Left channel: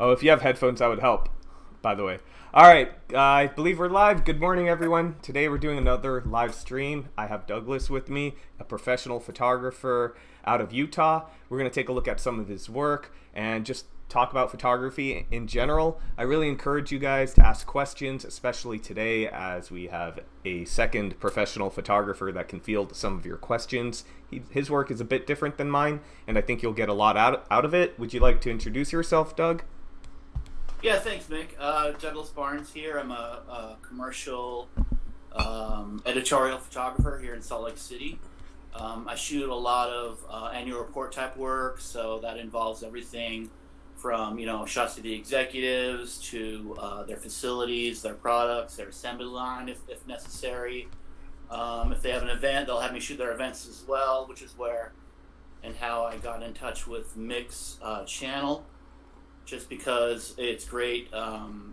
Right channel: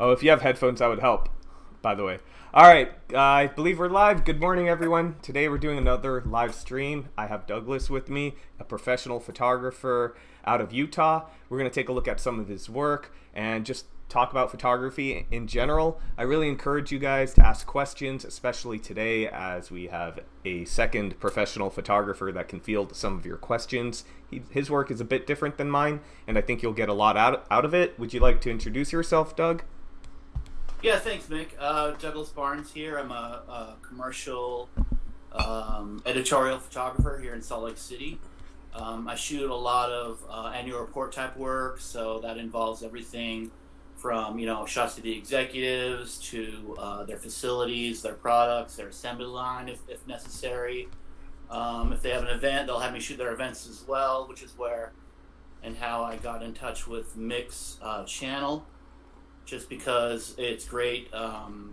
Oh, if you have headphones, that would help, by the way. All right, I believe we're live. Good morning, everyone. Today we're doing another live stream. I have Douglas with me, a professional photographer out of Utah. We're going to take a look at some of his work and just talk about photography in general. I really encourage you guys to ask questions, especially today as we have a second professional photographer that can field some of your questions. His work is a bit different than mine, and I think you'll get a lot out of it. Would you like to introduce yourself, Doug? Yeah, thanks, Mick. Douglas Barnes here. I'm a commercial editorial photographer here in Salt Lake City. I shoot a lot of annual report type work, so that involves everything from shots of the executives to their facilities, their products, their assembly line if necessary. If they have an event, they'll have me shoot their events as well, which is where and how I got in touch with Mick's channel. Just because it's great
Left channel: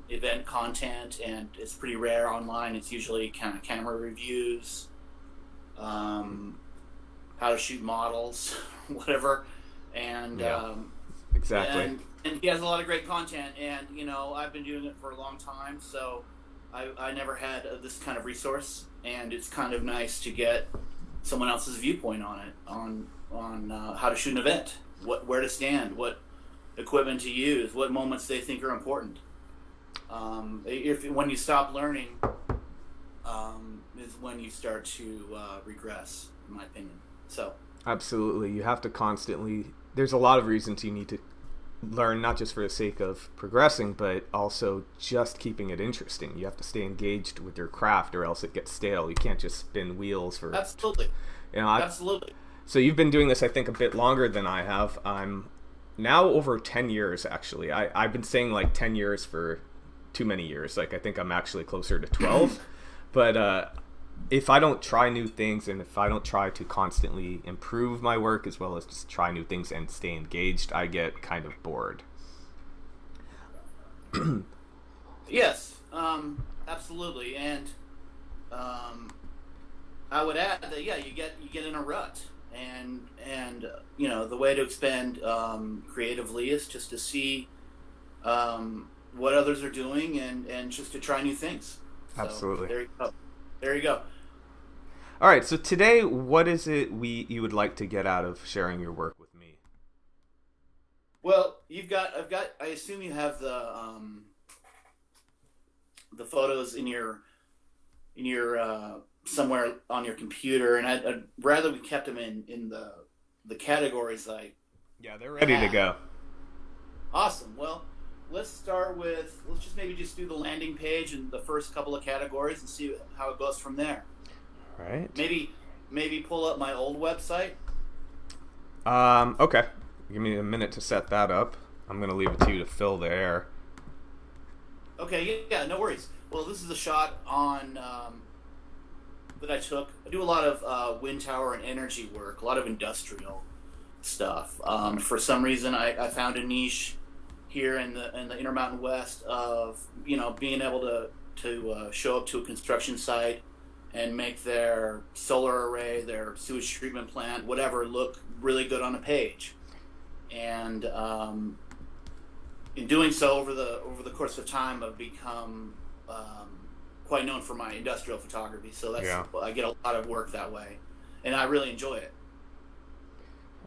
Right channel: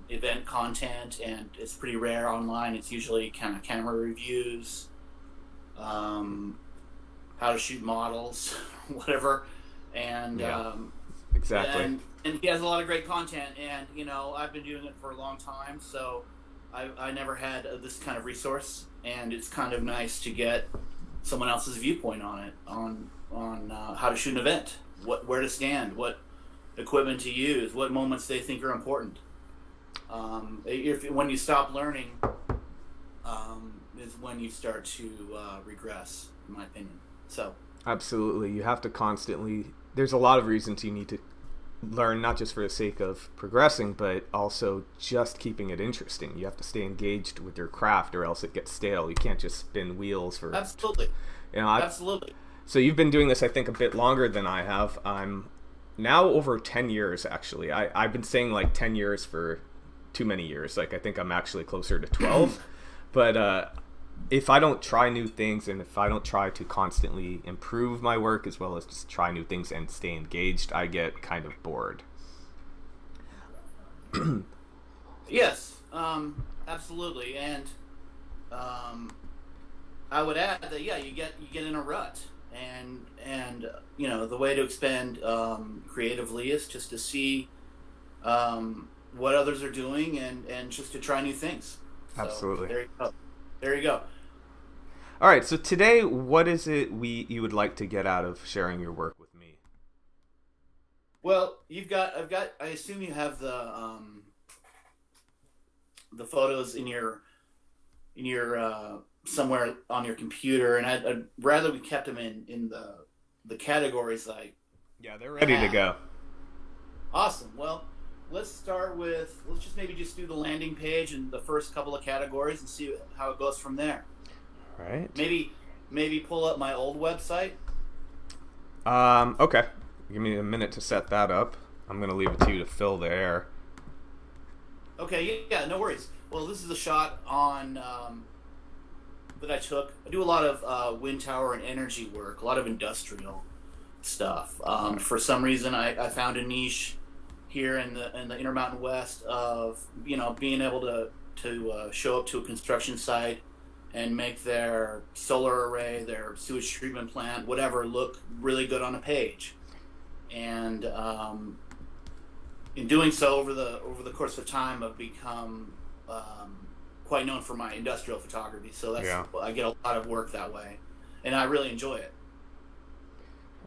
event content and it's pretty rare online. It's usually kind of camera reviews, how to shoot models, whatever. And exactly. And he has a lot of great content. And I've been doing it for a long time, so I never had this kind of resource. And it's kind of nice to get someone else's viewpoint on it, on how to shoot an event, where to stand, what equipment to use, what moments they think are important. When you stop learning, is when you start to regress, in my opinion. So absolutely, you have to constantly. There's a lot of reasons you need to learn, not just for the sake of progressing, but also just keeping it interesting. You have to stay engaged with your craft, or else it gets stale. You can't just spin wheels for. Absolutely. Absolutely. So you've been doing this, I think, a bit longer than I have. I'm now over 10 years, actually. I've been saying like 10 years for too many years. Like, I think I'm actually closer to 12. But if I don't try new things, and if I don't try to constantly improve my work as well as just try new things and stay engaged, I get kind of bored. Yes, absolutely. And I would add that you get in a rut. And the way to expand creatively is just to see what others are doing and just to try new things. So absolutely. There you go. All right. So today, what is it you would like to get out of sharing your work with me? Well, I assume you have the photos in your somewhere on your computer, and I'd rather we kept them in the categories like. Yeah, they're ready to go. Awesome. Well, let's just do the landing page and the first couple of categories and see how it goes from there. All right. Maybe pull up my old website. Okay. Give me a minute to set that up. I'm gonna leave it to you to fill the air. Okay. Yeah. No worries. Well, this is a shot on. That I took. I do a lot of wind tower and energy work, a lot of industrial stuff. For some reason, I found a niche here in the Intermountain West of being able to show up to a construction site and make their solar array, their sewage treatment plant, whatever, look really good on a page. And in doing so, over the course of time, I've become quite known for my industrial photography, so I get a lot of work that way, and I really enjoy it.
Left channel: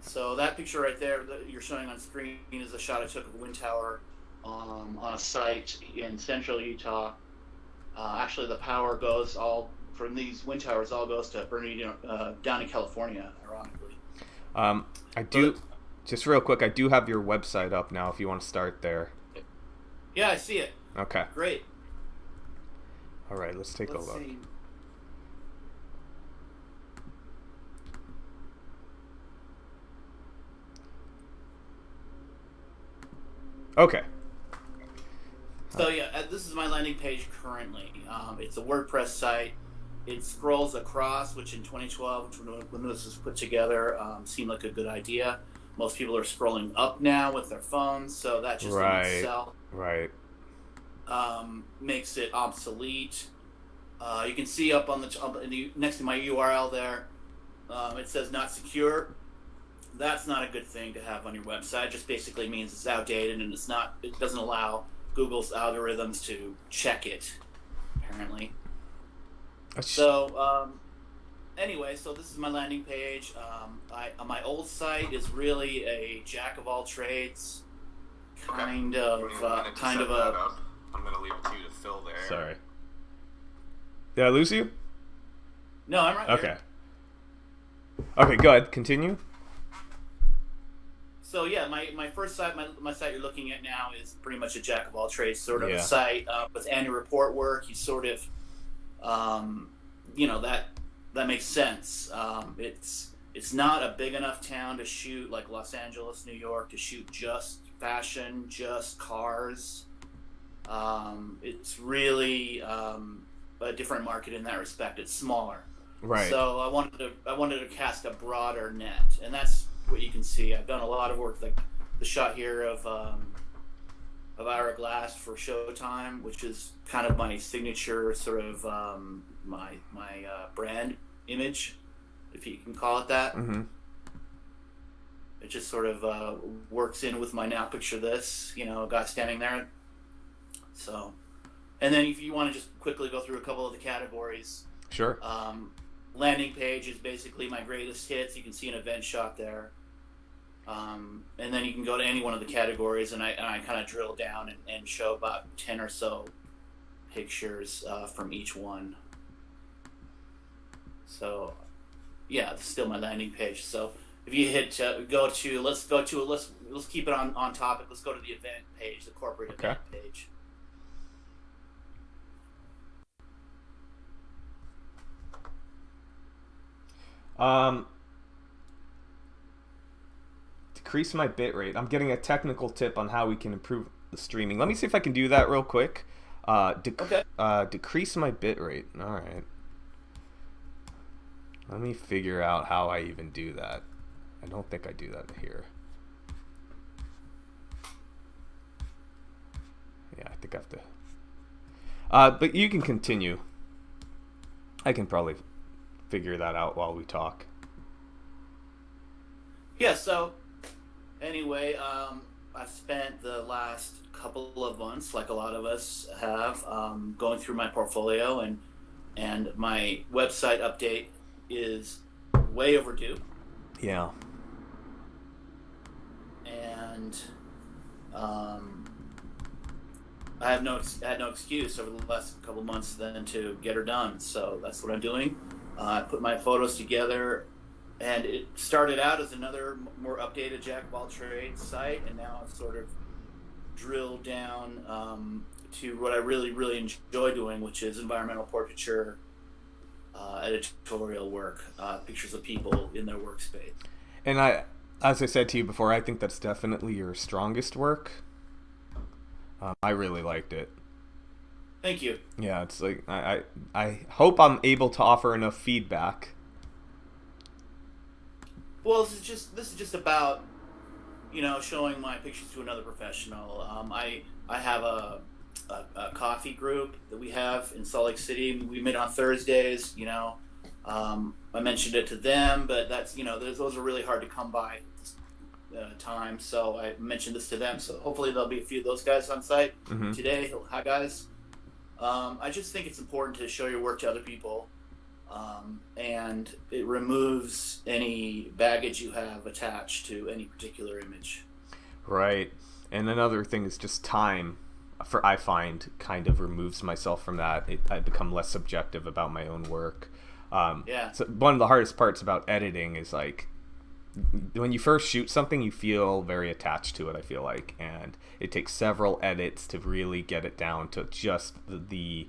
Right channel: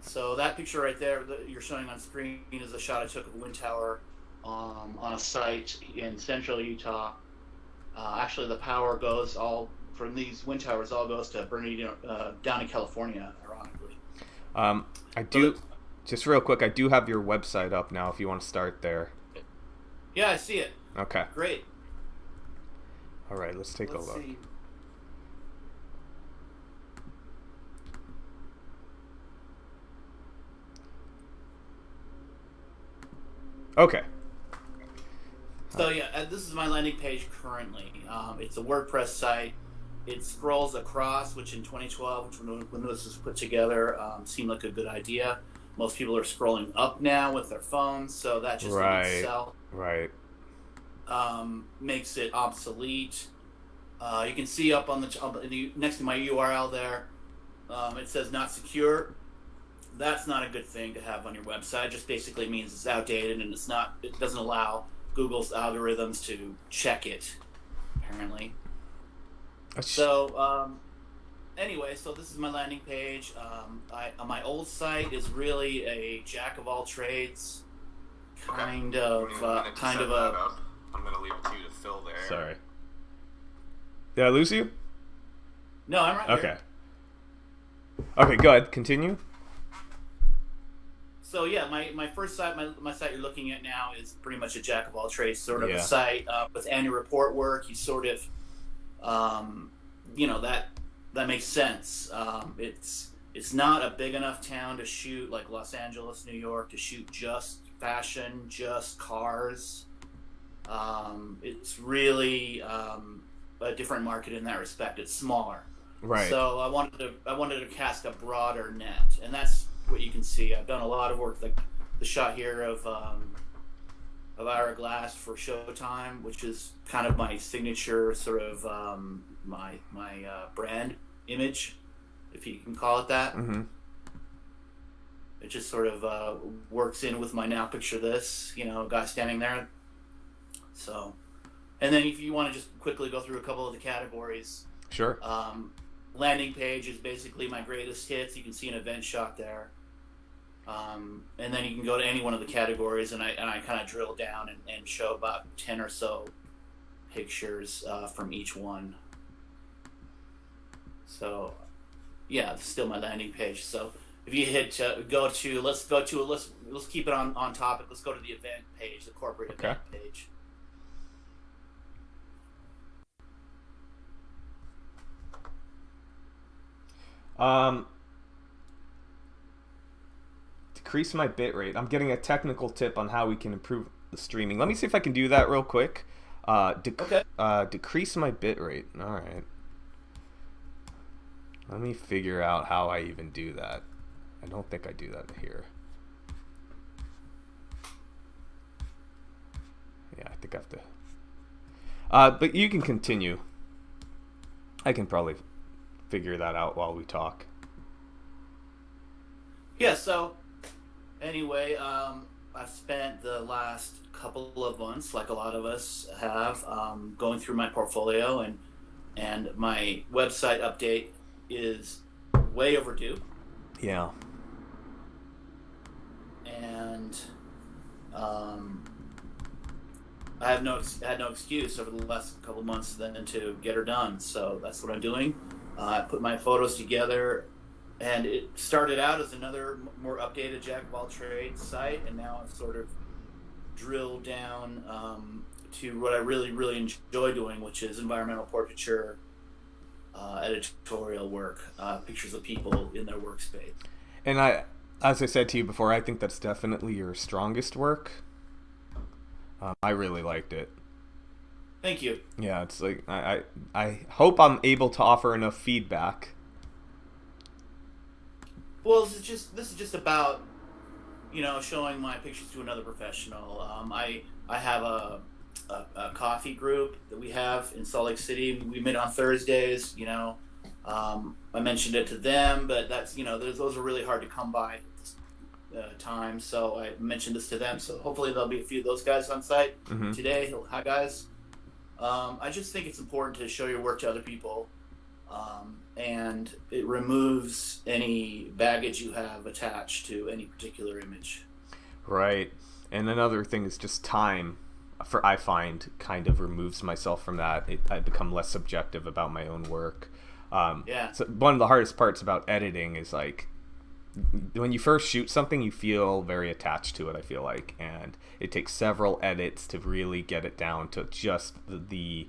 So that picture right there that you're showing on screen is a shot I took of a wind tower on a site in central Utah. Actually, the power goes all from these wind towers all goes to Bernardino, down in California, ironically. Just real quick, I do have your website up now if you want to start there. Yeah, I see it. Okay. Great. All right, let's take a look. See. Okay. So this is my landing page currently. It's a WordPress site. It scrolls across, which in 2012, when this was put together, seemed like a good idea. Most people are scrolling up now with their phones, so that just in itself makes it obsolete. You can see up on the next to my URL there, it says not secure. that's not a good thing to have on your website. It just basically means it's outdated and it doesn't allow Google's algorithms to check it, apparently. So, anyway, so this is my landing page. My old site is really a jack of all trades, kind of a. I'm gonna leave it to you to fill there. Sorry. Did I lose you? No, I'm right. Okay. Okay, go ahead. Continue. So yeah, my first site, my site you're looking at now is pretty much a jack of all trades sort of a site with annual report work. You sort of, that makes sense. It's not a big enough town to shoot like Los Angeles, New York, to shoot just fashion, just cars. It's really a different market in that respect. It's smaller. Right. So I wanted to cast a broader net, and that's what you can see. I've done a lot of work, like the shot here of Ira Glass for Showtime, which is kind of my signature sort of my brand image, if you can call it that. Mm-hmm. It just sort of works in with my now picture this, a guy standing there. So, and then if you want to just quickly go through a couple of the categories. Sure. Landing page is basically my greatest hits. You can see an event shot there. And then you can go to any one of the categories, and I kind of drill down and show about 10 or so pictures from each one. So, yeah, it's still my landing page. So if you hit let's keep it on topic. Let's go to the event page, the corporate event page. Decrease my bit rate. I'm getting a technical tip on how we can improve the streaming. Let me see if I can do that real quick. Decrease my bit rate. All right. Let me figure out how I even do that. I don't think I do that here. Yeah, I think I have to. But you can continue. I can probably figure that out while we talk. Yeah, so anyway, I've spent the last couple of months, like a lot of us have, going through my portfolio, and my website update is way overdue. Yeah. And I had no excuse over the last couple of months then to get her done, so that's what I'm doing. I put my photos together, and it started out as another more updated jack of all trades site, and now I've sort of drilled down to what I really, really enjoy doing, which is environmental portraiture, editorial work, pictures of people in their workspace. And as I said to you before, I think that's definitely your strongest work. I really liked it. Thank you. Yeah, it's like I hope I'm able to offer enough feedback. Well, this is just about showing my pictures to another professional. I have a coffee group that we have in Salt Lake City. We meet on Thursdays. I mentioned it to them, but that's those are really hard to come by times. So I mentioned this to them. So hopefully there'll be a few of those guys on site today. Hi guys. I just think it's important to show your work to other people, and it removes any baggage you have attached to any particular image. Right. And another thing is just time. I find kind of removes myself from that. I become less subjective about my own work. So one of the hardest parts about editing is like when you first shoot something, you feel very attached to it, I feel like, and it takes several edits to really get it down to just the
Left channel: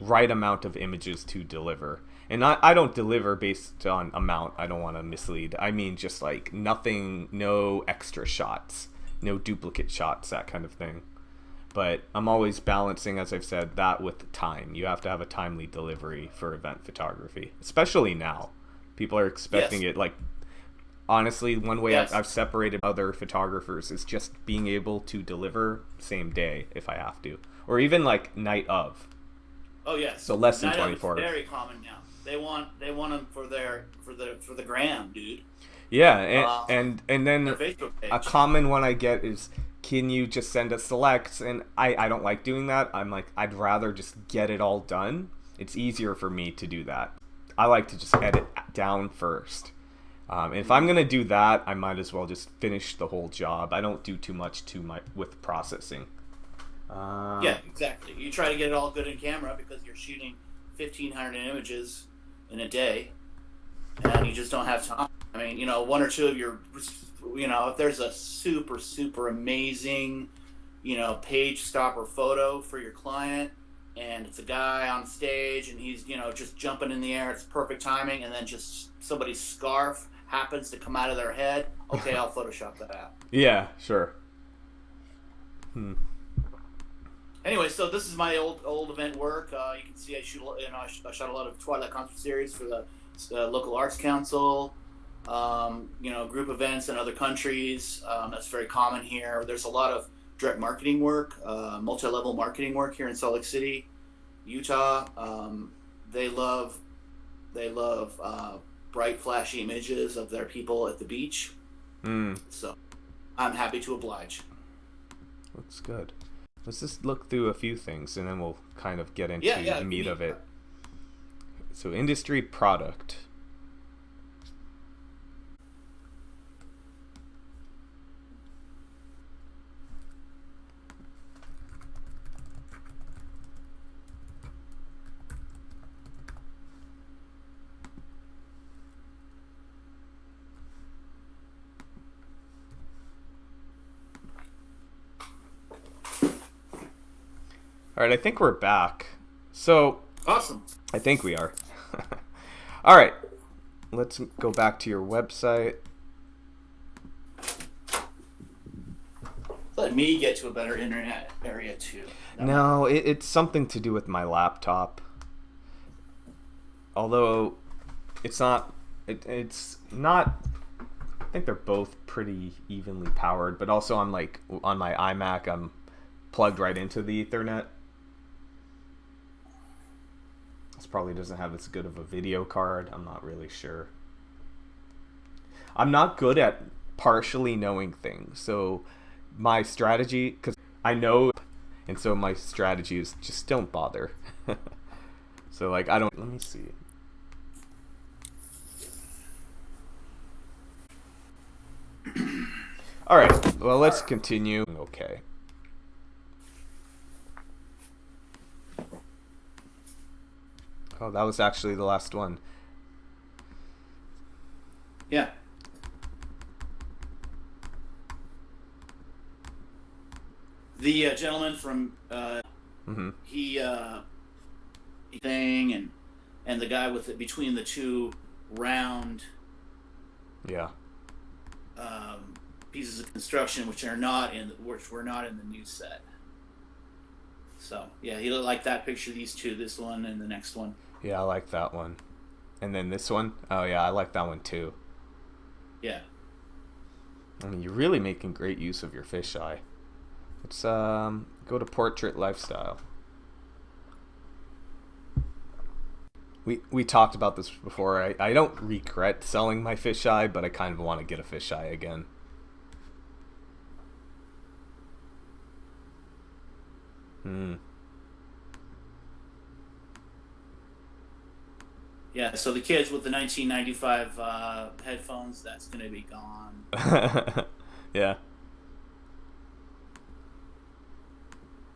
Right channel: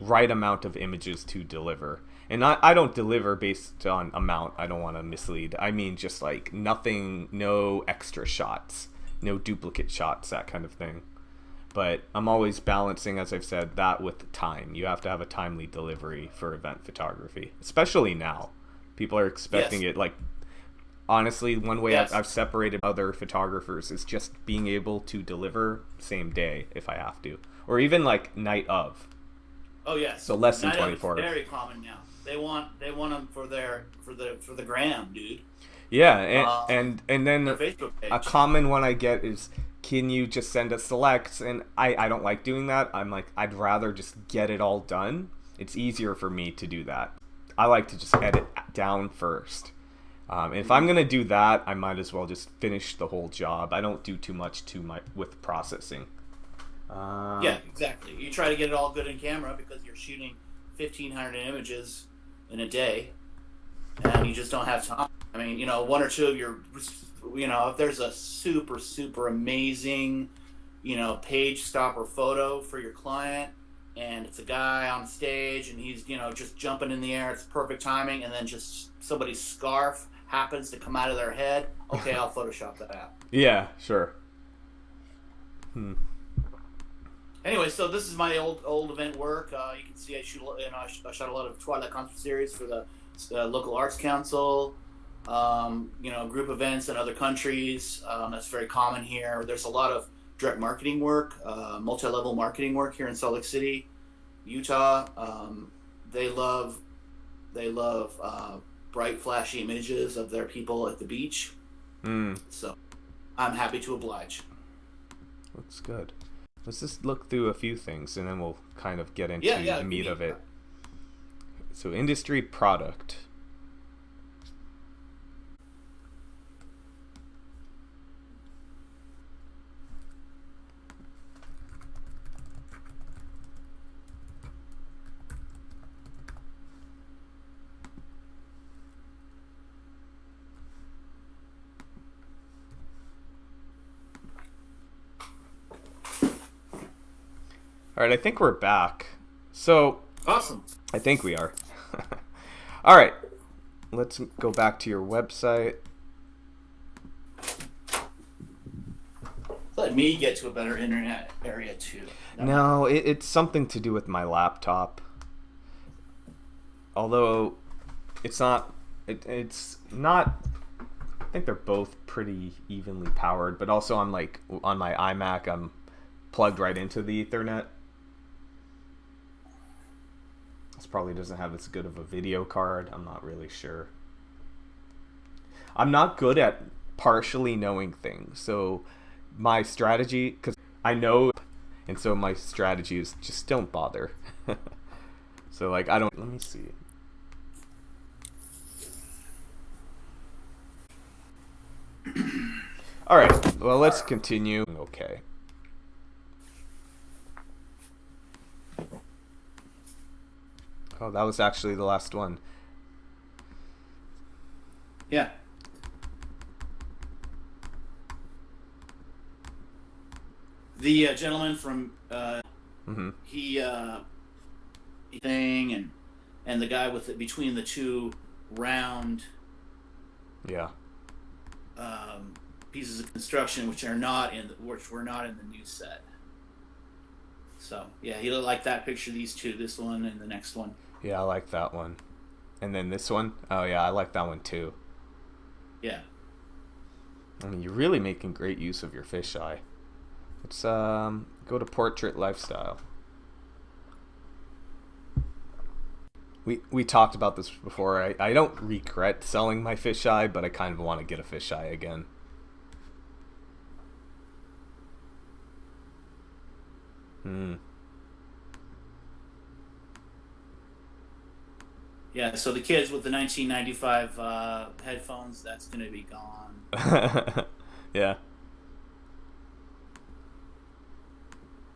right amount of images to deliver. And I don't deliver based on amount. I don't want to mislead. I mean just like nothing, no extra shots, no duplicate shots, that kind of thing. But I'm always balancing, as I've said, that with time. You have to have a timely delivery for event photography, especially now. People are expecting it. Like, honestly, one way I've separated other photographers is just being able to deliver same day if I have to, or even like night of. Oh yes. So less than night 24 hours. Very common now. They want them for the gram, dude. Yeah, Um, and their then Facebook a page. common one I get is, can you just send us selects? And I don't like doing that. I'm like, I'd rather just get it all done. It's easier for me to do that. I like to just edit down first. If I'm gonna do that, I might as well just finish the whole job. I don't do too much with processing. Yeah, exactly. You try to get it all good in camera because you're shooting 1,500 images in a day, and you just don't have time. I mean, one or two of your, if there's a super, super amazing, page stopper photo for your client, and it's a guy on stage and he's, just jumping in the air, it's perfect timing, and then just somebody's scarf happens to come out of their head, okay, I'll Photoshop that out. Yeah, sure. Anyway, so this is my old event work. You can see I shot a lot of Twilight concert series for the local arts council. Group events in other countries. That's very common here. There's a lot of direct marketing work, multi-level marketing work here in Salt Lake City, Utah. They love bright, flashy images of their people at the beach. So I'm happy to oblige. That's good. Let's just look through a few things and then we'll kind of get into the meat of it. So industry product. All right, I think we're back. So, awesome. I think we are. All right, let's go back to your website. Let me get to a better internet area too. No, it's something to do with my laptop. Although, it's not. It's not. I think they're both pretty evenly powered, but also I'm like on my iMac, I'm plugged right into the Ethernet. This probably doesn't have as good of a video card. I'm not really sure. I'm not good at partially knowing things. So my strategy, because I know, and so my strategy is just don't bother. So like, I don't, let me see. All right, well, let's continue. Okay. Oh, that was actually the last one. Yeah. The gentleman from he thing and the guy with it between the two round pieces of construction which were not in the new set. So yeah, he looked like that picture. These two, this one and the next one. Yeah, I like that one. And then this one. Oh yeah, I like that one too. Yeah. I mean, you're really making great use of your fisheye. Let's go to portrait lifestyle. We talked about this before. I don't regret selling my fisheye, but I kind of want to get a fisheye again. Yeah, so the kids with the 1995 headphones, that's going to be gone. Yeah.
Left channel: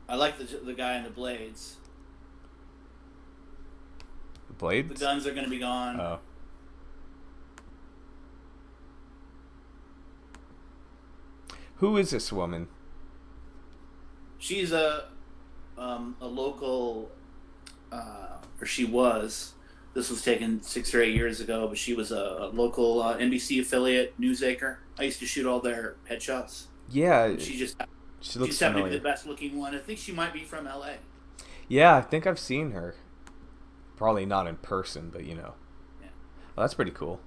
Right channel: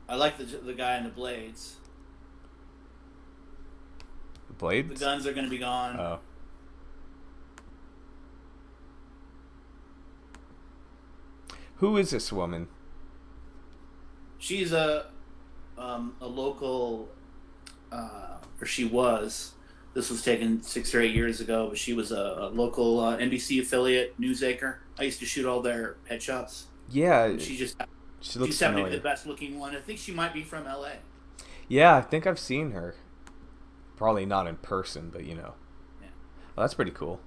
I like the guy in the blades. The blades? The guns are going to be gone. Oh. Who is this woman? She's a local, or she was. This was taken 6 or 8 years ago, but she was a local NBC affiliate news anchor. I used to shoot all their headshots. Yeah. She looks familiar. The best looking one. I think she might be from LA. Yeah, I think I've seen her. Probably not in person, but you know. Yeah. Well, that's pretty cool.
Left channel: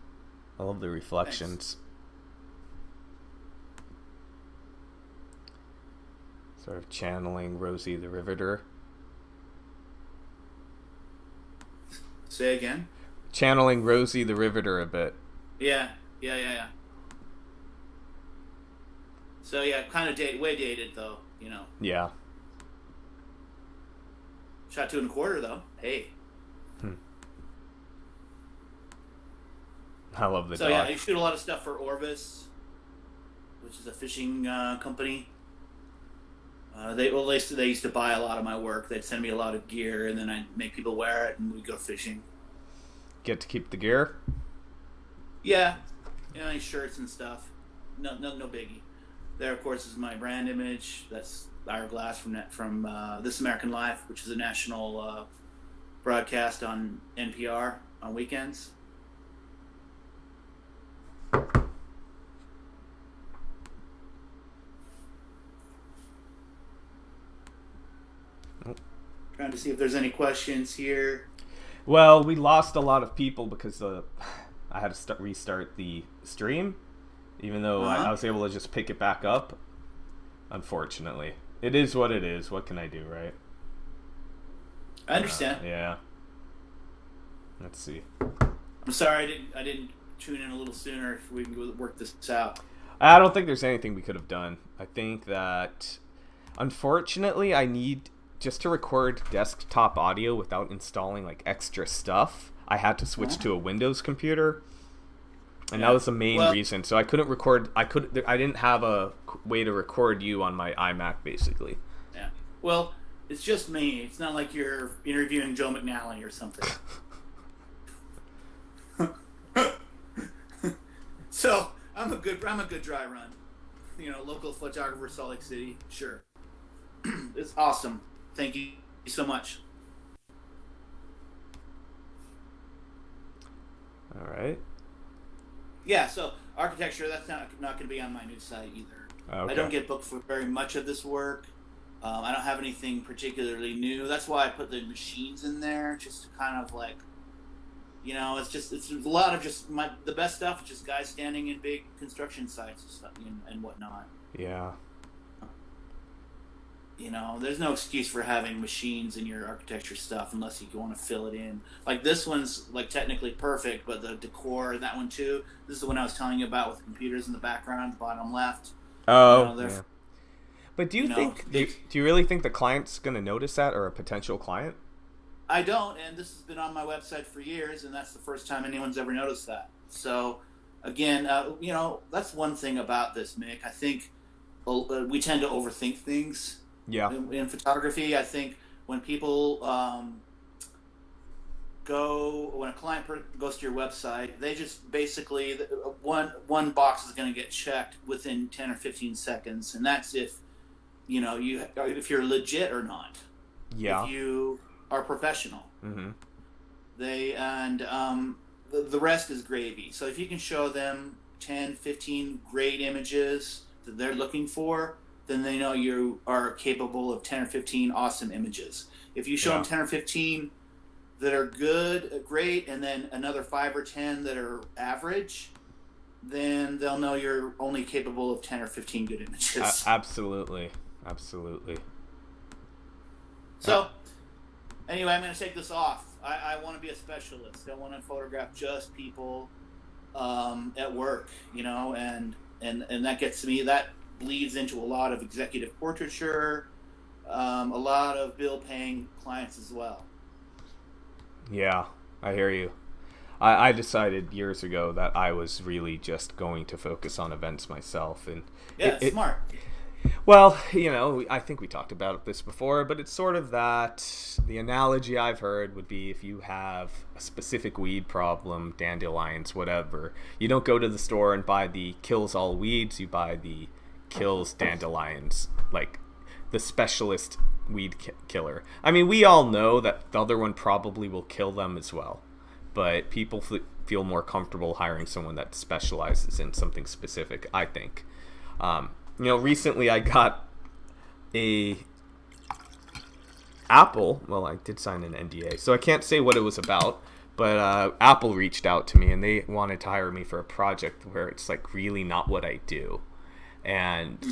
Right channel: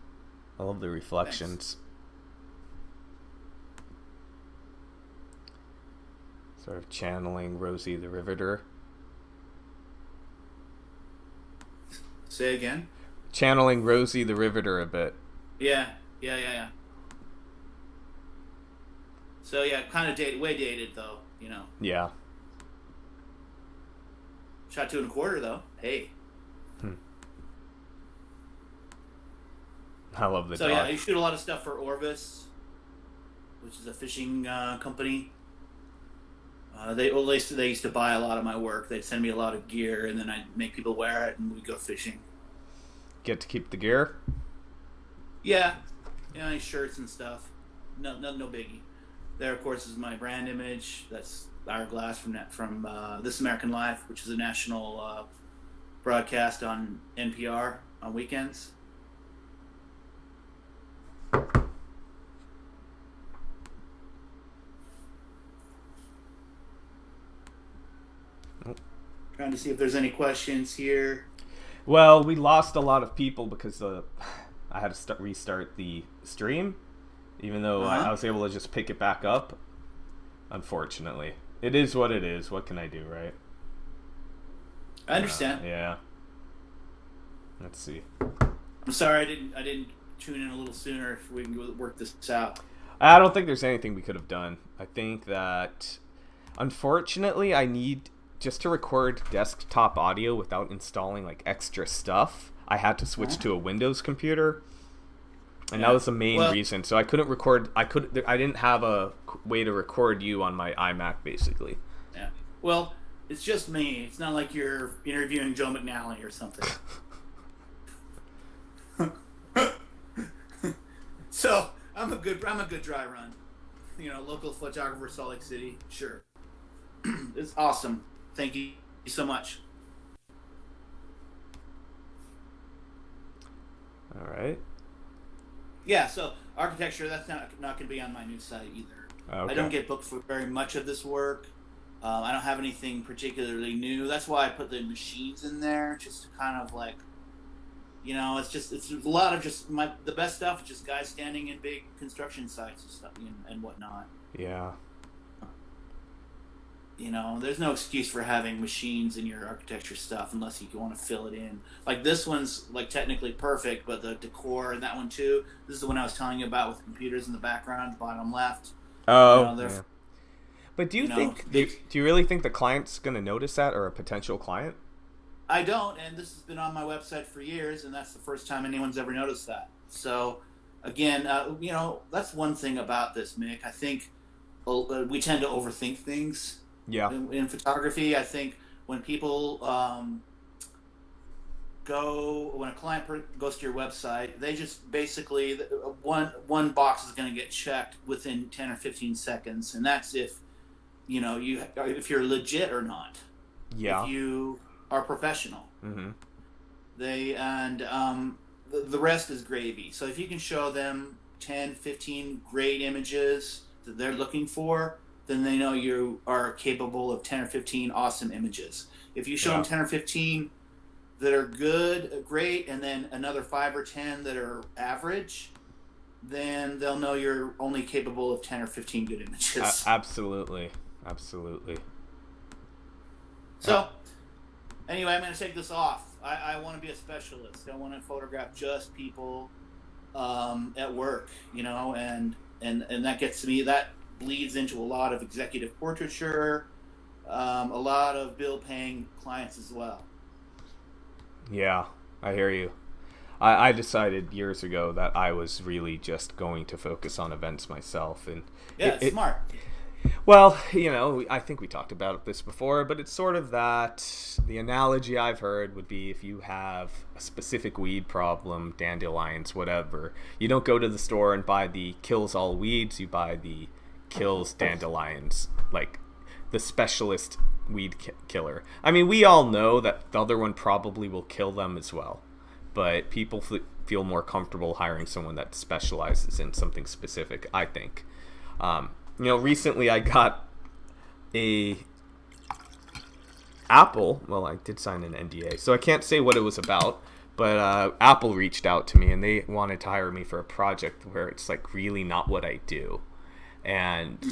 I love the reflections. Thanks. Sort of channeling Rosie the Riveter. Say again? Channeling Rosie the Riveter a bit. Yeah. So yeah, kind of dated, way dated though. Yeah. Shot 2.25 though. Hey. Hmm. I love the So dog. yeah, you shoot a lot of stuff for Orvis, which is a fishing company. They used to buy a lot of my work. They'd send me a lot of gear, and then I'd make people wear it, and we'd go fishing. Get to keep the gear? Yeah, any shirts and stuff. No biggie. There, of course, is my brand image. That's Hourglass from This American Life, which is a national broadcast on NPR on weekends. Trying to see if there's any questions here. Well, we lost a lot of people because I had to restart the stream, even though I was able to just pick it back up. Unfortunately, it is what it is. What can I do, right? I understand. Yeah. Let's see. I'm sorry I didn't tune in a little sooner. If we can work this out. I don't think there's anything we could have done. I think that, unfortunately, I need just to record desktop audio without installing like extra stuff. I had to switch to a Windows computer, and that was the main reason. So I couldn't record. I didn't have a way to record you on my iMac, basically. Yeah. Well, it's just me. It's not like you're interviewing Joe McNally or something. So I'm a good dry run. Local photographer, Salt Lake City. Sure. It's awesome. Thank you so much. All right. Yeah, so architecture, that's not going to be on my new site either. Okay. I don't get booked for very much of this work. I don't have anything particularly new. That's why I put the machines in there, just to kind of like, it's a lot of just the best stuff is just guys standing in big construction sites and stuff and whatnot. Yeah. There's no excuse for having machines in your architecture stuff unless you want to fill it in. Like this one's like technically perfect, but the decor and that one too. This is the one I was telling you about with computers in the background, bottom left. Oh, yeah. But do you really think the client's going to notice that, or a potential client? I don't, and this has been on my website for years, and that's the first time anyone's ever noticed that. So, again, that's one thing about this, Mick. I think we tend to overthink things. Yeah. In photography, I think when people when a client goes to your website, they just basically one box is going to get checked within 10 or 15 seconds, and that's if if you're legit or not. Yeah. If you are professional. Mm-hmm. The rest is gravy. So if you can show them 10, 15 great images that they're looking for, then they know you are capable of 10 or 15 awesome images. If you show them 10 or 15 that are great, and then another 5 or 10 that are average, then they'll know you're only capable of 10 or 15 good images. Absolutely. So, anyway, I'm going to take this off. I want to be a specialist. I want to photograph just people at work, and that gets me, that leads into a lot of executive portraiture, a lot of bill-paying clients as well. Yeah, I hear you. I decided years ago that I was really just going to focus on events myself, and it's smart. Well, I think we talked about this before, but it's sort of that the analogy I've heard would be if you have a specific weed problem, dandelions, whatever, you don't go to the store and buy the kills all weeds, you buy the kills dandelions, like the specialist weed killer. I mean, we all know that the other one probably will kill them as well, but people feel more comfortable hiring someone that specializes in something specific, I think. Recently I got Apple, well, I did sign an NDA, so I can't say what it was about, but Apple reached out to me and they wanted to hire me for a project where it's like really not what I do. And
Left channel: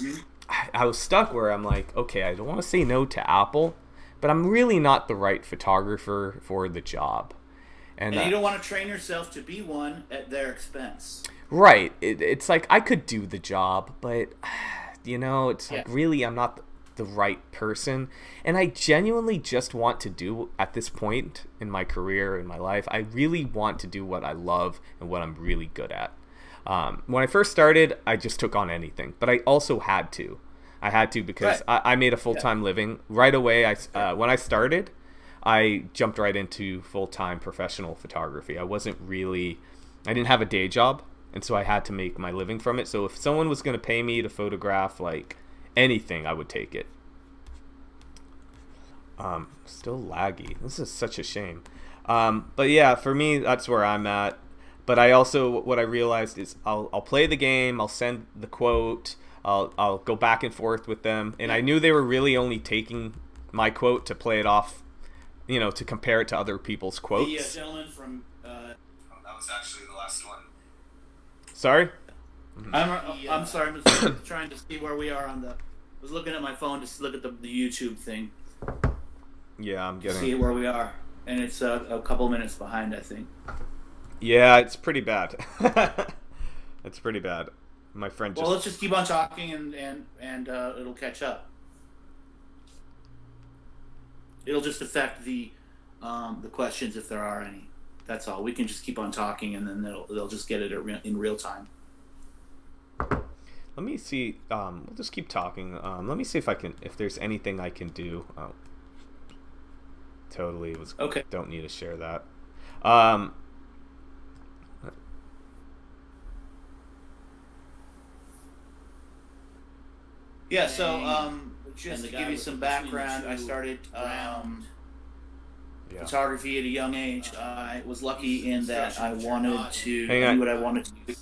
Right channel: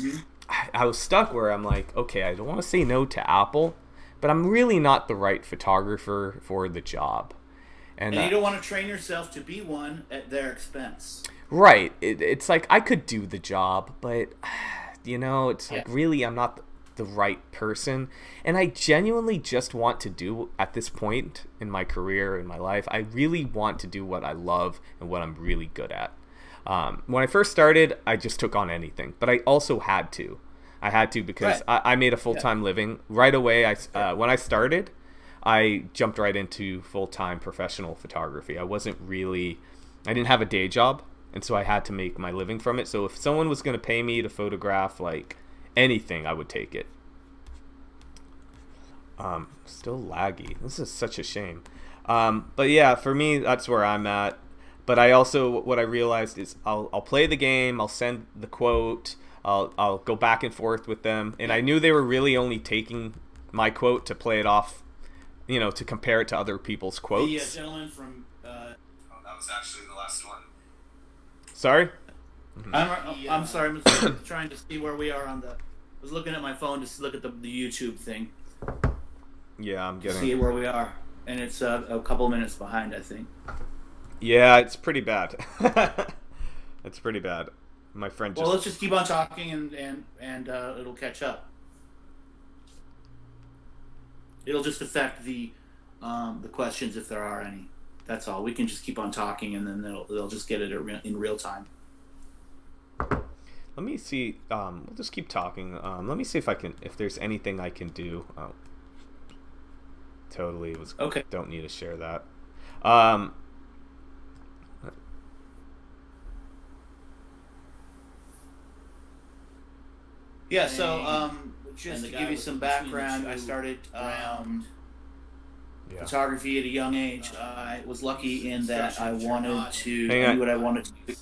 I was stuck where I'm like, okay, I don't want to say no to Apple, but I'm really not the right photographer for the job. And you don't want to train yourself to be one at their expense. Right. It's like I could do the job, but it's like, really, I'm not the right person. And I genuinely just want to do, at this point in my career, in my life, I really want to do what I love and what I'm really good at. When I first started, I just took on anything, but I also had to. I had to because I made a full-time living right away. When I started, I jumped right into full-time professional photography. I didn't have a day job, and so I had to make my living from it. So if someone was going to pay me to photograph like anything, I would take it. Still laggy. This is such a shame. But yeah, for me, that's where I'm at. But what I realized is I'll play the game, I'll send the quote, I'll go back and forth with them, and I knew they were really only taking my quote to play it off, to compare it to other people's quotes. The gentleman from that was actually the last one. Sorry? I'm sorry. I'm just trying to see where we are I was looking at my phone just to look at the YouTube thing. Yeah, I'm getting. See where we are, and it's a couple minutes behind, I think. Yeah, it's pretty bad. It's pretty bad. My friend just. Well, let's just keep on talking, and it'll catch up. It'll just affect the questions if there are any. That's all. We can just keep on talking, and then they'll just get it in real time. Let me see. We'll just keep talking. Let me see if there's anything I can do. Oh, totally was okay. Don't need to share that. Yeah. So just to give you some background, I started photography at a young age. I was lucky in that I wanted to do what I wanted to do.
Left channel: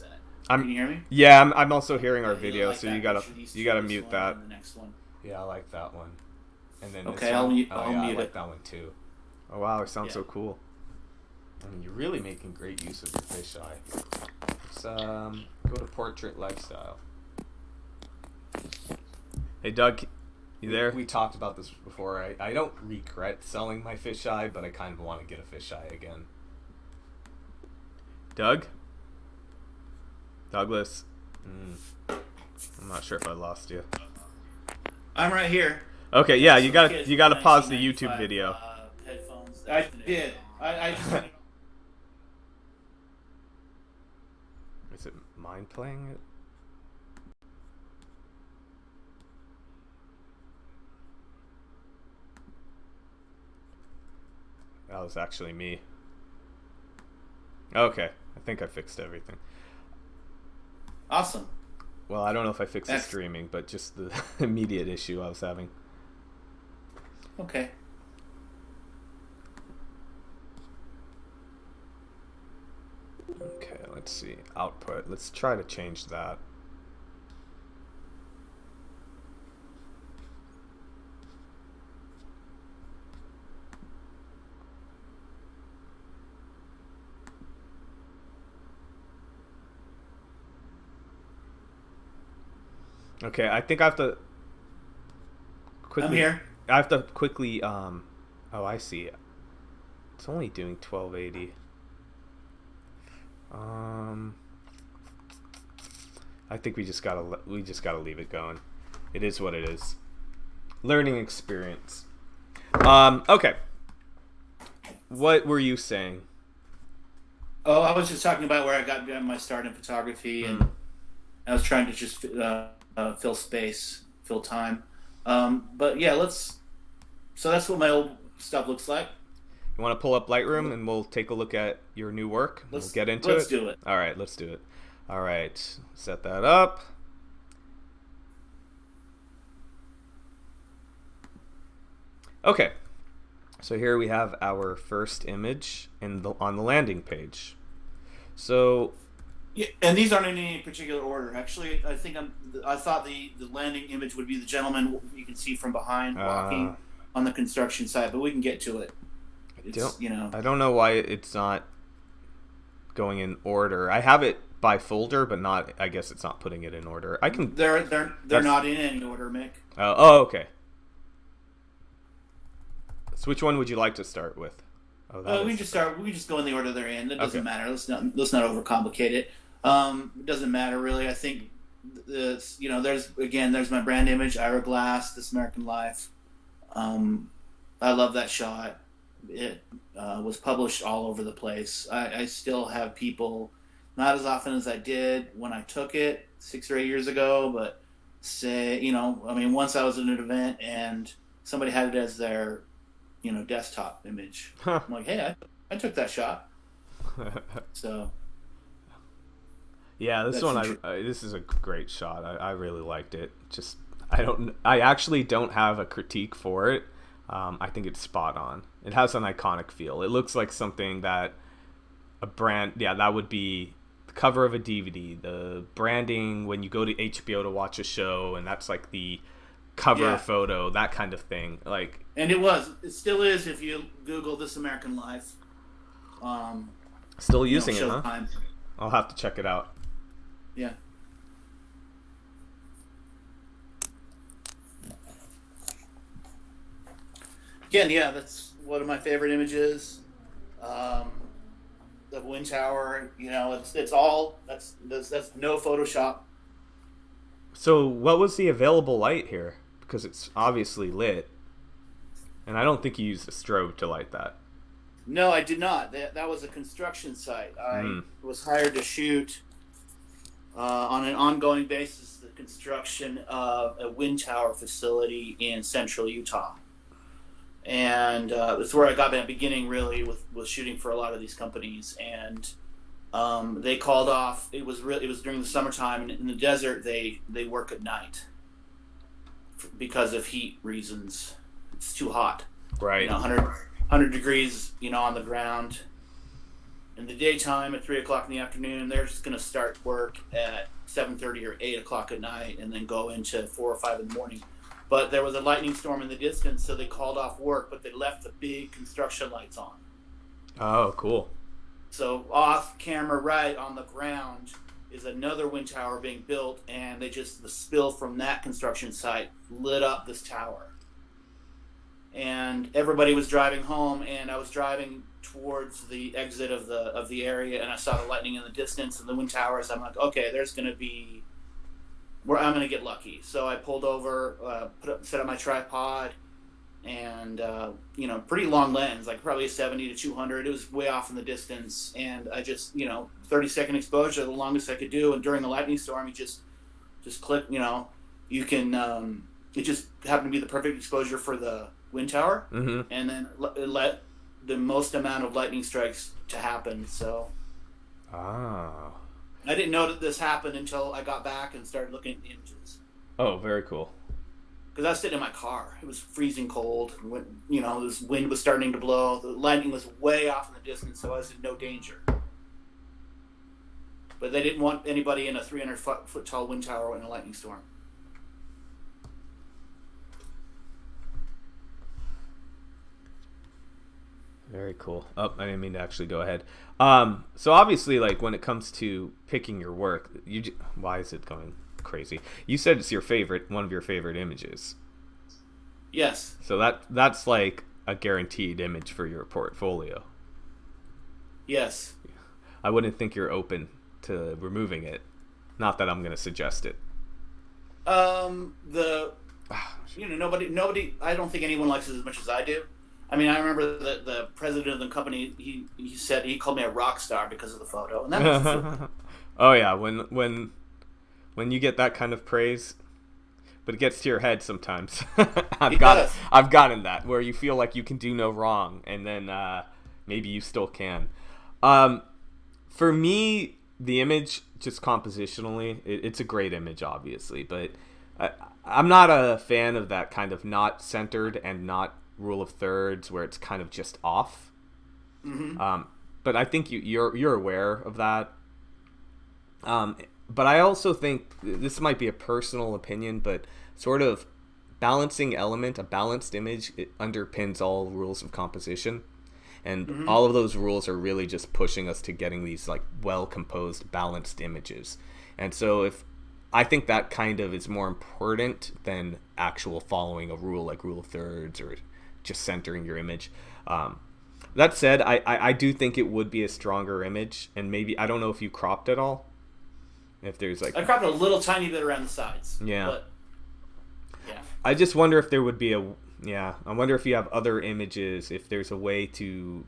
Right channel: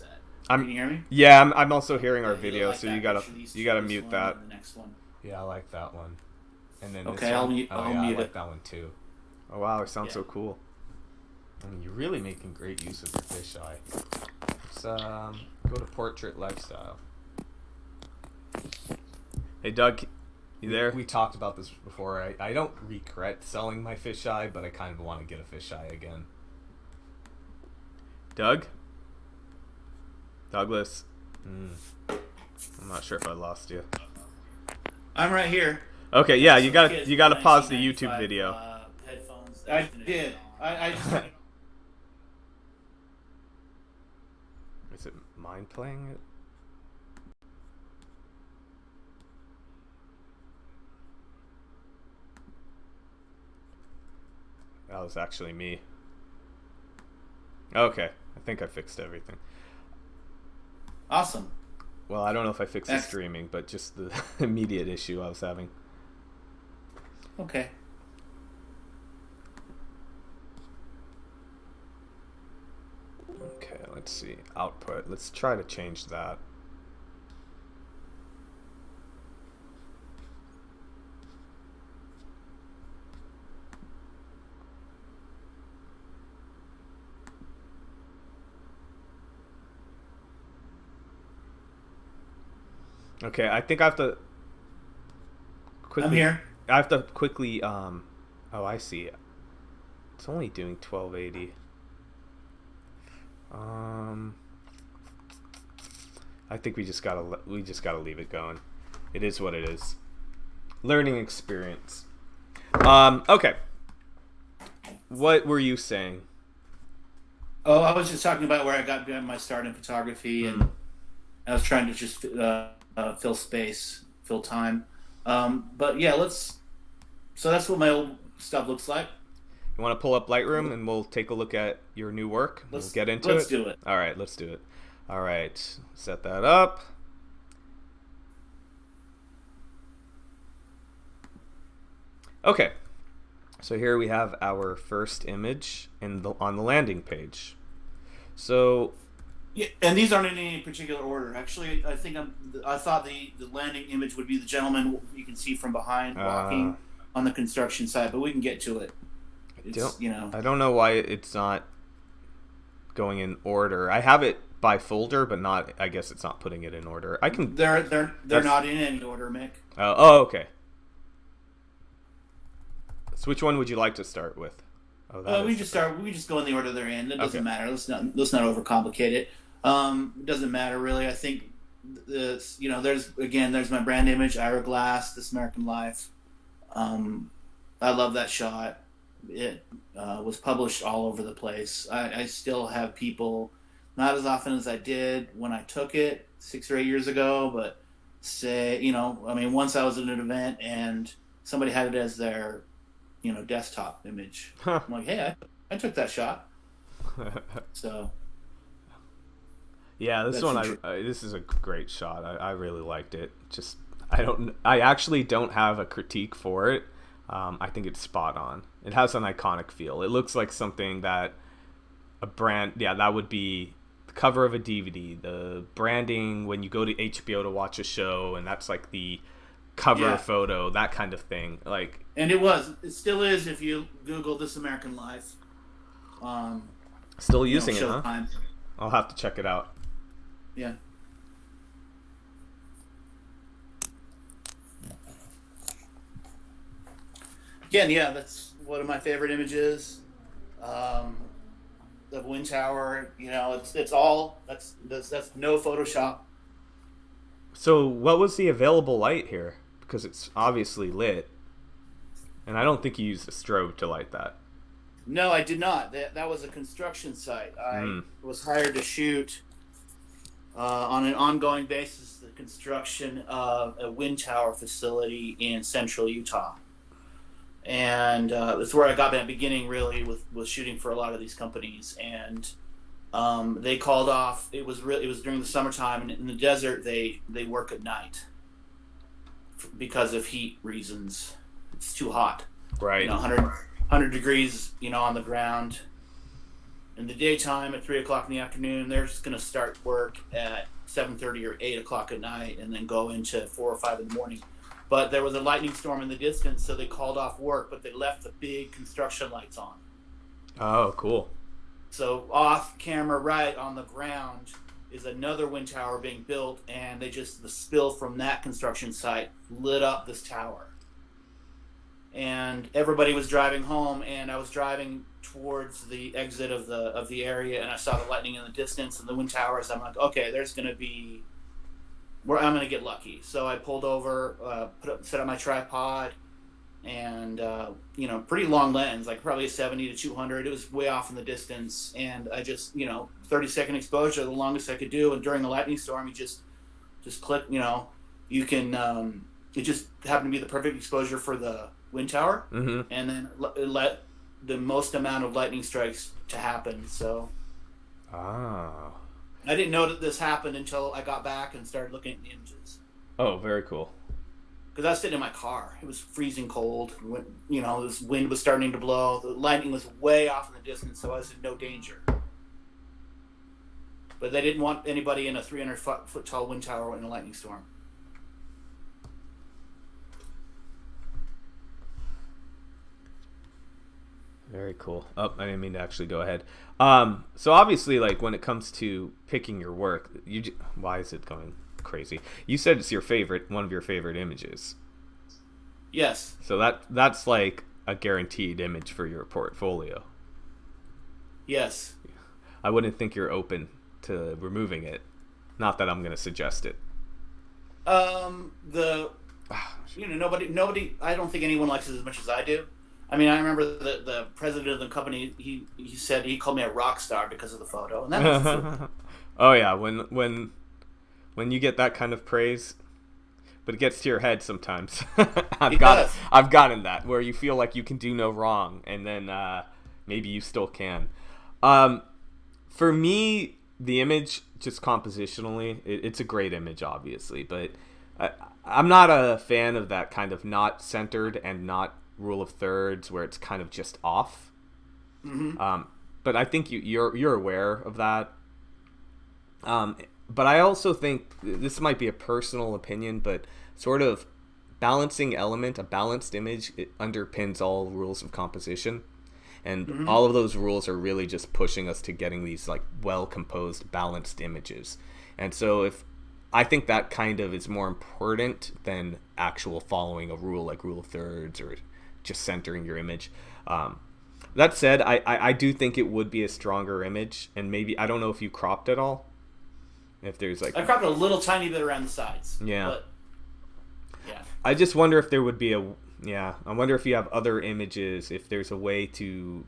Can you hear me? Yeah, I'm also hearing our video, so you gotta mute that. Yeah, I like that one. And then okay, I'll mute I like it. that one too. Oh wow, it sounds so cool. And you're really making great use of your fisheye. Let's go to Portrait Lifestyle. Hey Doug, you there? We talked about this before. I don't regret selling my fisheye, but I kind of want to get a fisheye again. Doug? Douglas? I'm not sure if I lost you. I'm right here. Okay, yeah, you gotta pause the YouTube video. I did. I just... Is it mine playing it? That was actually me. Okay, I think I fixed everything. Awesome. Well, I don't know if I fixed the streaming, but just the immediate issue I was having. Okay. Okay, let's see. Output. Let's try to change that. Okay, I think I have to quickly. I'm here. I have to quickly. Oh, I see. It's only doing 1280. I think we just gotta leave it going. It is what it is. Learning experience. Okay. What were you saying? Oh, I was just talking about where I got my start in photography, and I was trying to just fill space, fill time. But yeah, so that's what my old stuff looks like. You want to pull up Lightroom and we'll take a look at your new work? We'll get into it? Let's do it. All right, let's do it. All right, set that up. Okay, so here we have our first image on the landing page. So, yeah, and these aren't in any particular order. Actually, I thought the landing image would be the gentleman you can see from behind walking on the construction site, but we can get to it. I don't know why it's not going in order. I have it by folder, but not. I guess it's not putting it in order. I can. They're not in any order, Mick. Okay. So which one would you like to start with? We can just go in the order they're in. It doesn't matter. Let's not overcomplicate it. It doesn't matter really. I think there's my brand image, Ira Glass, This American Life. I love that shot. It was published all over the place. I still have people, not as often as I did when I took it 6 or 8 years ago, but once I was at an event and somebody had it as their, desktop image. I'm like, hey, I took that shot. So. Yeah, this this is a great shot. I really liked it. Just I actually don't have a critique for it. I think it's spot on. It has an iconic feel. It looks like something that a brand, that would be the cover of a DVD, the branding when you go to HBO to watch a show, and that's like the cover photo, that kind of thing. Like, and it still is if you Google This American Life. Still using it, huh? Time. I'll have to check it out. Yeah. Again, that's one of my favorite images. The wind tower, it's all that's no Photoshop. So, what was the available light here? Because it's obviously lit, and I don't think you used a strobe to light that. No, I did not. That was a construction site. I was hired to shoot on an ongoing basis the construction of a wind tower facility in central Utah. And that's where I got my beginning, really, with shooting for a lot of these companies. And they called off. It was during the summertime, and in the desert they work at night because of heat reasons. It's too hot. Right. 100 degrees, on the ground. In the daytime, at 3 o'clock in the afternoon, they're just going to start work at 7:30 or 8 o'clock at night, and then go into 4 or 5 in the morning. But there was a lightning storm in the distance, so they called off work, but they left the big construction lights on. Oh, cool. So off camera, right on the ground, is another wind tower being built, and the spill from that construction site lit up this tower. And everybody was driving home, and I was driving towards the exit of the area, and I saw the lightning in the distance and the wind towers. I'm like, okay, there's going to be where I'm going to get lucky. So I pulled over, set up my tripod, and pretty long lens, like probably a 70 to 200. It was way off in the distance, and I just 30-second exposure, the longest I could do. And during the lightning storm, you just click. You can. It just happened to be the perfect exposure for the wind tower, and then let the most amount of lightning strikes to happen. So. Ah. I didn't know that this happened until I got back and started looking at the images. Oh, very cool. Because I was sitting in my car. It was freezing cold. This wind was starting to blow. The lightning was way off in the distance, so I was in no danger. But they didn't want anybody in a 300-foot tall wind tower in a lightning storm. Very cool. Oh, I didn't mean to actually go ahead. So obviously, like, when it comes to picking your work, why is it going crazy? You said it's one of your favorite images. Yes. So that's like a guaranteed image for your portfolio. Yes. I wouldn't think you're open to removing it. Not that I'm going to suggest it. Nobody. I don't think anyone likes it as much as I do. I mean, I remember the president of the company. He said he called me a rock star because of the photo, and that was Oh yeah, when you get that kind of praise, but it gets to your head sometimes. I've gotten that where you feel like you can do no wrong, and then maybe you still can. For me, the image, just compositionally, it's a great image, obviously, but I'm not a fan of that kind of not centered and not rule of thirds where it's kind of just off. But I think you're aware of that. But I also think this might be a personal opinion, but sort of balancing element, a balanced image, it underpins all rules of composition. And all of those rules are really just pushing us to getting these like well-composed, balanced images. And so I think that kind of is more important than actual following a rule like rule of thirds or just centering your image. That said, I do think it would be a stronger image, and maybe, I don't know if you cropped at all. If there's like, I cropped a little tiny bit around the sides. Yeah. But, yeah. I just wonder if there would be I wonder if you have other images, if there's a way to,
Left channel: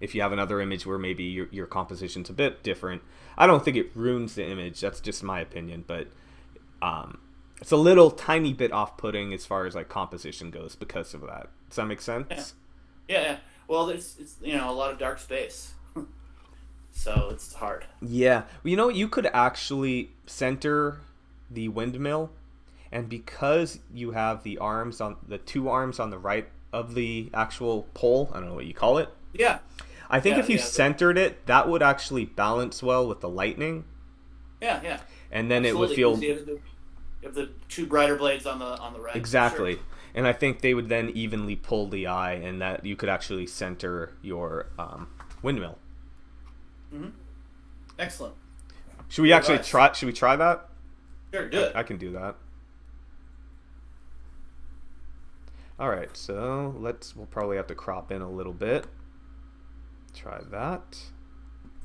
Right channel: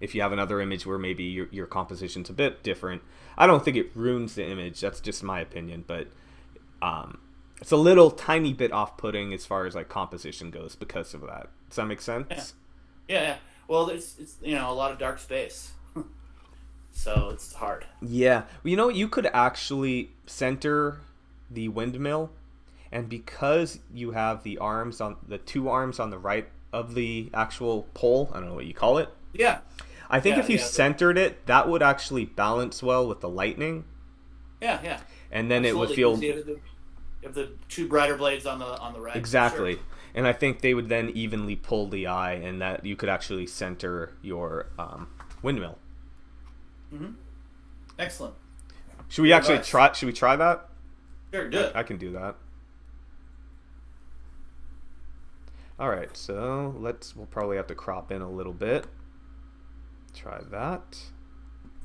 if you have another image where maybe your composition's a bit different. I don't think it ruins the image. That's just my opinion, but it's a little tiny bit off-putting as far as like composition goes because of that. Does that make sense? Yeah. Well, it's a lot of dark space, so it's hard. Yeah. Well, you could actually center the windmill, and because you have the two arms on the right of the actual pole, I don't know what you call it. Yeah. I think if you centered it, that would actually balance well with the lightning. Yeah. And then it would feel. You have the two brighter blades on the right. Exactly. Sure. And I think they would then evenly pull the eye, and that you could actually center your windmill. Mm-hmm. Excellent. Should we actually try? Should we try that? Sure, do it. I can do that. All right, so we'll probably have to crop in a little bit. Try that.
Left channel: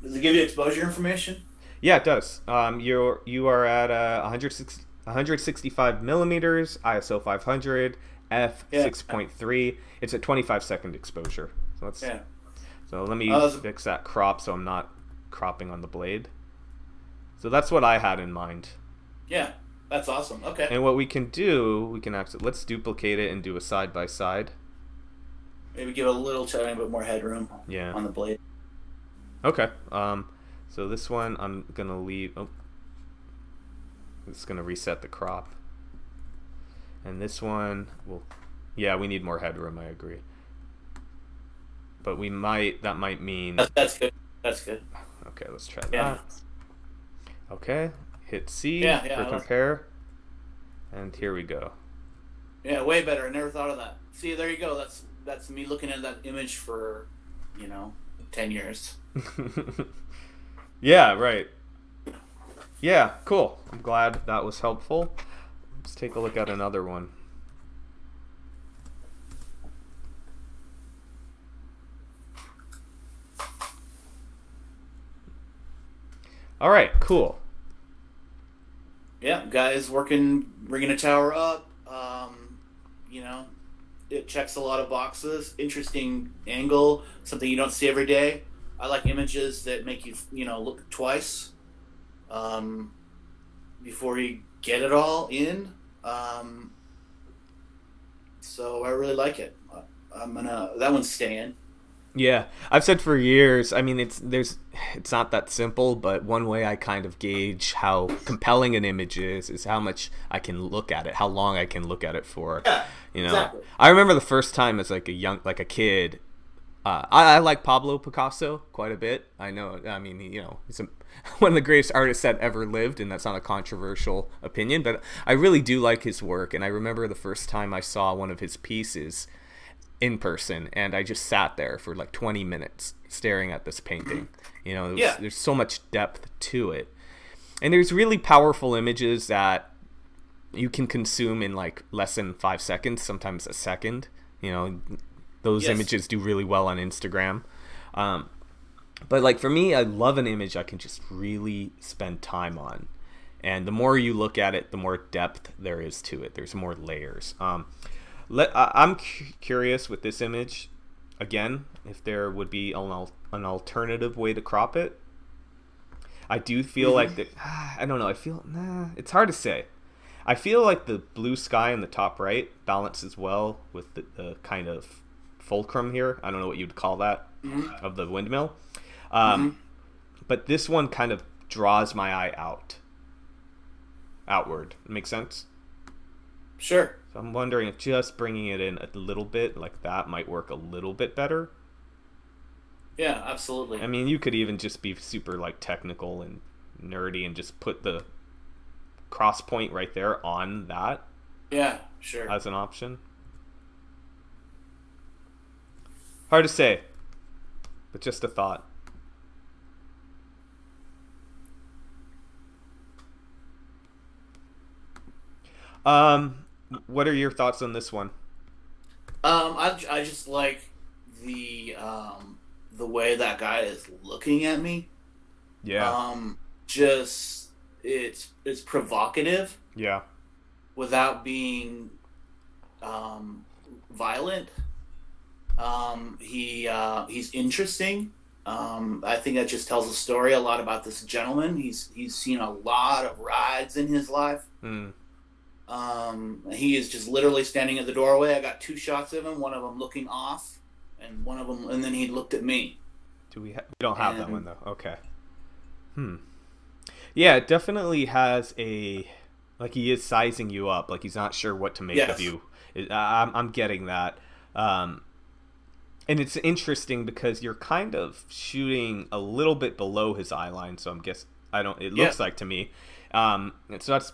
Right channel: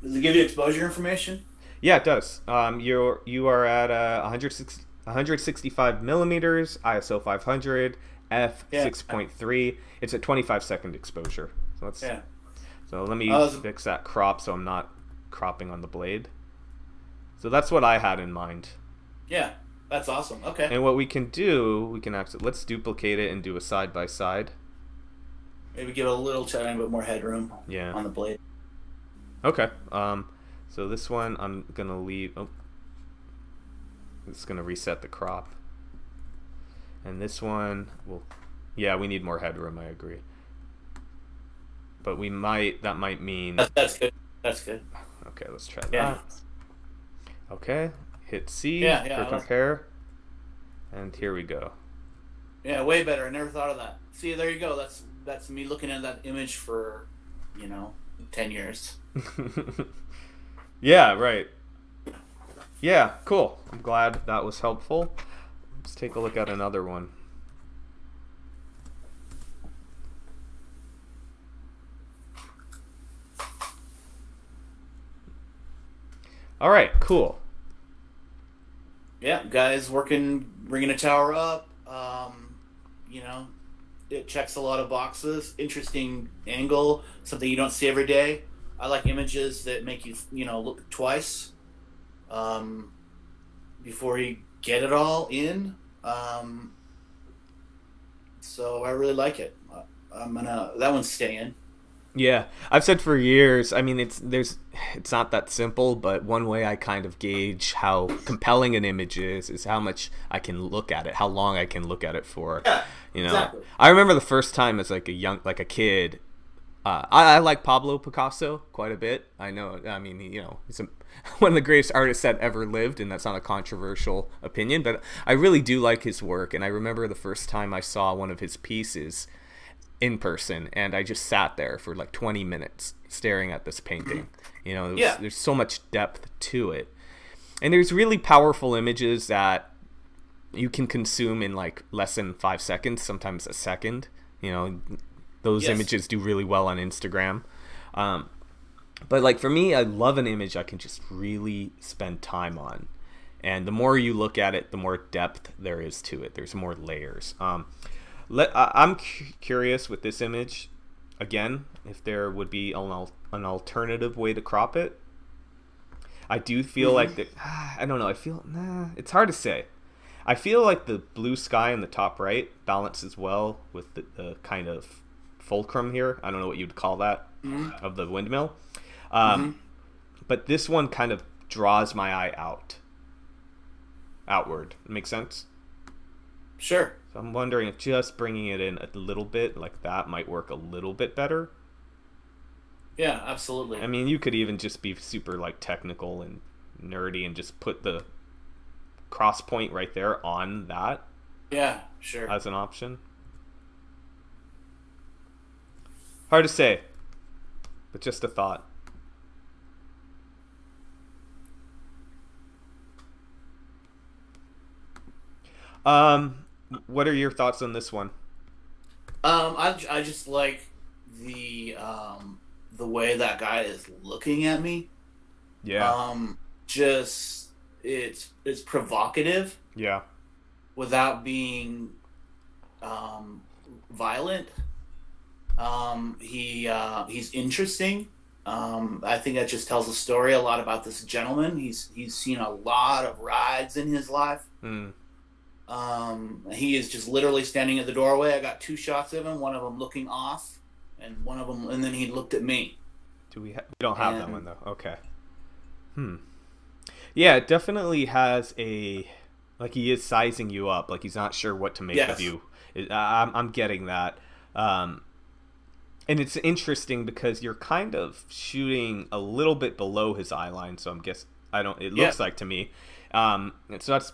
Does it give you exposure information? Yeah, it does. You are at 165 millimeters, ISO 500, f 6.3. It's a 25-second exposure. So let me fix that crop so I'm not cropping on the blade. So that's what I had in mind. Yeah, that's awesome. Okay. And what we can do, let's duplicate it and do a side by side. Maybe give it a little tiny bit more headroom. Yeah. On the blade. Okay. So this one I'm gonna leave. It's gonna reset the crop. And this one we need more headroom. I agree. But that might mean. That's good. That's good. Okay, let's try that. Okay, hit C for compare. And here we go. Yeah, way better. I never thought of that. See, there you go. That's me looking at that image for, 10 years. Yeah, right. Yeah, cool. I'm glad that was helpful. Let's take a look at another one. All right, cool. Yeah, guys bringing a tower up. It checks a lot of boxes. Interesting angle, something you don't see every day. I like images that make you, look twice before you get it all in. So I really like it. That one's staying. Yeah, I've said for years. I mean, it's not that simple, but one way I kind of gauge how compelling an image is how much I can look at it, how long I can look at it for. Yeah, exactly. I remember the first time as like a kid. I like Pablo Picasso quite a bit. I know. I mean, he's one of the greatest artists that ever lived, and that's not a controversial opinion. But I really do like his work, and I remember the first time I saw one of his pieces in person, and I just sat there for like 20 minutes staring at this painting. There's so much depth to it, and there's really powerful images that you can consume in like less than 5 seconds, sometimes a second. Those images do really well on Instagram. But like for me, I love an image I can just really spend time on, and the more you look at it, the more depth there is to it. There's more layers. I'm curious with this image, again, if there would be an alternative way to crop it. I do feel like I don't know. It's hard to say. I feel like the blue sky in the top right balances well with the kind of fulcrum here. I don't know what you'd call that of the windmill. But this one kind of draws my eye outward. Makes sense? Sure. So I'm wondering if just bringing it in a little bit like that might work a little bit better. Yeah, absolutely. I mean, you could even just be super like technical and nerdy and just put the cross point right there on that. Yeah, sure. As an option. Hard to say, but just a thought. What are your thoughts on this one? I just like the way that guy is looking at me. Yeah. it's provocative Yeah. without being violent. He's interesting. I think that just tells a story a lot about this gentleman. He's seen a lot of rides in his life. Mm. He is just literally standing at the doorway. I got 2 shots of him. One of them looking off, and then he looked at me. We don't have that one though. Okay. Yeah, it definitely has like he is sizing you up. Like he's not sure what to make of you. I'm getting that. And it's interesting because you're kind of shooting a little bit below his eye line. So it looks like to me. And so that's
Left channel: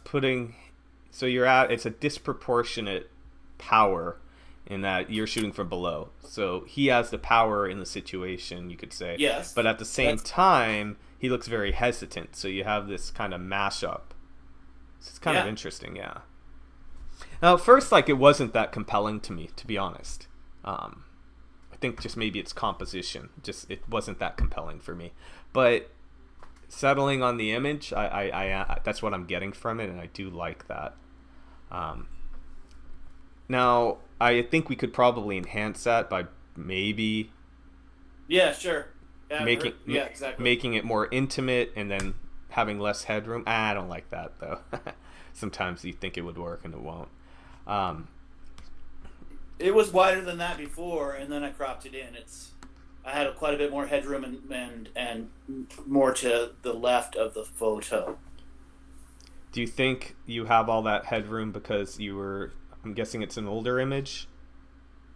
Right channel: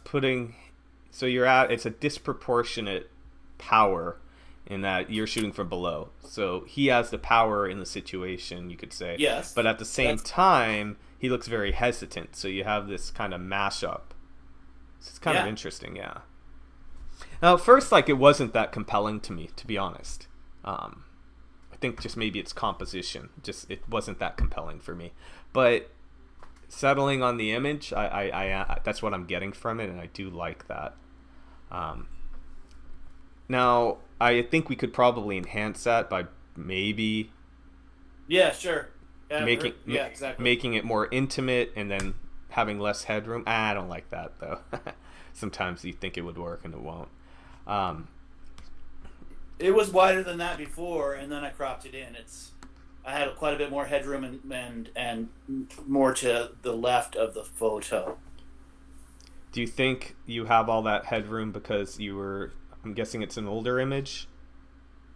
it's a disproportionate power in that you're shooting from below. So he has the power in the situation, you could say. Yes. But at the same time, he looks very hesitant. So you have this kind of mashup. So it's kind of interesting, yeah. Now, at first, like, it wasn't that compelling to me, to be honest. I think just maybe its composition. It wasn't that compelling for me. But settling on the image, I that's what I'm getting from it, and I do like that. Now, I think we could probably enhance that by maybe Sure. Exactly. making it more intimate and then having less headroom. I don't like that though. Sometimes you think it would work and it won't. It was wider than that before, and then I cropped it in. I had quite a bit more headroom and more to the left of the photo. Do you think you have all that headroom because I'm guessing it's an older image?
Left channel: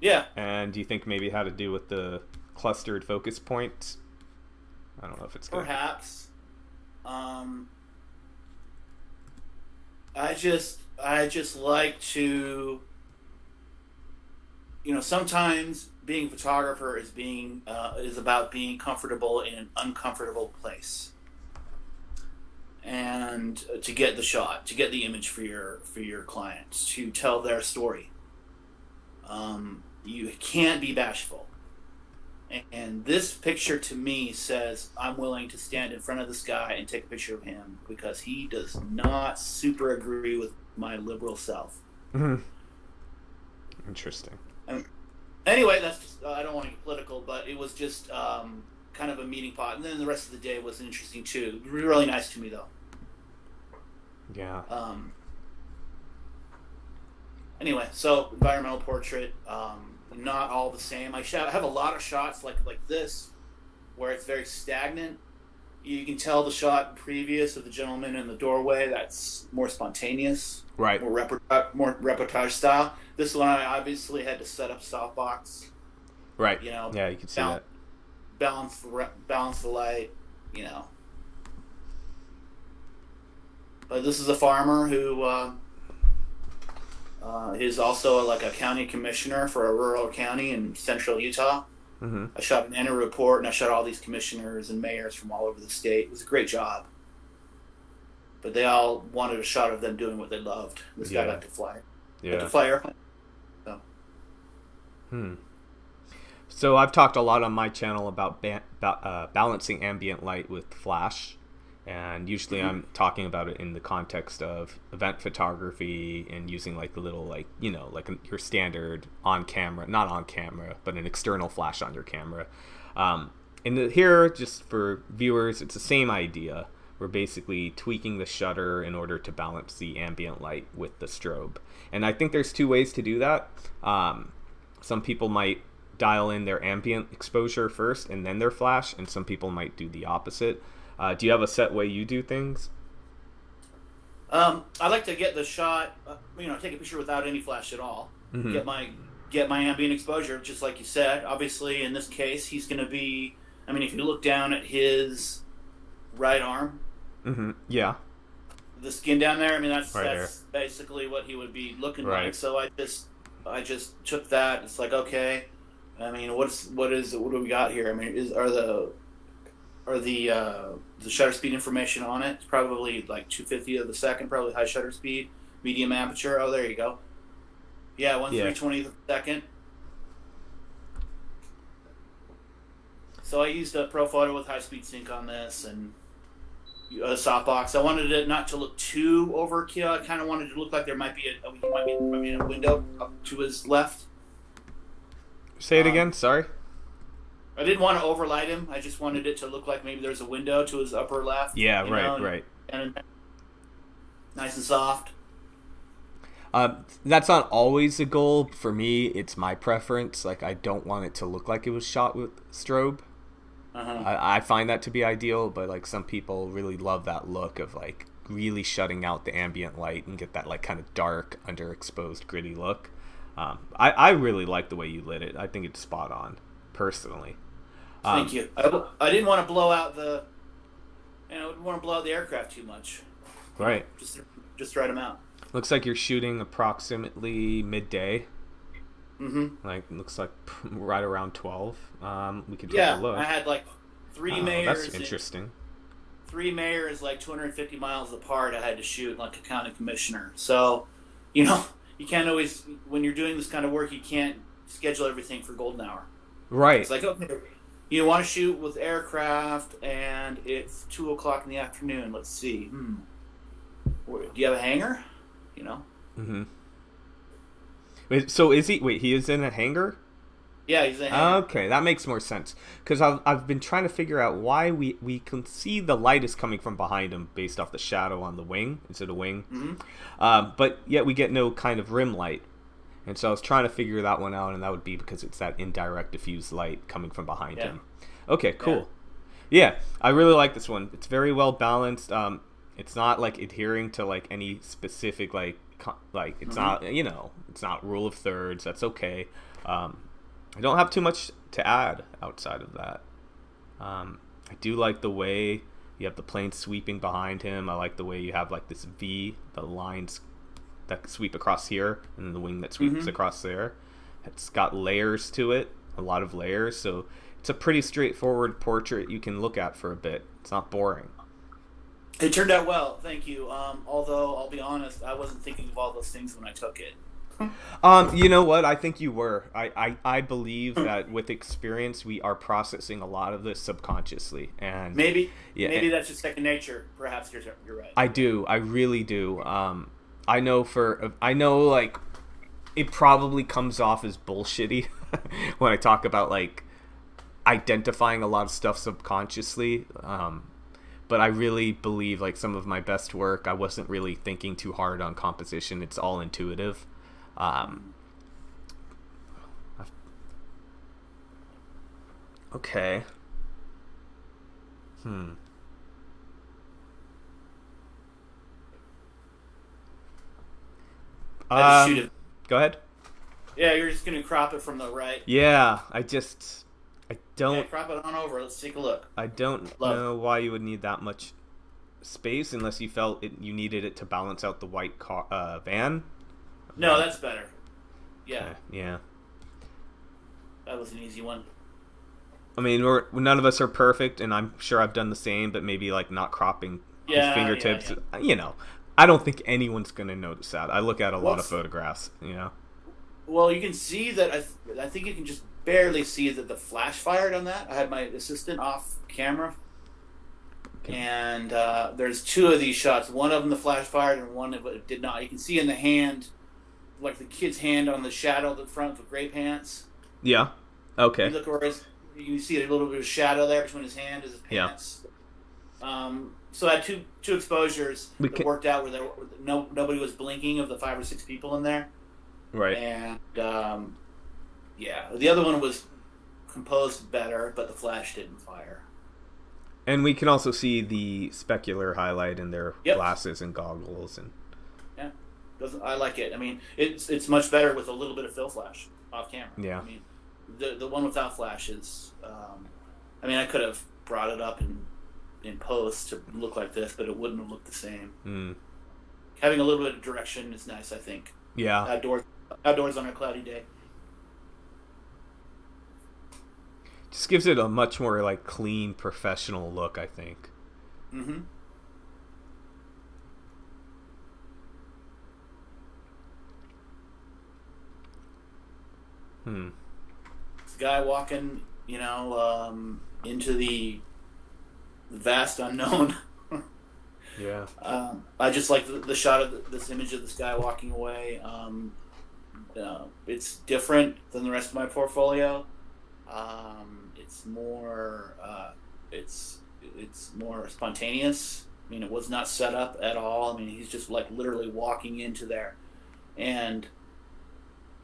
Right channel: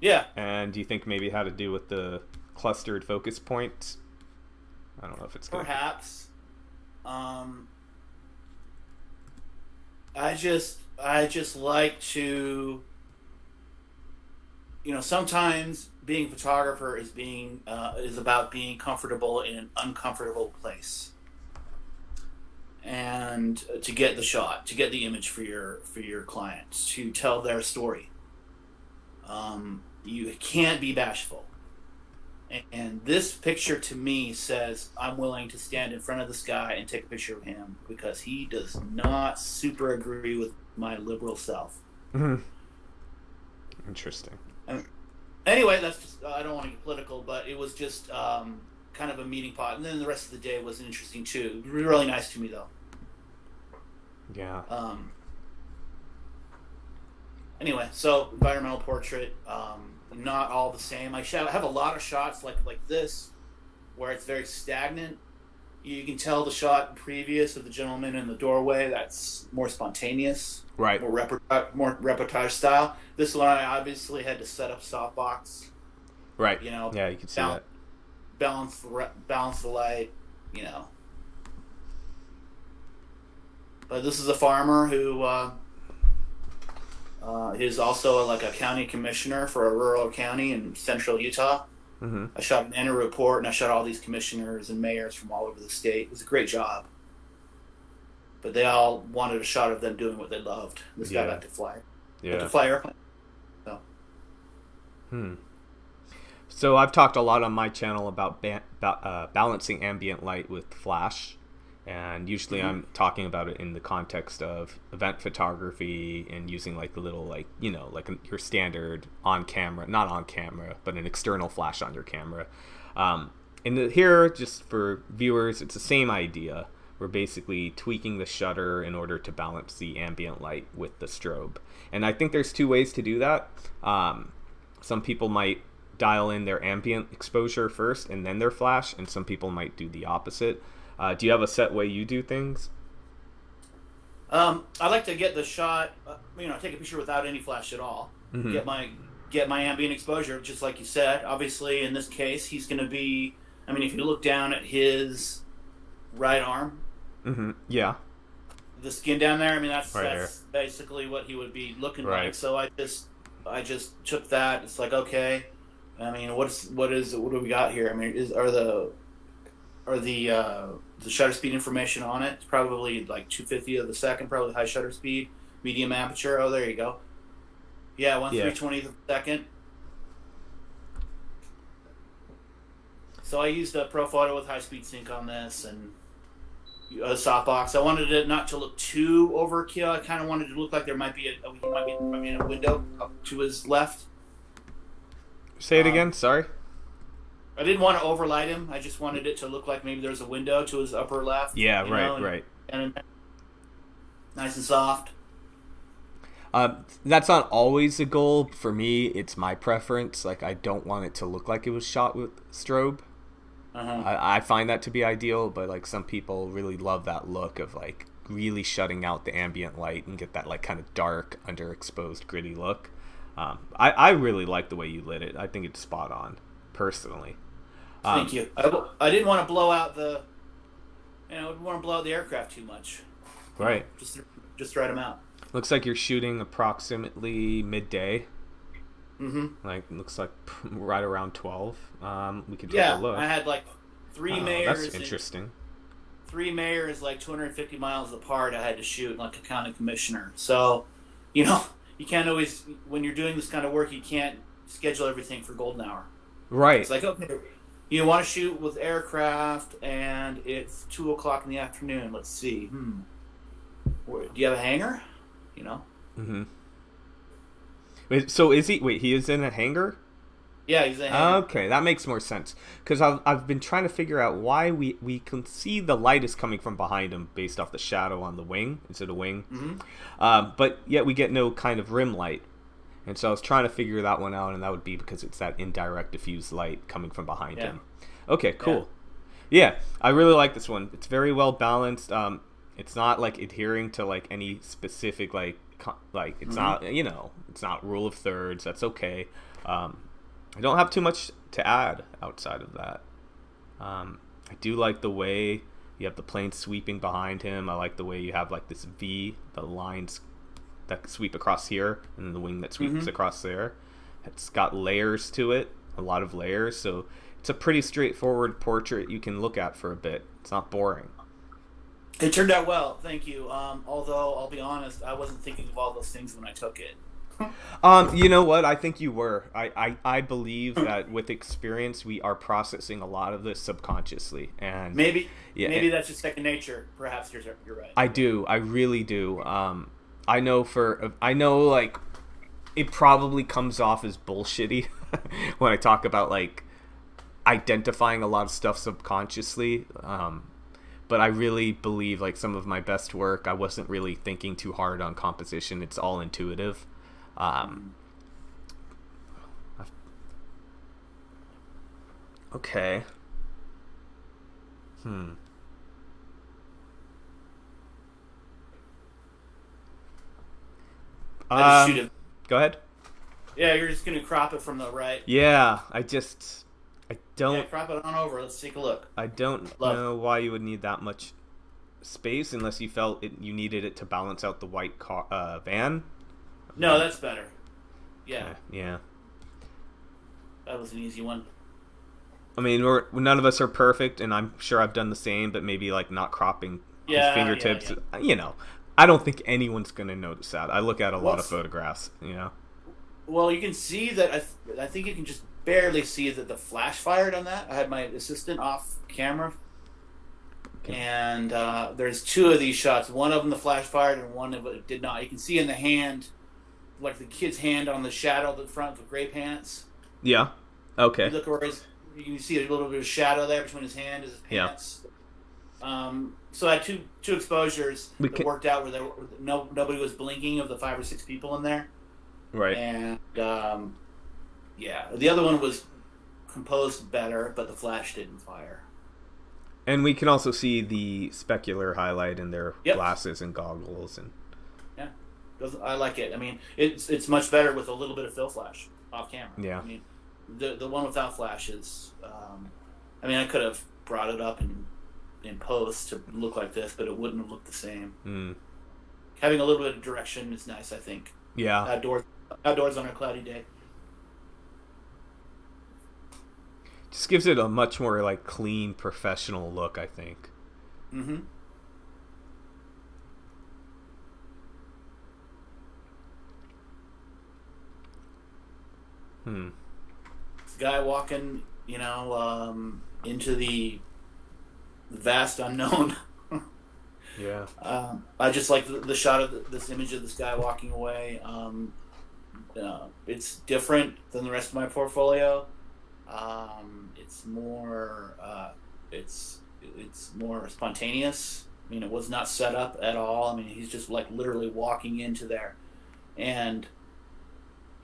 Yeah. And do you think maybe it had to do with the clustered focus points? I don't know if it's good. Perhaps. I just like to, sometimes being a photographer is about being comfortable in an uncomfortable place, and to get the shot, to get the image for your clients, to tell their story. You can't be bashful. And this picture to me says I'm willing to stand in front of this guy and take a picture of him because he does not super agree with my liberal self. Mm-hmm. Interesting. Anyway, that's just, I don't want to get political, but it was just kind of a meeting pot. And then the rest of the day was interesting too. Really nice to me though. Yeah. Anyway, so environmental portrait. Not all the same. I have a lot of shots like this where it's very stagnant. You can tell the shot previous of the gentleman in the doorway, that's more spontaneous, right? More reportage style. This one I obviously had to set up softbox, right? Yeah, you can see that. Balance the light, But this is a farmer who is also like a county commissioner for a rural county in central Utah. Mm-hmm. I shot an annual report, and I shot all these commissioners and mayors from all over the state. It was a great job. But they all wanted a shot of them doing what they loved. This guy got to fly. Yeah. To fly airplane. So. So I've talked a lot on my channel about balancing ambient light with flash. And usually I'm talking about it in the context of event photography and using like the little your standard on camera, not on camera, but an external flash on your camera. Here, just for viewers, it's the same idea. We're basically tweaking the shutter in order to balance the ambient light with the strobe. And I think there's 2 ways to do that. Some people might dial in their ambient exposure first and then their flash, and some people might do the opposite. Do you have a set way you do things? I like to get the shot, take a picture without any flash at all. Mm-hmm. Get my ambient exposure, just like you said. Obviously, in this case, he's going to be. If you look down at his right arm, mm-hmm. Yeah, the skin down there. That's here. Basically what he would be looking right. like. So I just took that. It's like, okay. What do we got here? Are the shutter speed information on it? It's probably like 250 of the second, probably high shutter speed, medium aperture. Oh, there you go. Yeah, 1/320th of a second. So I used a Pro Photo with high speed sync on this, and a softbox. I wanted it not to look too overkill. I kind of wanted it to look like there might be a window up to his left. Say it again. Sorry. I didn't want to overlight him. I just wanted it to look like maybe there's a window to his upper left. Yeah, right. And nice and soft. That's not always a goal. For me, it's my preference. Like, I don't want it to look like it was shot with strobe. I find that to be ideal, but like some people really love that look of like really shutting out the ambient light and get that like kind of dark, underexposed, gritty look. I really like the way you lit it. I think it's spot on, personally. Thank you. I didn't want to blow out the aircraft too much. Right. Just write them out. Looks like you're shooting approximately midday. Mm-hmm. Like, looks like right around 12. We could take a look. I had like three mayors. That's interesting. 3 mayors like 250 miles apart. I had to shoot like a county commissioner. So, you can't always, when you're doing this kind of work, you can't schedule everything for golden hour. Right. It's like, okay, you want to shoot with aircraft, and it's 2:00 in the afternoon. Let's see. Do you have a hangar? Mm-hmm. So he is in a hangar? Yeah, he's in a hangar. Okay, that makes more sense. Because I've been trying to figure out why we can see the light is coming from behind him based off the shadow on the wing. Is it a wing? Mm-hmm. But yet we get no kind of rim light. And so I was trying to figure that one out, and that would be because it's that indirect diffused light coming from behind him. Okay, cool. Yeah, I really like this one. It's very well balanced. It's not like adhering to like any specific like it's not it's not rule of thirds. That's okay. I don't have too much to add outside of that. I do like the way you have the plane sweeping behind him. I like the way you have like this V, the lines that sweep across here, and then the wing that sweeps across there. It's got layers to it, a lot of layers. So it's a pretty straightforward portrait you can look at for a bit. It's not boring. It turned out well, thank you. Although I'll be honest, I wasn't thinking of all those things when I took it. You know what? I think you were. I believe that with experience, we are processing a lot of this subconsciously, and maybe that's just second nature. Perhaps you're right. I do. I really do. I know like it probably comes off as bullshitty when I talk about like identifying a lot of stuff subconsciously. But I really believe like some of my best work, I wasn't really thinking too hard on composition. It's all intuitive. Okay. Go ahead. Yeah, you're just gonna crop it from the right. Yeah, I don't. Yeah, crop it on over. Let's take a look. I don't know why you would need that much space unless you felt you needed it to balance out the white van. No, that's better. Yeah. Okay, yeah. That was an easy one. I mean, none of us are perfect, and I'm sure I've done the same, but maybe like not cropping his fingertips. Yeah. I don't think anyone's gonna notice that. I look at a lot of photographs. Well, you can see that. I think you can just barely see that the flash fired on that. I had my assistant off camera, and there's 2 of these shots. One of them the flash fired, and one of it did not. You can see in the hand, like the kid's hand on the shadow at the front of the gray pants. Yeah. Okay. You look where you can see a little bit of shadow there between his hand and his pants. Yeah. So I had two exposures that worked out where nobody was blinking of the 5 or 6 people in there. Right. And the other one was composed better, but the flash didn't fire. And we can also see the specular highlight in their glasses and goggles, and I like it. I mean, it's much better with a little bit of fill flash off camera. Yeah. I mean, the one without flash is. I could have brought it up in post to look like this, but it wouldn't have looked the same. Having a little bit of direction is nice, I think. Yeah. Outdoors on a cloudy day. Just gives it a much more like clean, professional look, I think. Mm-hmm. Guy walking, into the vast unknown. Yeah. I just like the shot of this image of this guy walking away. It's different than the rest of my portfolio. It's more it's more spontaneous. I mean, it was not set up at all. I mean, he's just like literally walking into there, and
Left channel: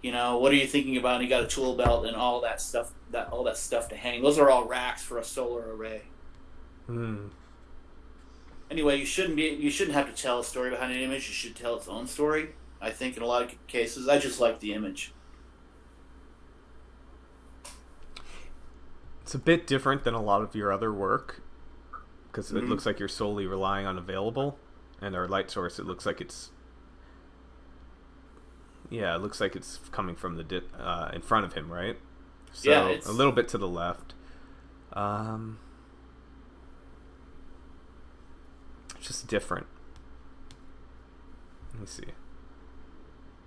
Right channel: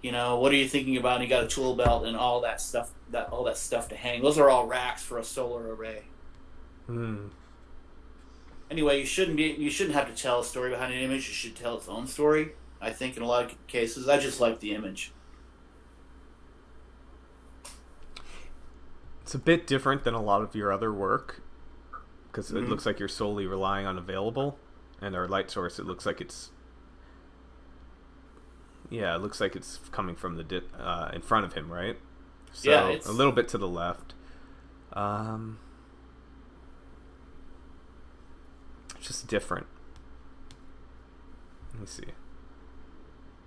what are you thinking about? And he got a tool belt and all that stuff to hang. Those are all racks for a solar array. Anyway, you shouldn't have to tell a story behind an image. You should tell its own story. I think in a lot of cases, I just like the image. It's a bit different than a lot of your other work because it looks like you're solely relying on available, and our light source, it looks like it's coming from the in front of him, right? So Yeah, a little bit to the left. Just different. Let me see.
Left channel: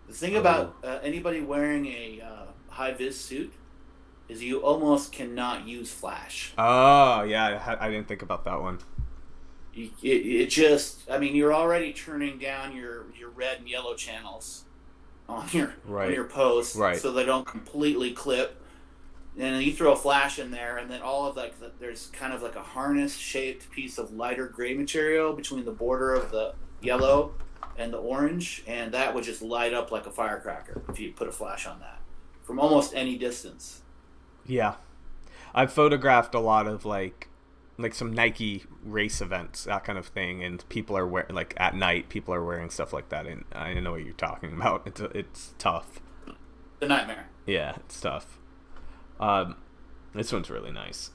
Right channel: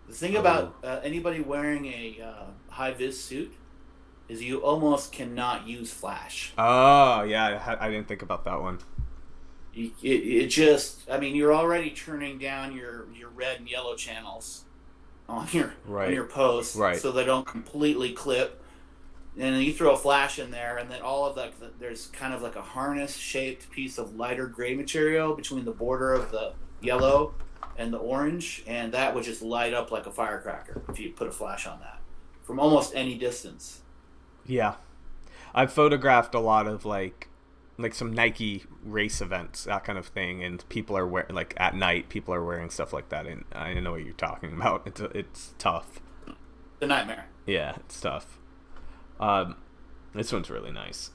The thing about anybody wearing a high-vis suit is you almost cannot use flash. Oh, yeah, I didn't think about that one. It just, I mean, you're already turning down your red and yellow channels on your posts, right, so they don't completely clip. And then you throw a flash in there, and then all of there's kind of like a harness-shaped piece of lighter gray material between the border of the yellow and the orange, and that would just light up like a firecracker if you put a flash on that from almost any distance. Yeah, I've photographed a lot of like some Nike race events, that kind of thing, and people are wearing, like at night, people are wearing stuff like that, and I know what you're talking about. It's tough. The nightmare. Yeah, it's tough. This one's really nice.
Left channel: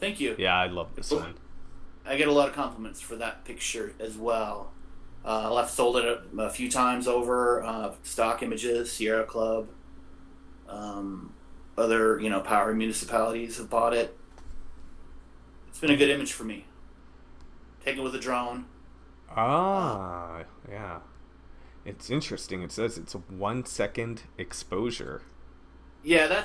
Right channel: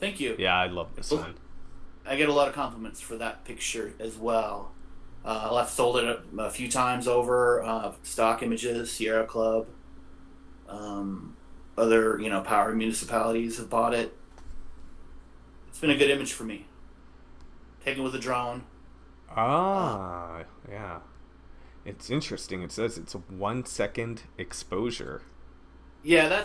Thank you. Yeah, I love this one. I get a lot of compliments for that picture as well. I've sold it a few times over. Stock images, Sierra Club, other power municipalities have bought it. It's been a good image for me. Taken with a drone. Yeah. It's interesting. It says it's a 1 second exposure. Yeah,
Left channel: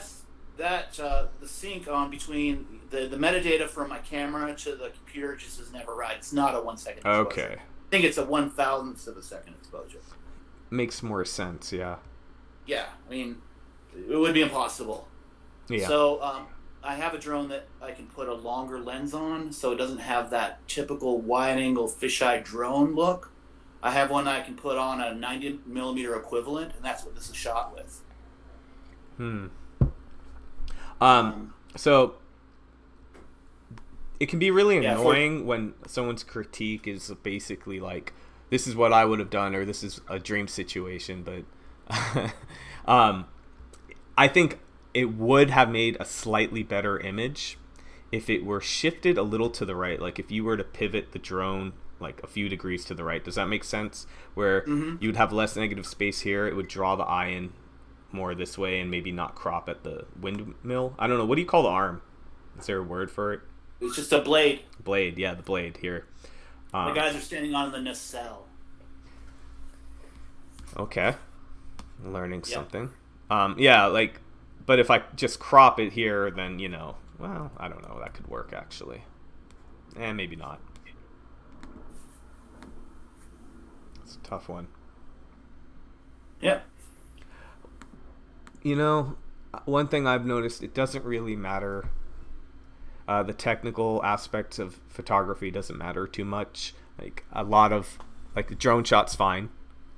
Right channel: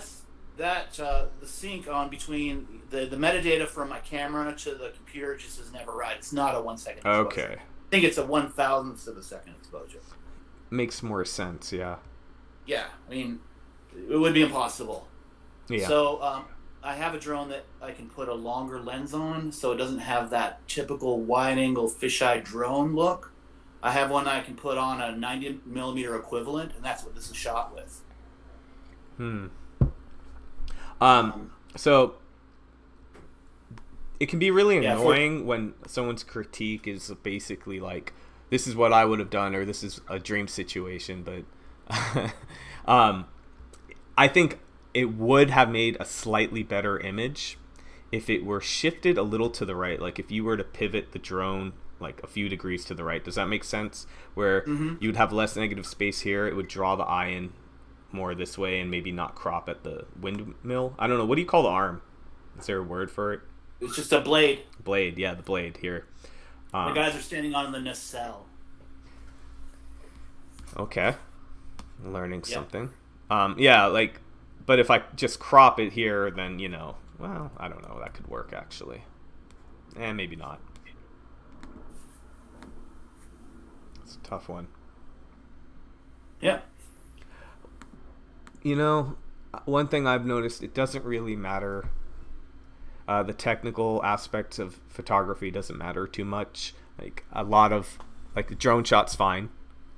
the sync on between the metadata from my camera to the computer just is never right. It's not a 1 second exposure. Okay. I think it's a 1,000th of a second exposure. Makes more sense, yeah. Yeah, I mean, it would be impossible. Yeah. So I have a drone that I can put a longer lens on, so it doesn't have that typical wide-angle fisheye drone look. I have one that I can put on a 90mm equivalent, and that's what this is shot with. So it can be really annoying when someone's critique is basically like, this is what I would have done, or this is a dream situation, but I think it would have made a slightly better image if it were shifted a little to the right. Like if you were to pivot the drone like a few degrees to the right. Does that make sense? Where you'd have less negative space here, it would draw the eye in more this way and maybe not crop at the windmill. I don't know. What do you call the arm? Is there a word for it? It's just a blade. Blade, yeah, the blade here. The guys are standing on the nacelle. Okay. Learning something. But if I just crop it here, then, well, I don't know. That could work, actually. Maybe not. It's a tough one. Yeah. One thing I've noticed, it doesn't really matter. The technical aspects of photography doesn't matter too much. Like a lot of, the drone shot's fine.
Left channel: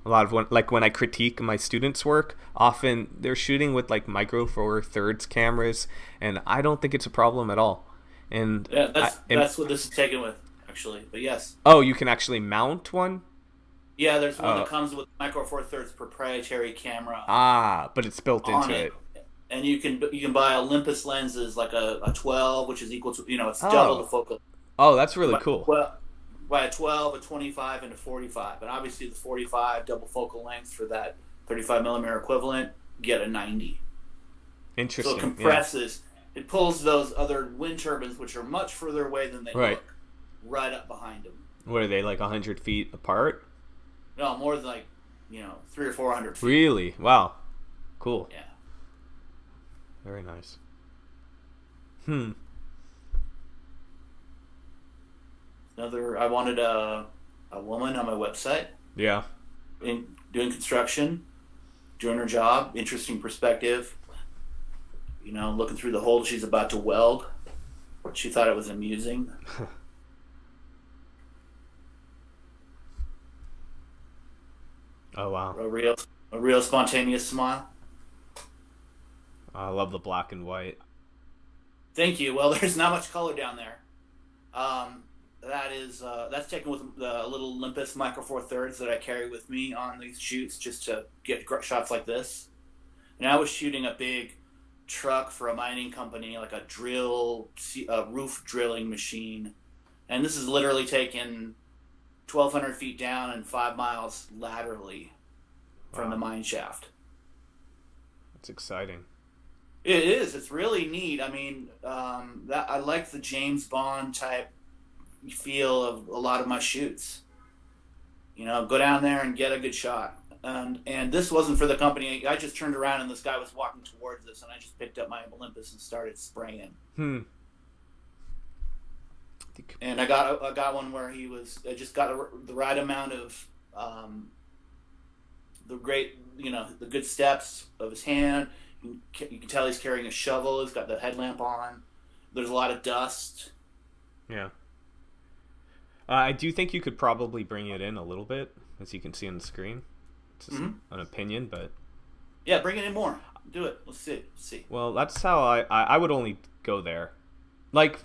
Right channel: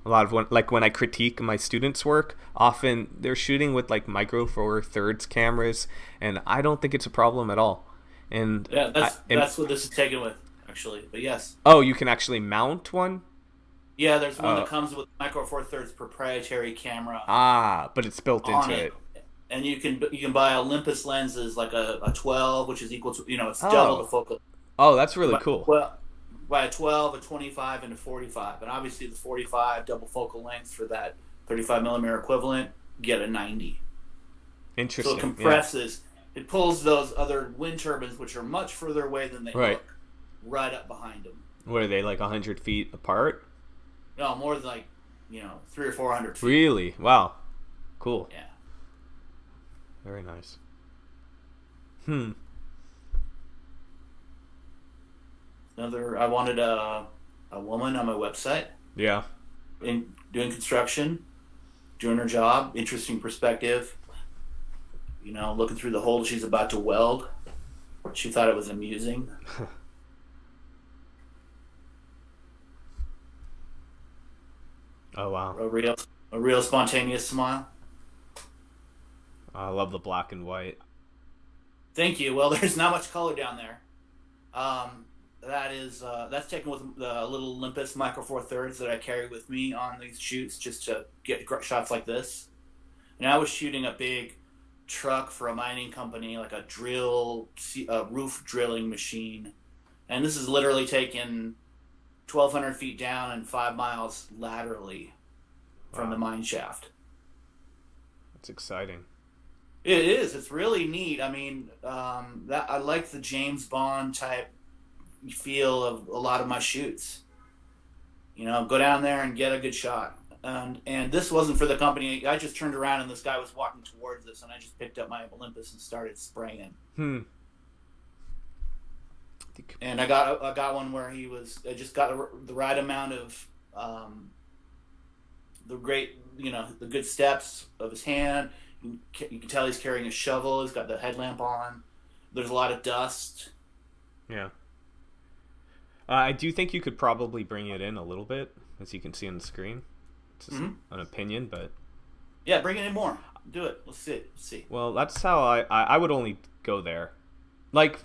A lot of when I critique my students' work, often they're shooting with Micro Four Thirds cameras, and I don't think it's a problem at all. And yeah, that's what this is taken with, actually. But yes. Oh, you can actually mount one? Yeah, there's one that comes with Micro Four Thirds proprietary camera. But it's built into it. And you can buy Olympus lenses, like a 12, which is equal to it's double the focal. Oh, that's really cool. Well, by a 12, a 25, and a 45. And obviously the 45 double focal length for that 35mm equivalent, get a 90. Interesting. So it compresses. Yeah. It pulls those other wind turbines, which are much further away than they look, right up behind them. What are they, 100 feet apart? No, more than 300 or 400 feet. Really? Wow. Cool. Yeah. Very nice. I wanted a woman on my website Yeah. in doing construction, doing her job, interesting perspective. Looking through the hole she's about to weld. She thought it was amusing. Oh wow. A real spontaneous smile. I love the black and white. Thank you. Well, there's not much color down there. That's taken with the little Olympus Micro Four Thirds that I carry with me on these shoots just to get shots like this. And I was shooting a big truck for a mining company, like a roof drilling machine, and this is literally taken 1,200 feet down and 5 miles laterally from the mine shaft. That's exciting. It is. It's really neat. I mean, I like the James Bond type feel of a lot of my shoots. Go down there and get a good shot. And this wasn't for the company. I just turned around and this guy was walking towards us, and I just picked up my Olympus and started spraying. And I got one where I just got the right amount of the good steps of his hand. You can tell he's carrying a shovel. He's got the headlamp on. There's a lot of dust. Yeah. I do think you could probably bring it in a little bit, as you can see on the screen. It's just an opinion, but... Yeah, bring it in more. Do it. Let's see. Well, that's how I would only go there. Like,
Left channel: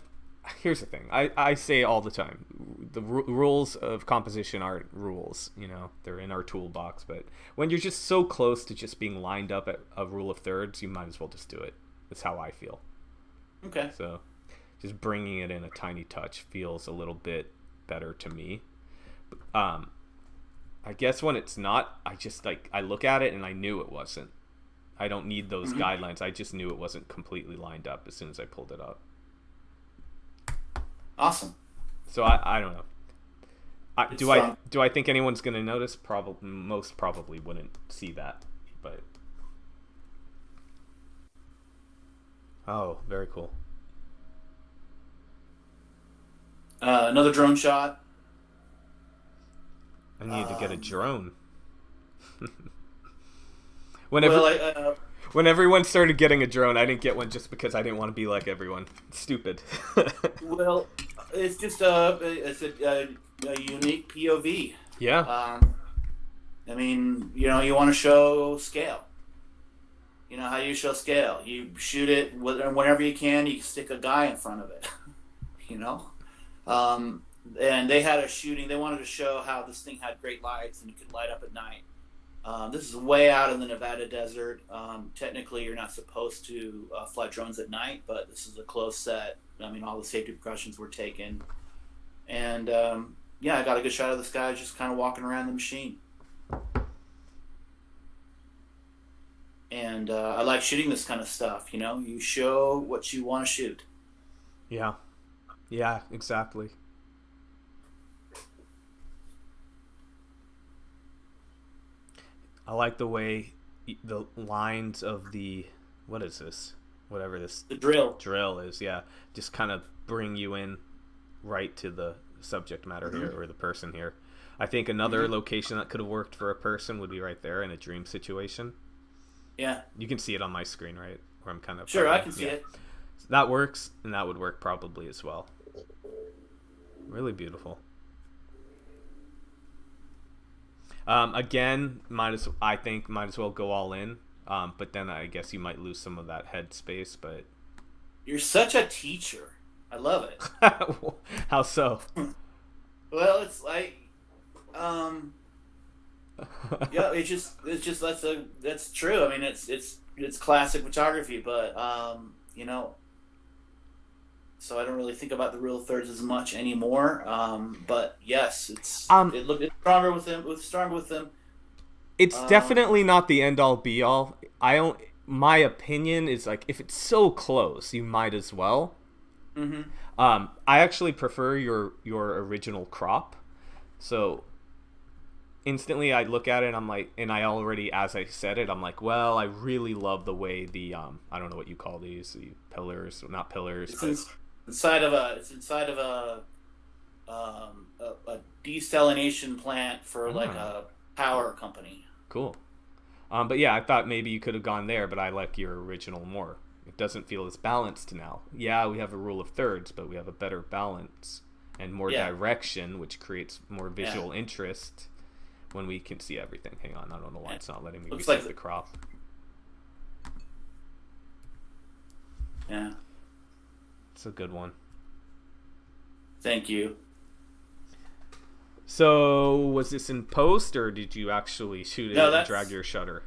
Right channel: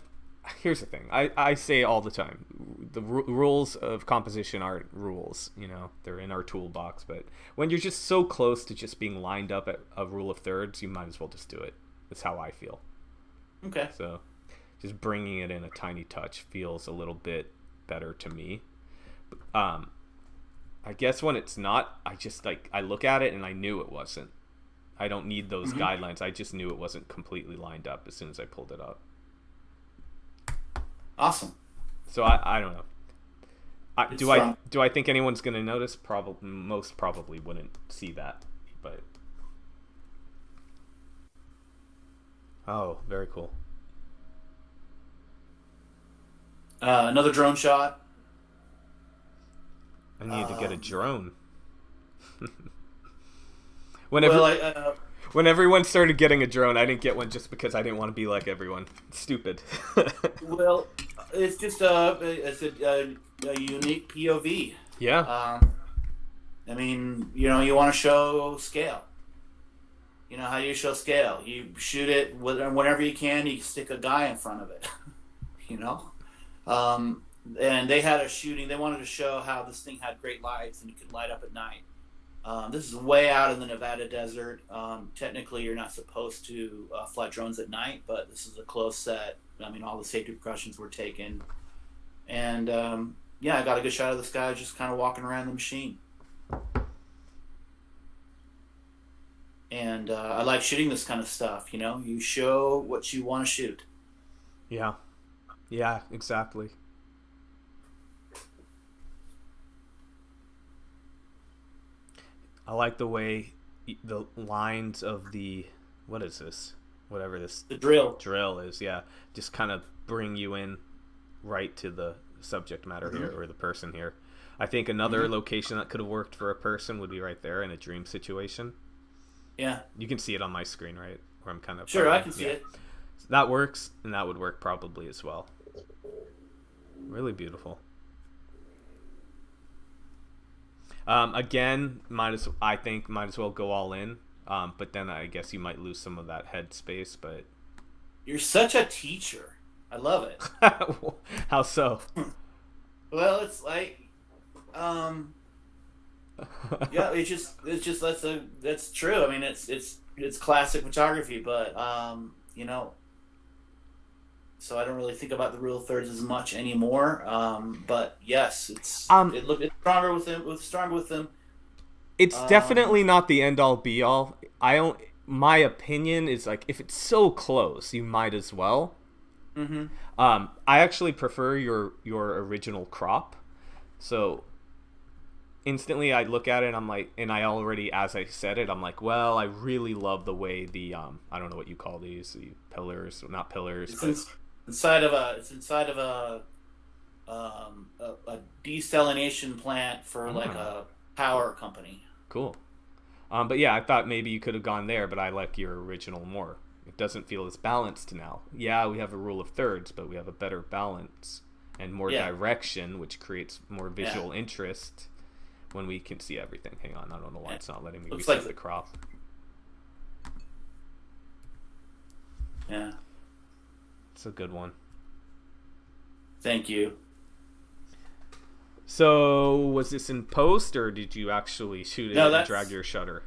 here's the thing. I say all the time, the rules of composition aren't rules, they're in our toolbox, but when you're just so close to just being lined up at a rule of thirds, you might as well just do it. That's how I feel. Okay. So just bringing it in a tiny touch feels a little bit better to me. I guess when it's not, I look at it and I knew it wasn't. I don't need those guidelines. I just knew it wasn't completely lined up as soon as I pulled it up. Awesome. So I don't know. Do I think anyone's going to notice? Most probably wouldn't see that, but oh, very cool. Another drone shot. I need to get a drone. When everyone started getting a drone, I didn't get one just because I didn't want to be like everyone. Stupid. Well, it's just a unique POV. Yeah. I mean, you want to show scale. How do you show scale? You shoot it whenever you can. You stick a guy in front of it. And they had a shooting. They wanted to show how this thing had great lights and it could light up at night. This is way out in the Nevada desert. Technically, you're not supposed to fly drones at night, but this is a close set. I mean, all the safety precautions were taken. And, I got a good shot of this guy just kind of walking around the machine. And I like shooting this kind of stuff, You show what you want to shoot. Yeah. Yeah, exactly. I like the way the lines of what is this? Whatever the drill is, yeah. Just kind of bring you in right to the subject matter here, or the person here. I think another location that could have worked for a person would be right there in a dream situation. Yeah. You can see it on my screen, right? Where I'm kind of... Sure, I can see it. So that works, and that would work probably as well. Really beautiful. Again, might as well go all in. But then I guess you might lose some of that head space. But you're such a teacher. I love it. How so? Well, it's like, yeah, it's just that's true. I mean, it's classic photography, but so I don't really think about the rule of thirds as much anymore. But yes, it's stronger with them. It's definitely not the end all be all. My opinion is, like, if it's so close, you might as well. Mm-hmm. I actually prefer your original crop. So instantly I look at it and I'm like, and I already, as I said it, I'm like, well, I really love the way the I don't know what you call these, the pillars, not pillars, it's inside of a a desalination plant for like Ah, a power company. cool. But yeah, I thought maybe you could have gone there, but I like your original more. It doesn't feel as balanced now. Yeah, we have a rule of thirds, but we have a better balance and more Yeah, direction, which creates more yeah. visual interest when we can see everything. Hang on, I don't know why Yeah. it's not letting me Looks reset like the crop. yeah. It's a good one. Thank you. So, was this in post, or did you actually shoot No, it and drag that's. your shutter?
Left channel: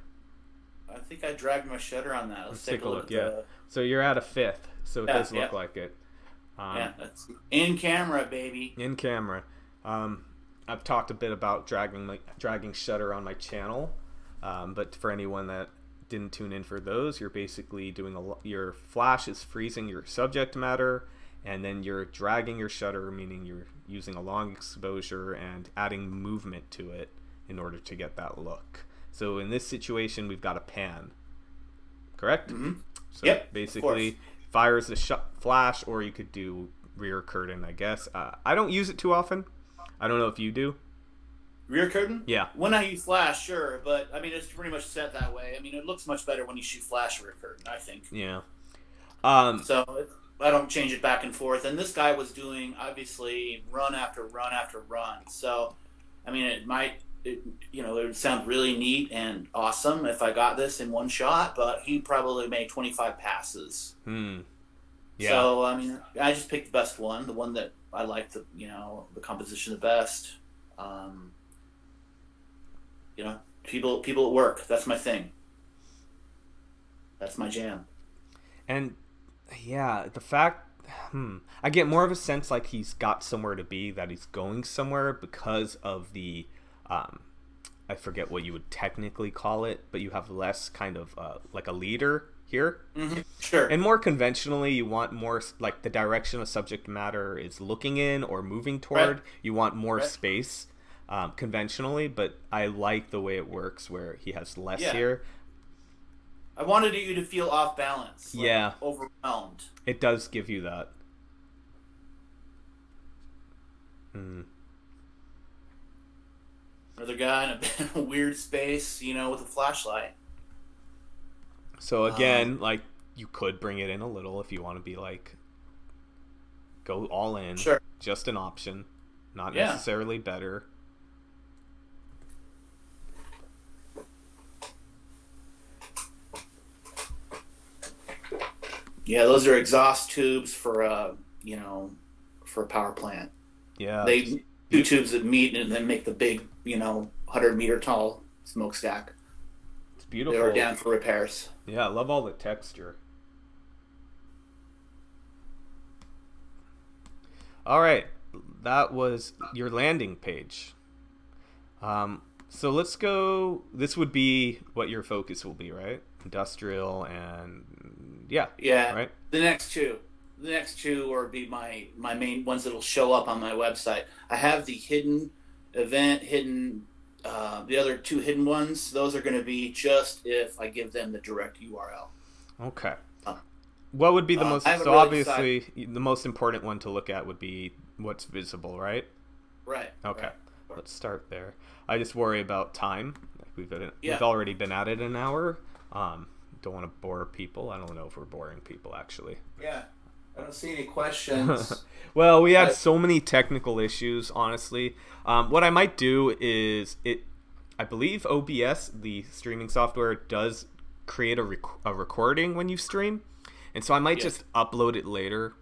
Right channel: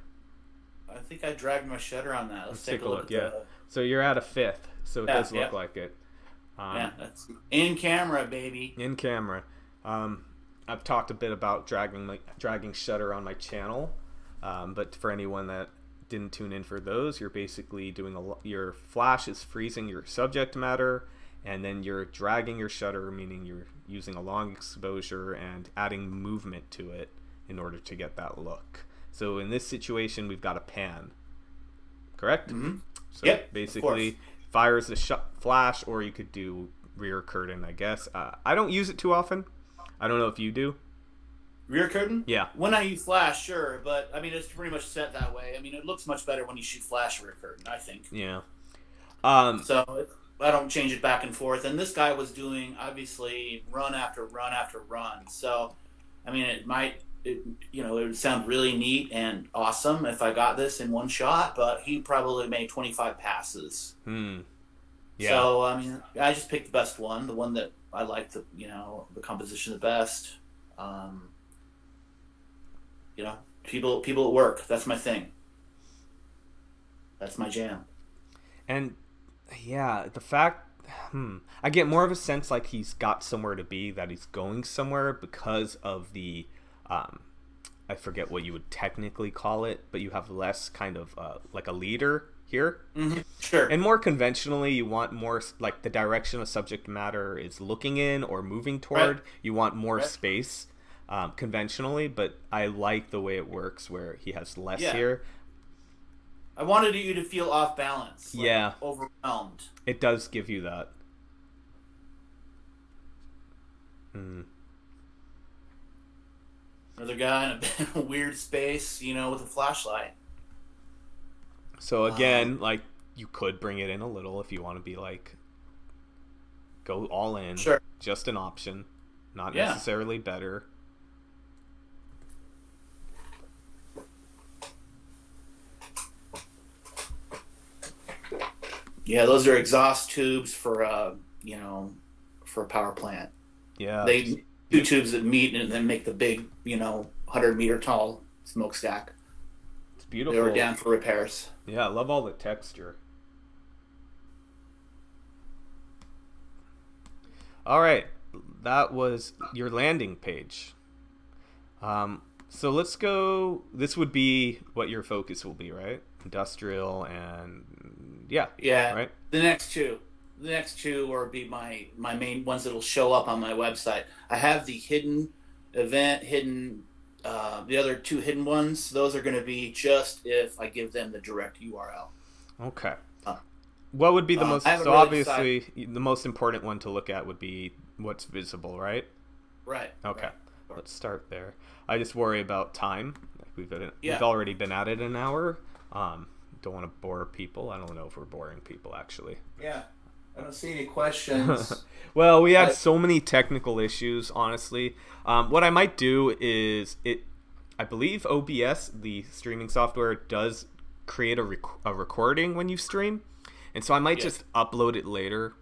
I think I dragged my shutter on that. Let's Let's take take a a look look. at Yeah. the. So you're at a fifth, so it Yeah, does yeah, look like it. yeah. Um, That's in camera, baby. in camera. I've talked a bit about dragging shutter on my channel, but for anyone that didn't tune in for those, you're basically doing your flash is freezing your subject matter, and then you're dragging your shutter, meaning you're using a long exposure and adding movement to it in order to get that look. So in this situation, we've got a pan, correct? Mm-hmm. So Yep, of course. basically, fires the flash, or you could do rear curtain, I guess. I don't use it too often. I don't know if you do. Rear curtain? Yeah. When I use flash, sure, but I mean it's pretty much set that way. I mean it looks much better when you shoot flash rear curtain, I think. Yeah. I don't change it back and forth. And this guy was doing obviously run after run after run. So, I mean it would sound really neat and awesome if I got this in one shot, but he probably made 25 passes. Hmm. Yeah. So I mean I just picked the best one, the one that I liked the composition the best. Um, people at work. That's my thing. That's my jam. And yeah, the fact, I get more of a sense like he's got somewhere to be, that he's going somewhere because of the, I forget what you would technically call it, but you have less kind of like a leader here. Mm-hmm. Sure. And more conventionally, you want more like the direction of subject matter is looking in or moving toward. Right. You want more Right. space conventionally, but I like the way it works where he has less Yeah. here. I wanted you to feel off balance. Like Yeah. overwhelmed. It does give you that. Another guy in a weird space, with a flashlight. So again, like you could bring it in a little if you want to be like go all in. Sure. Just an option, not Yeah. necessarily better. Yeah, those are exhaust tubes for for a power plant. Yeah. They just two tubes that meet and then make the big, 100-meter tall smokestack. It's They beautiful. were down for repairs. Yeah, I love all the texture. All right, that was your landing page. So let's go. This would be what your focus will be, right? Industrial and yeah, Yeah. right. The next two will be my main ones that'll show up on my website. I have the hidden event, the other two hidden ones. Those are going to be just if I give them the direct URL. Okay. What would be the most? I haven't So really obviously, the most important one to look at would be what's visible, right? Right. Okay. Right. Let's start there. I just worry about time. We've Yeah. already been at it an hour. Don't want to bore people. I don't know if we're boring people actually. Yeah. I don't see any questions. Well, we had so many technical issues, honestly. What I might do is I believe OBS, the streaming software, does create a recording when you stream, and so I might just upload it later,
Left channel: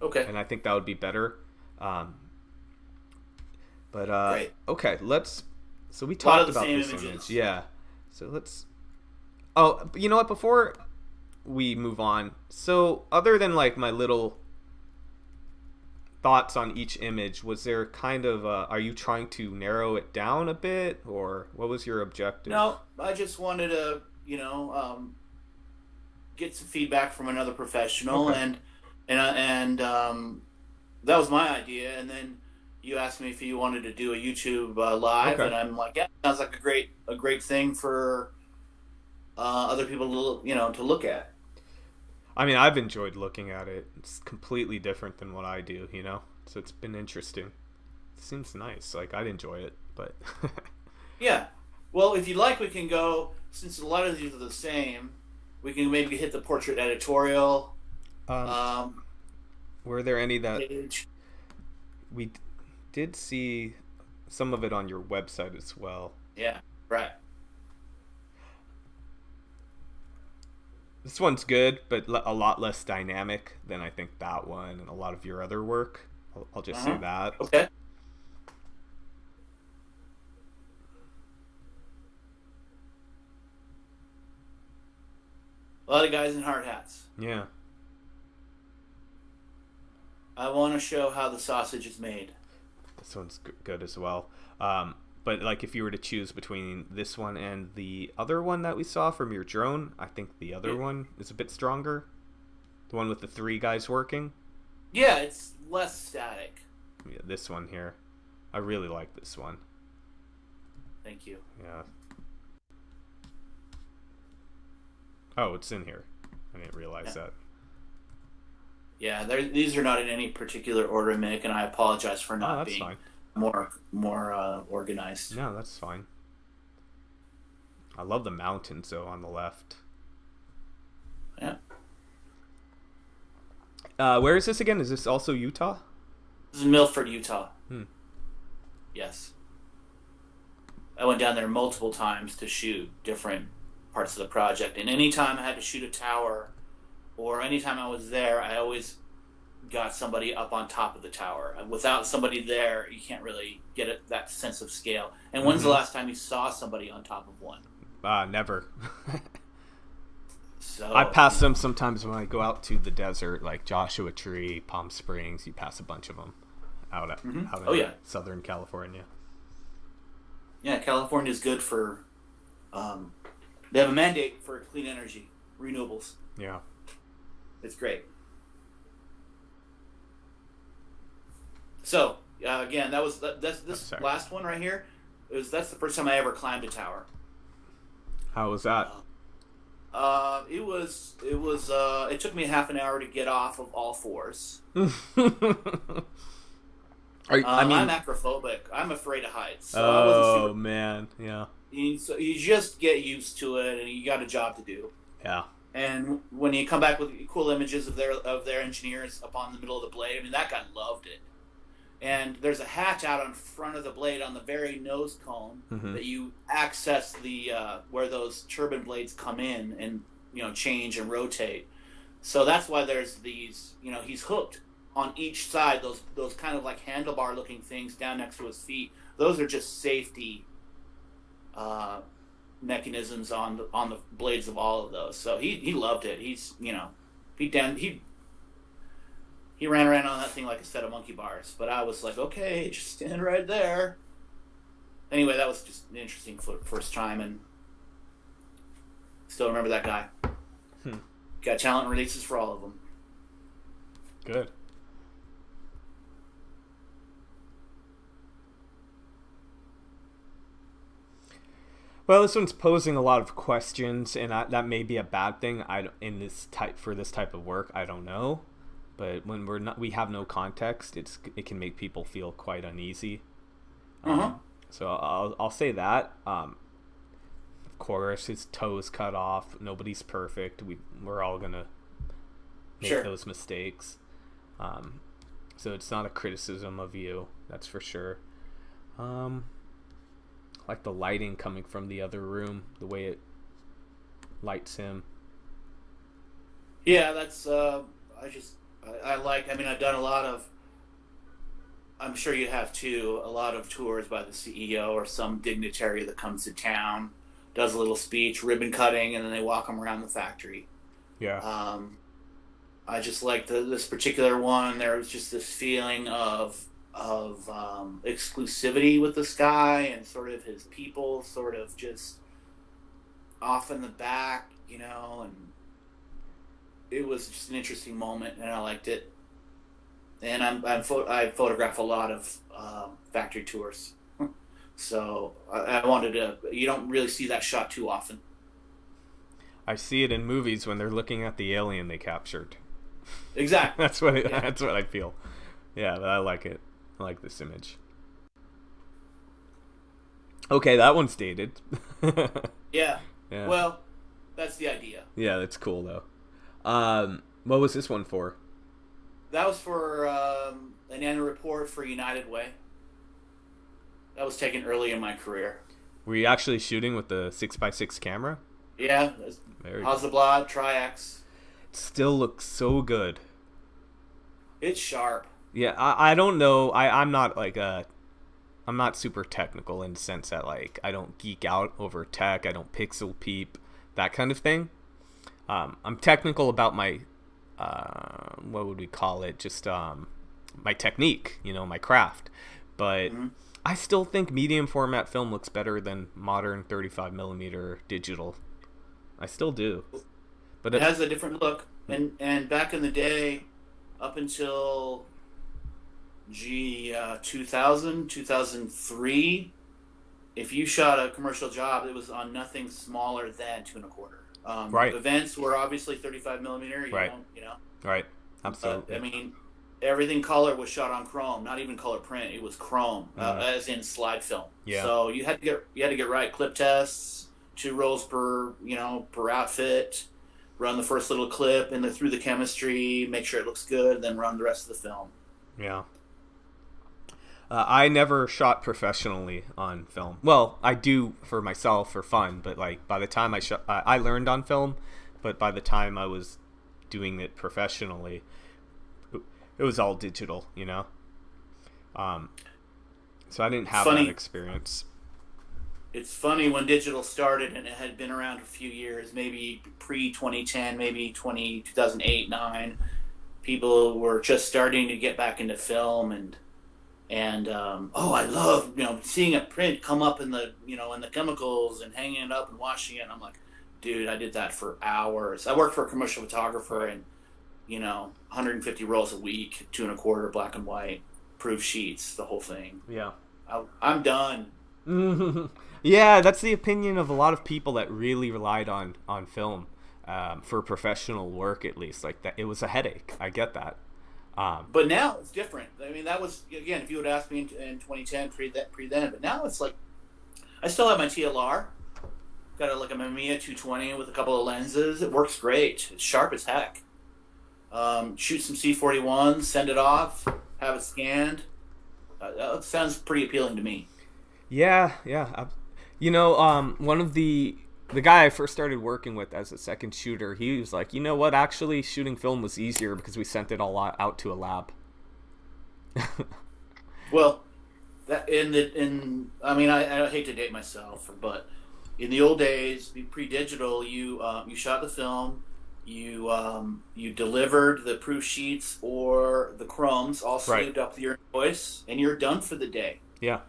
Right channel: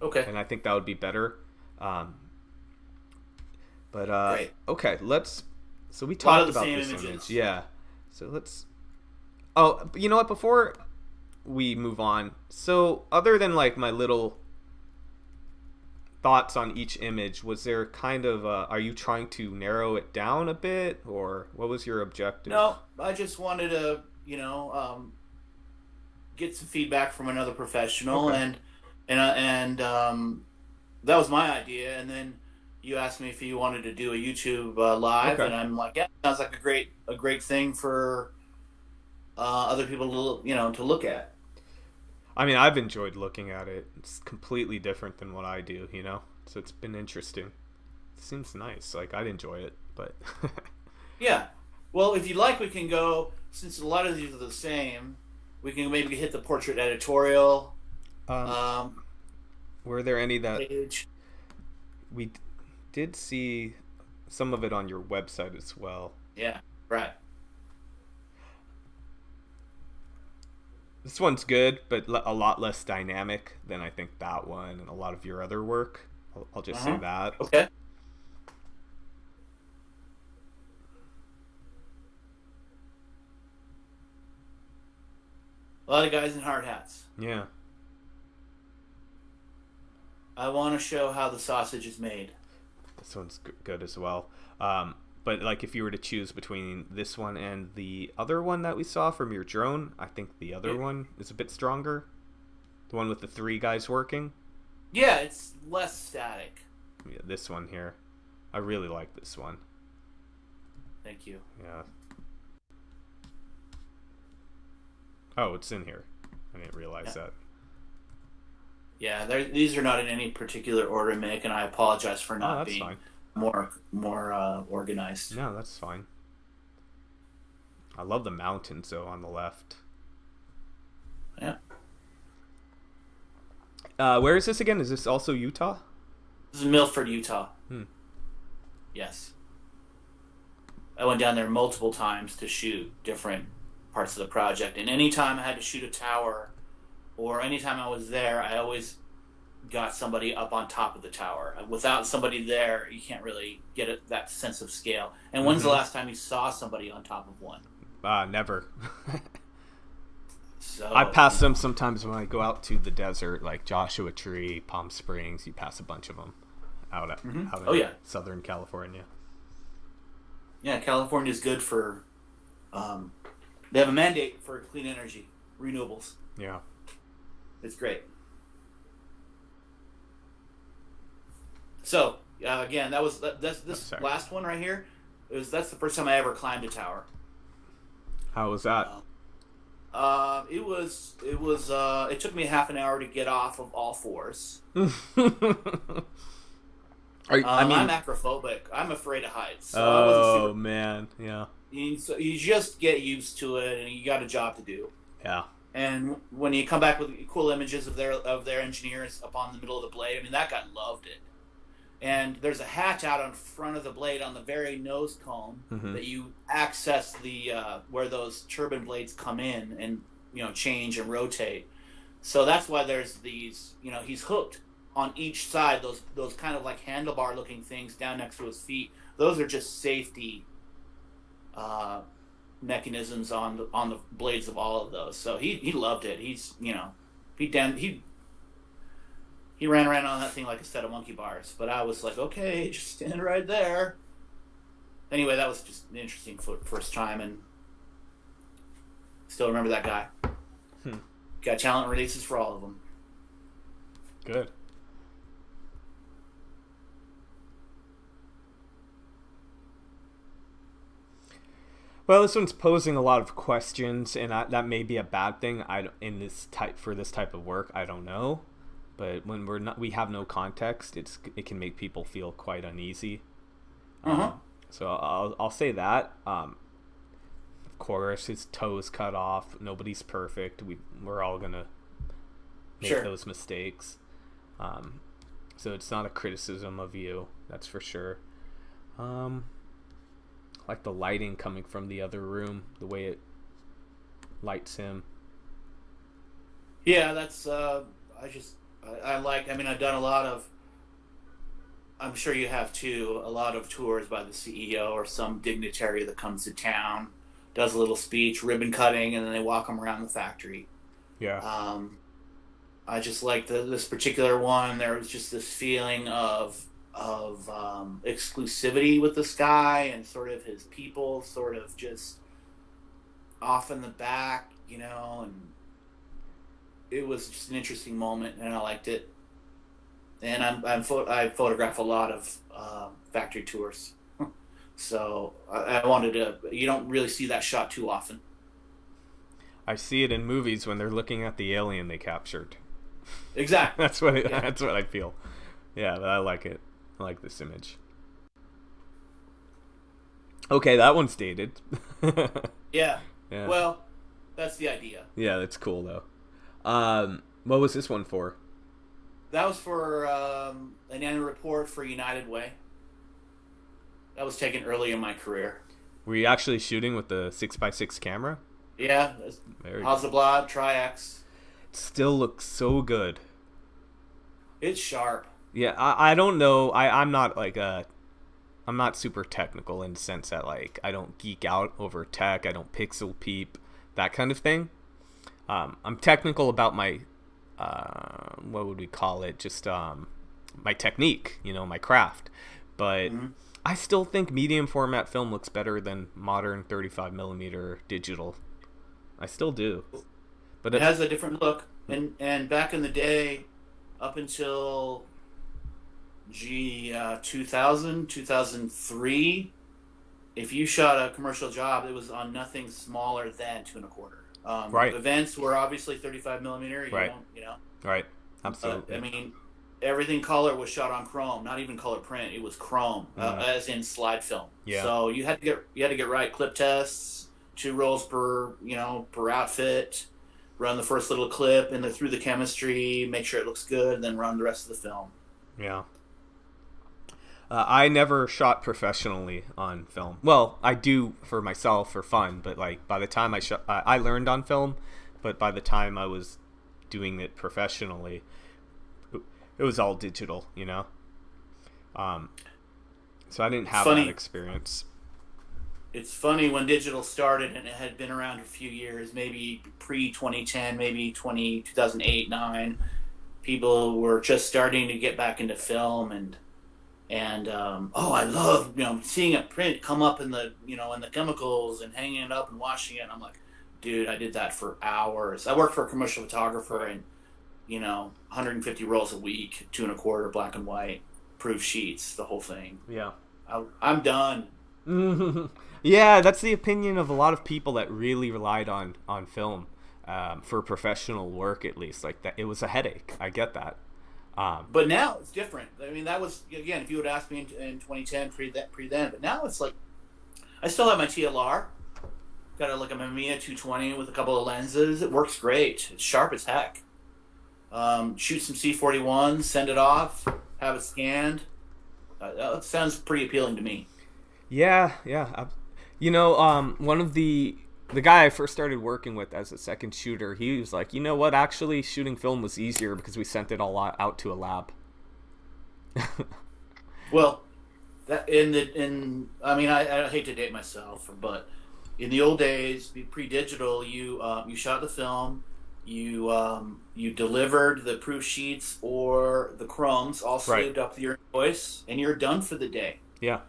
Okay. and I think that would be better. Great. Okay, so we lot talked of the about same this images. image, yeah. So let's. Oh, you know what? Before we move on, so other than like my little thoughts on each image, was there kind of are you trying to narrow it down a bit, or what was your objective? No, I just wanted to, get some feedback from another professional, Okay. and that was my idea. And then you asked me if you wanted to do a YouTube live, Okay. and I'm like, yeah, sounds like a great thing for other people to look at. I mean, I've enjoyed looking at it. It's completely different than what I do, So it's been interesting. It seems nice. Like, I'd enjoy it, but Yeah. Well, if you like, we can go, since a lot of these are the same, we can maybe hit the portrait editorial um, were there any that page. we did see some of it on your website as well? Yeah, right. This one's good, but a lot less dynamic than I think that one and a lot of your other work. I'll just say that. Okay. A lot of guys in hard hats. Yeah. I want to show how the sausage is made. This one's good as well. But like, if you were to choose between this one and the other one that we saw from your drone, I think the other one is a bit stronger. The one with the 3 guys working. Yeah, it's less static. Yeah, this one here. I really like this one. Thank you. Yeah. Oh, it's in here. I didn't realize that. Yeah, these are not in any particular order, Mick, and I apologize for not that's being fine. more organized. No, that's fine. I love the mountains, though, on the left. Yeah. Where is this again? Is this also Utah? This is Milford, Utah. Hmm. Yes. I went down there multiple times to shoot different parts of the project, and anytime I had to shoot a tower, or anytime I was there, I always got somebody up on top of the tower. Without somebody there, you can't really get that sense of scale. And when's the last time you saw somebody on top of one? Never. So I pass them sometimes when I go out to the desert, like Joshua Tree, Palm Springs. You pass a bunch of them out in Southern California. Yeah, California is good for. They have a mandate for clean energy, renewables. Yeah. It's great. So again, this last one right here. That's the first time I ever climbed a tower. How was that? It took me half an hour to get off of all fours. I'm acrophobic. I'm afraid of heights. So man, yeah. You just get used to it, and you got a job to do. Yeah. And when you come back with cool images of their engineers up on the middle of the blade, I mean, that guy loved it. And there's a hatch out on front of the blade on the very nose cone that you access the where those turbine blades come in and change and rotate. So that's why there's these. He's hooked on each side. Those kind of like handlebar looking things down next to his feet. Those are just safety mechanisms on the blades of all of those. So he loved it. He ran around on that thing like a set of monkey bars. But I was like, okay, just stand right there. Anyway, that was just an interesting first time, and still remember that guy. Got talent releases for all of them. Good. Well, this one's posing a lot of questions, and that may be a bad thing. For this type of work, I don't know. But when we have no context, it can make people feel quite uneasy. So I'll say that. Of course, his toes cut off. Nobody's perfect. We're all gonna make those mistakes. So it's not a criticism of you, that's for sure. Like the lighting coming from the other room, the way it lights him. Yeah, that's I've done a lot of, I'm sure you have too, a lot of tours by the CEO or some dignitary that comes to town, does a little speech, ribbon cutting, and then they walk them around the factory. Yeah. I just like this particular one. There was just this feeling of exclusivity with this guy and sort of his people sort of just off in the back, and it was just an interesting moment, and I liked it. And I photograph a lot of factory tours, so I wanted to. You don't really see that shot too often. I see it in movies when they're looking at the alien they captured. Exactly. That's what I feel. Yeah, but I like it. I like this image. Okay, that one's dated. Yeah. Yeah. Well, that's the idea. Yeah, that's cool though. What was this one for? That was for an annual report for United Way. That was taken early in my career. Were you actually shooting with the 6x6 camera? Yeah. Very good. Hasselblad, Tri-X. It still looks so good. It's sharp. Yeah, I don't know. I'm not like I'm not super technical in the sense that like I don't geek out over tech. I don't pixel peep, that kind of thing. I'm technical about my what would we call it? Just my technique, my craft. But I still think medium format film looks better than modern 35 millimeter digital. I still do. But it has a different look. And back in the day, up until 2000, 2003, if you shot a commercial job, it was on nothing smaller than 2.25. Right. Events were obviously 35 millimeter. Right. Right. Absolutely. I mean, everything color was shot on chrome, not even color print. It was chrome, as in slide film. Yeah. So you had to get right clip tests, 2 rolls per outfit. Run the first little clip and then through the chemistry, make sure it looks good, and then run the rest of the film. Yeah. I never shot professionally on film. Well, I do for myself for fun, but like by the time I learned on film, but by the time I was doing it professionally, it was all digital, So I didn't have that experience. It's funny when digital started and it had been around a few years, maybe pre-2010, maybe 2008, 9. People were just starting to get back into film and I love seeing a print come up in the in the chemicals and hanging it up and washing it. And I'm like, dude, I did that for hours. I worked for a commercial photographer and 150 rolls a week, 2.25 black and white, proof sheets, the whole thing. Yeah, I'm done. Yeah, that's the opinion of a lot of people that really relied on film for professional work, at least. Like that, it was a headache. I get that. But now it's different. I mean, that was, again, if you would ask me in 2010, pre then. But now it's like, I still have my TLR. Got a Mamiya 220 with a couple of lenses. It works great. It's sharp as heck. Shoot some C41s, send it off, have it scanned. That sounds pretty appealing to me. Yeah. One of the guy I first started working with as a second shooter, he was like, you know what? Actually, shooting film was easier because we sent it all out to a lab. Well, that I hate to date myself, but in the old days, pre-digital, you shot the film, you delivered the proof sheets or the chromes, all saved up your invoice, and you're done for the day. Yeah.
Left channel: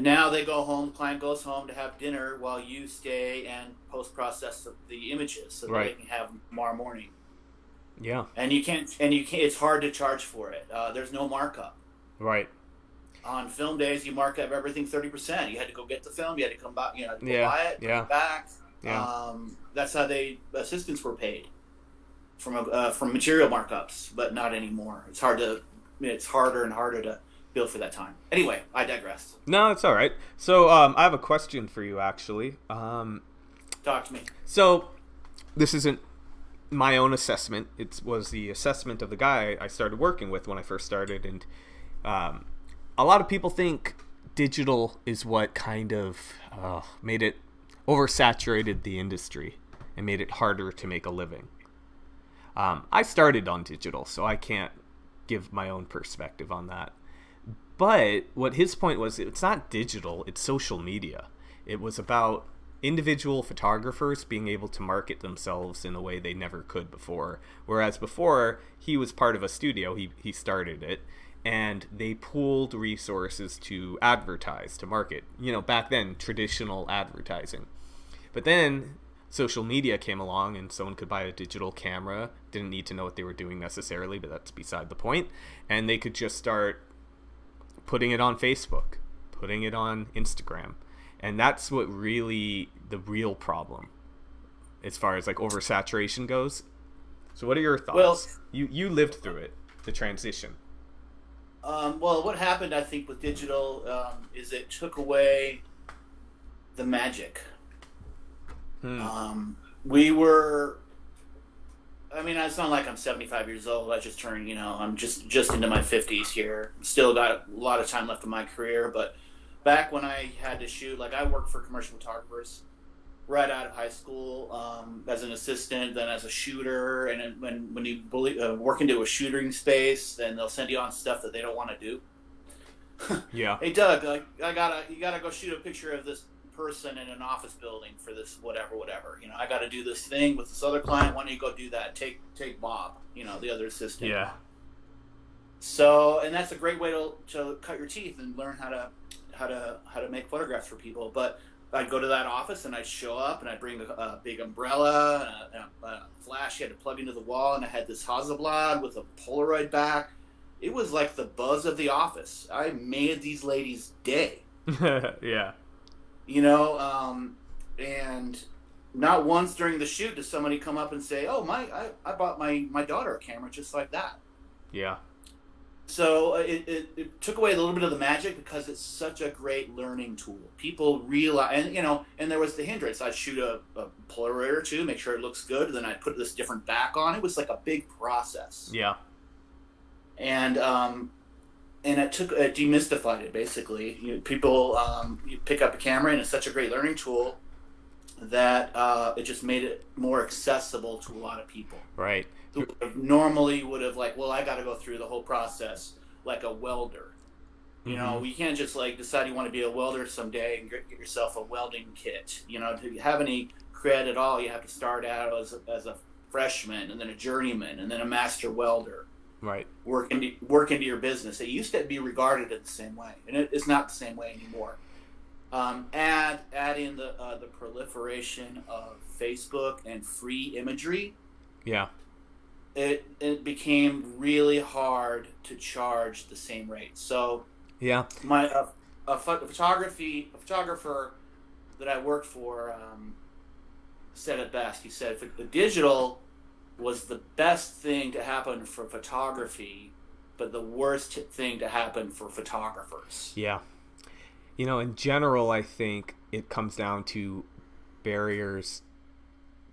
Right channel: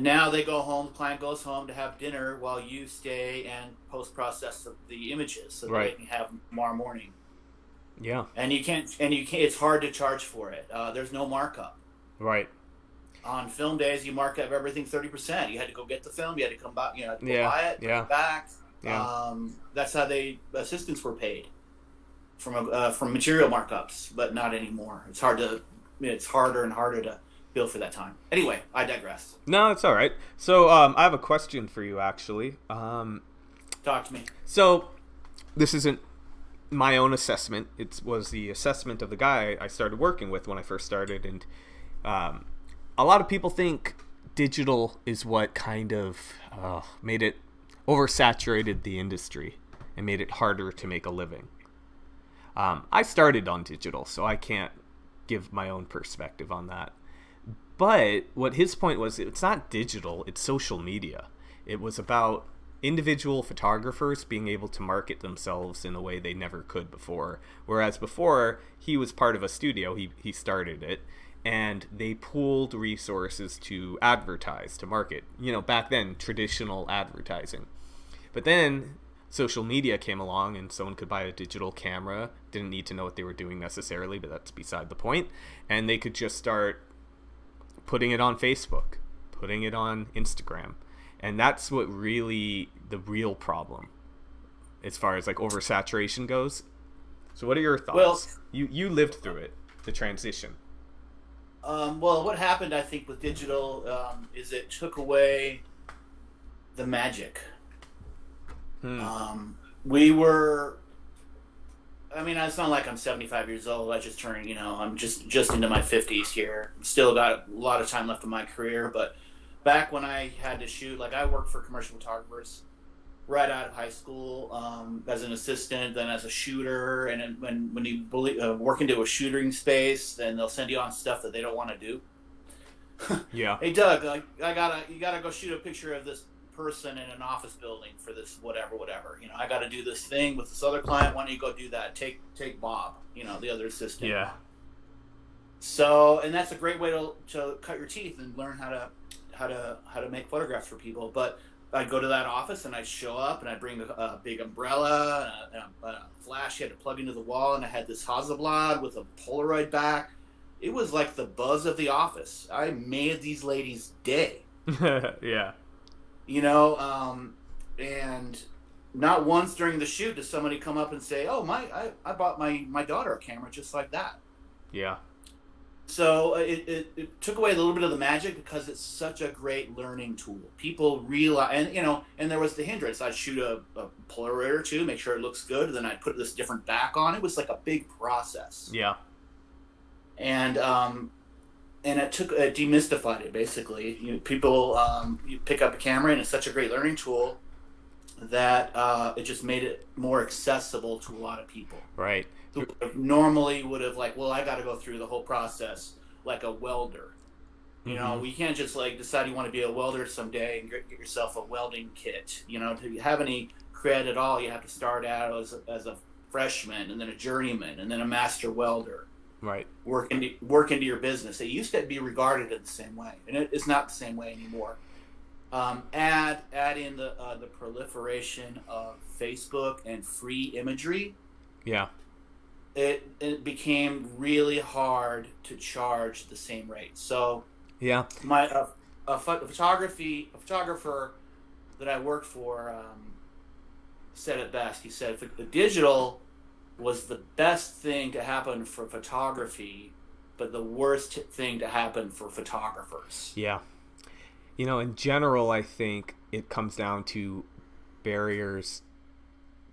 Now they go home. The client goes home to have dinner while you stay and post-process the images so that they can have them tomorrow morning. Yeah. And you can't. It's hard to charge for it. There's no markup. Right. On film days, you mark up everything 30%. You had to go get the film. You had to come back. Buy it. Bring it back. Yeah. That's how assistants were paid from material markups, but not anymore. It's harder and harder to bill for that time. Anyway, I digress. No, it's all right. So I have a question for you, actually. Talk to me. So this isn't my own assessment. It was the assessment of the guy I started working with when I first started. And a lot of people think digital is what kind of made it oversaturated the industry and made it harder to make a living. I started on digital, so I can't give my own perspective on that. But what his point was, it's not digital, it's social media. It was about individual photographers being able to market themselves in a way they never could before. Whereas before, he was part of a studio, he started it, and they pooled resources to advertise, to market. Back then, traditional advertising. But then social media came along and someone could buy a digital camera, didn't need to know what they were doing necessarily, but that's beside the point. And they could just start putting it on Facebook, putting it on Instagram. And that's what really the real problem as far as like oversaturation goes. So what are your thoughts? Well, you lived through it, the transition. Well, what happened, I think, with digital is it took away the magic. Hmm. We were. I mean, it's not like I'm 75 years old. I just turned, I'm just into my 50s here. Still got a lot of time left in my career, but back when I had to shoot, like I worked for commercial photographers right out of high school as an assistant, then as a shooter, and when you work into a shooting space, then they'll send you on stuff that they don't want to do. Yeah. Hey Doug, you gotta go shoot a picture of this person in an office building for this whatever. I got to do this thing with this other client. Why don't you go do that? Take Bob, the other assistant. Yeah. So, and that's a great way to cut your teeth and learn how to make photographs for people. But I'd go to that office and I'd show up and I'd bring a big umbrella and a flash you had to plug into the wall, and I had this Hasselblad with a Polaroid back. It was like the buzz of the office. I made these ladies' day. Yeah. And not once during the shoot does somebody come up and say, "Oh, I bought my daughter a camera just like that." Yeah. So it took away a little bit of the magic because it's such a great learning tool. People realize, and there was the hindrance. I'd shoot a Polaroid or two, make sure it looks good, and then I'd put this different back on. It was like a big process. Yeah. And it demystified it basically. People you pick up a camera and it's such a great learning tool that it just made it more accessible to a lot of people. Right. Who normally would have I got to go through the whole process like a welder. Mm-hmm. You can't just decide you want to be a welder someday and get yourself a welding kit. To have any cred at all, you have to start out as a freshman and then a journeyman and then a master welder. Right. Work into your business. It used to be regarded in the same way, and it's not the same way anymore. Add in the proliferation of Facebook and free imagery. Yeah. It became really hard to charge the same rate. So yeah, a photographer that I worked for said it best. He said, "If the digital was the best thing to happen for photography, but the worst thing to happen for photographers." Yeah. In general, I think it comes down to barriers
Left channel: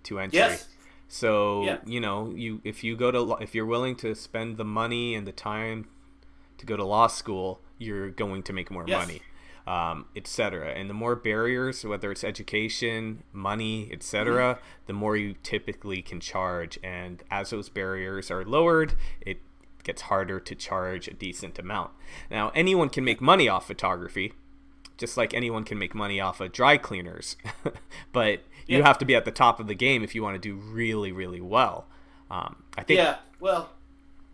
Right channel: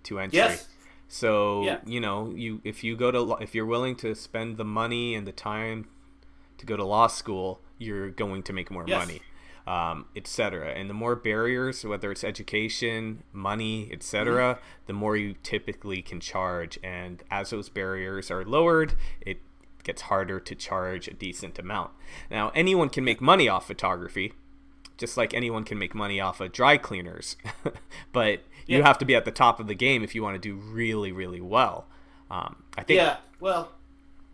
to entry. Yes. So, yeah. if you're willing to spend the money and the time to go to law school, you're going to make more Yes. money, etc. And the more barriers, whether it's education, money, etc., the more you typically can charge. And as those barriers are lowered, it gets harder to charge a decent amount. Now, anyone can make money off photography, just like anyone can make money off of dry cleaners. But you have to be at the top of the game if you want to do really, really well. I think. Yeah, well,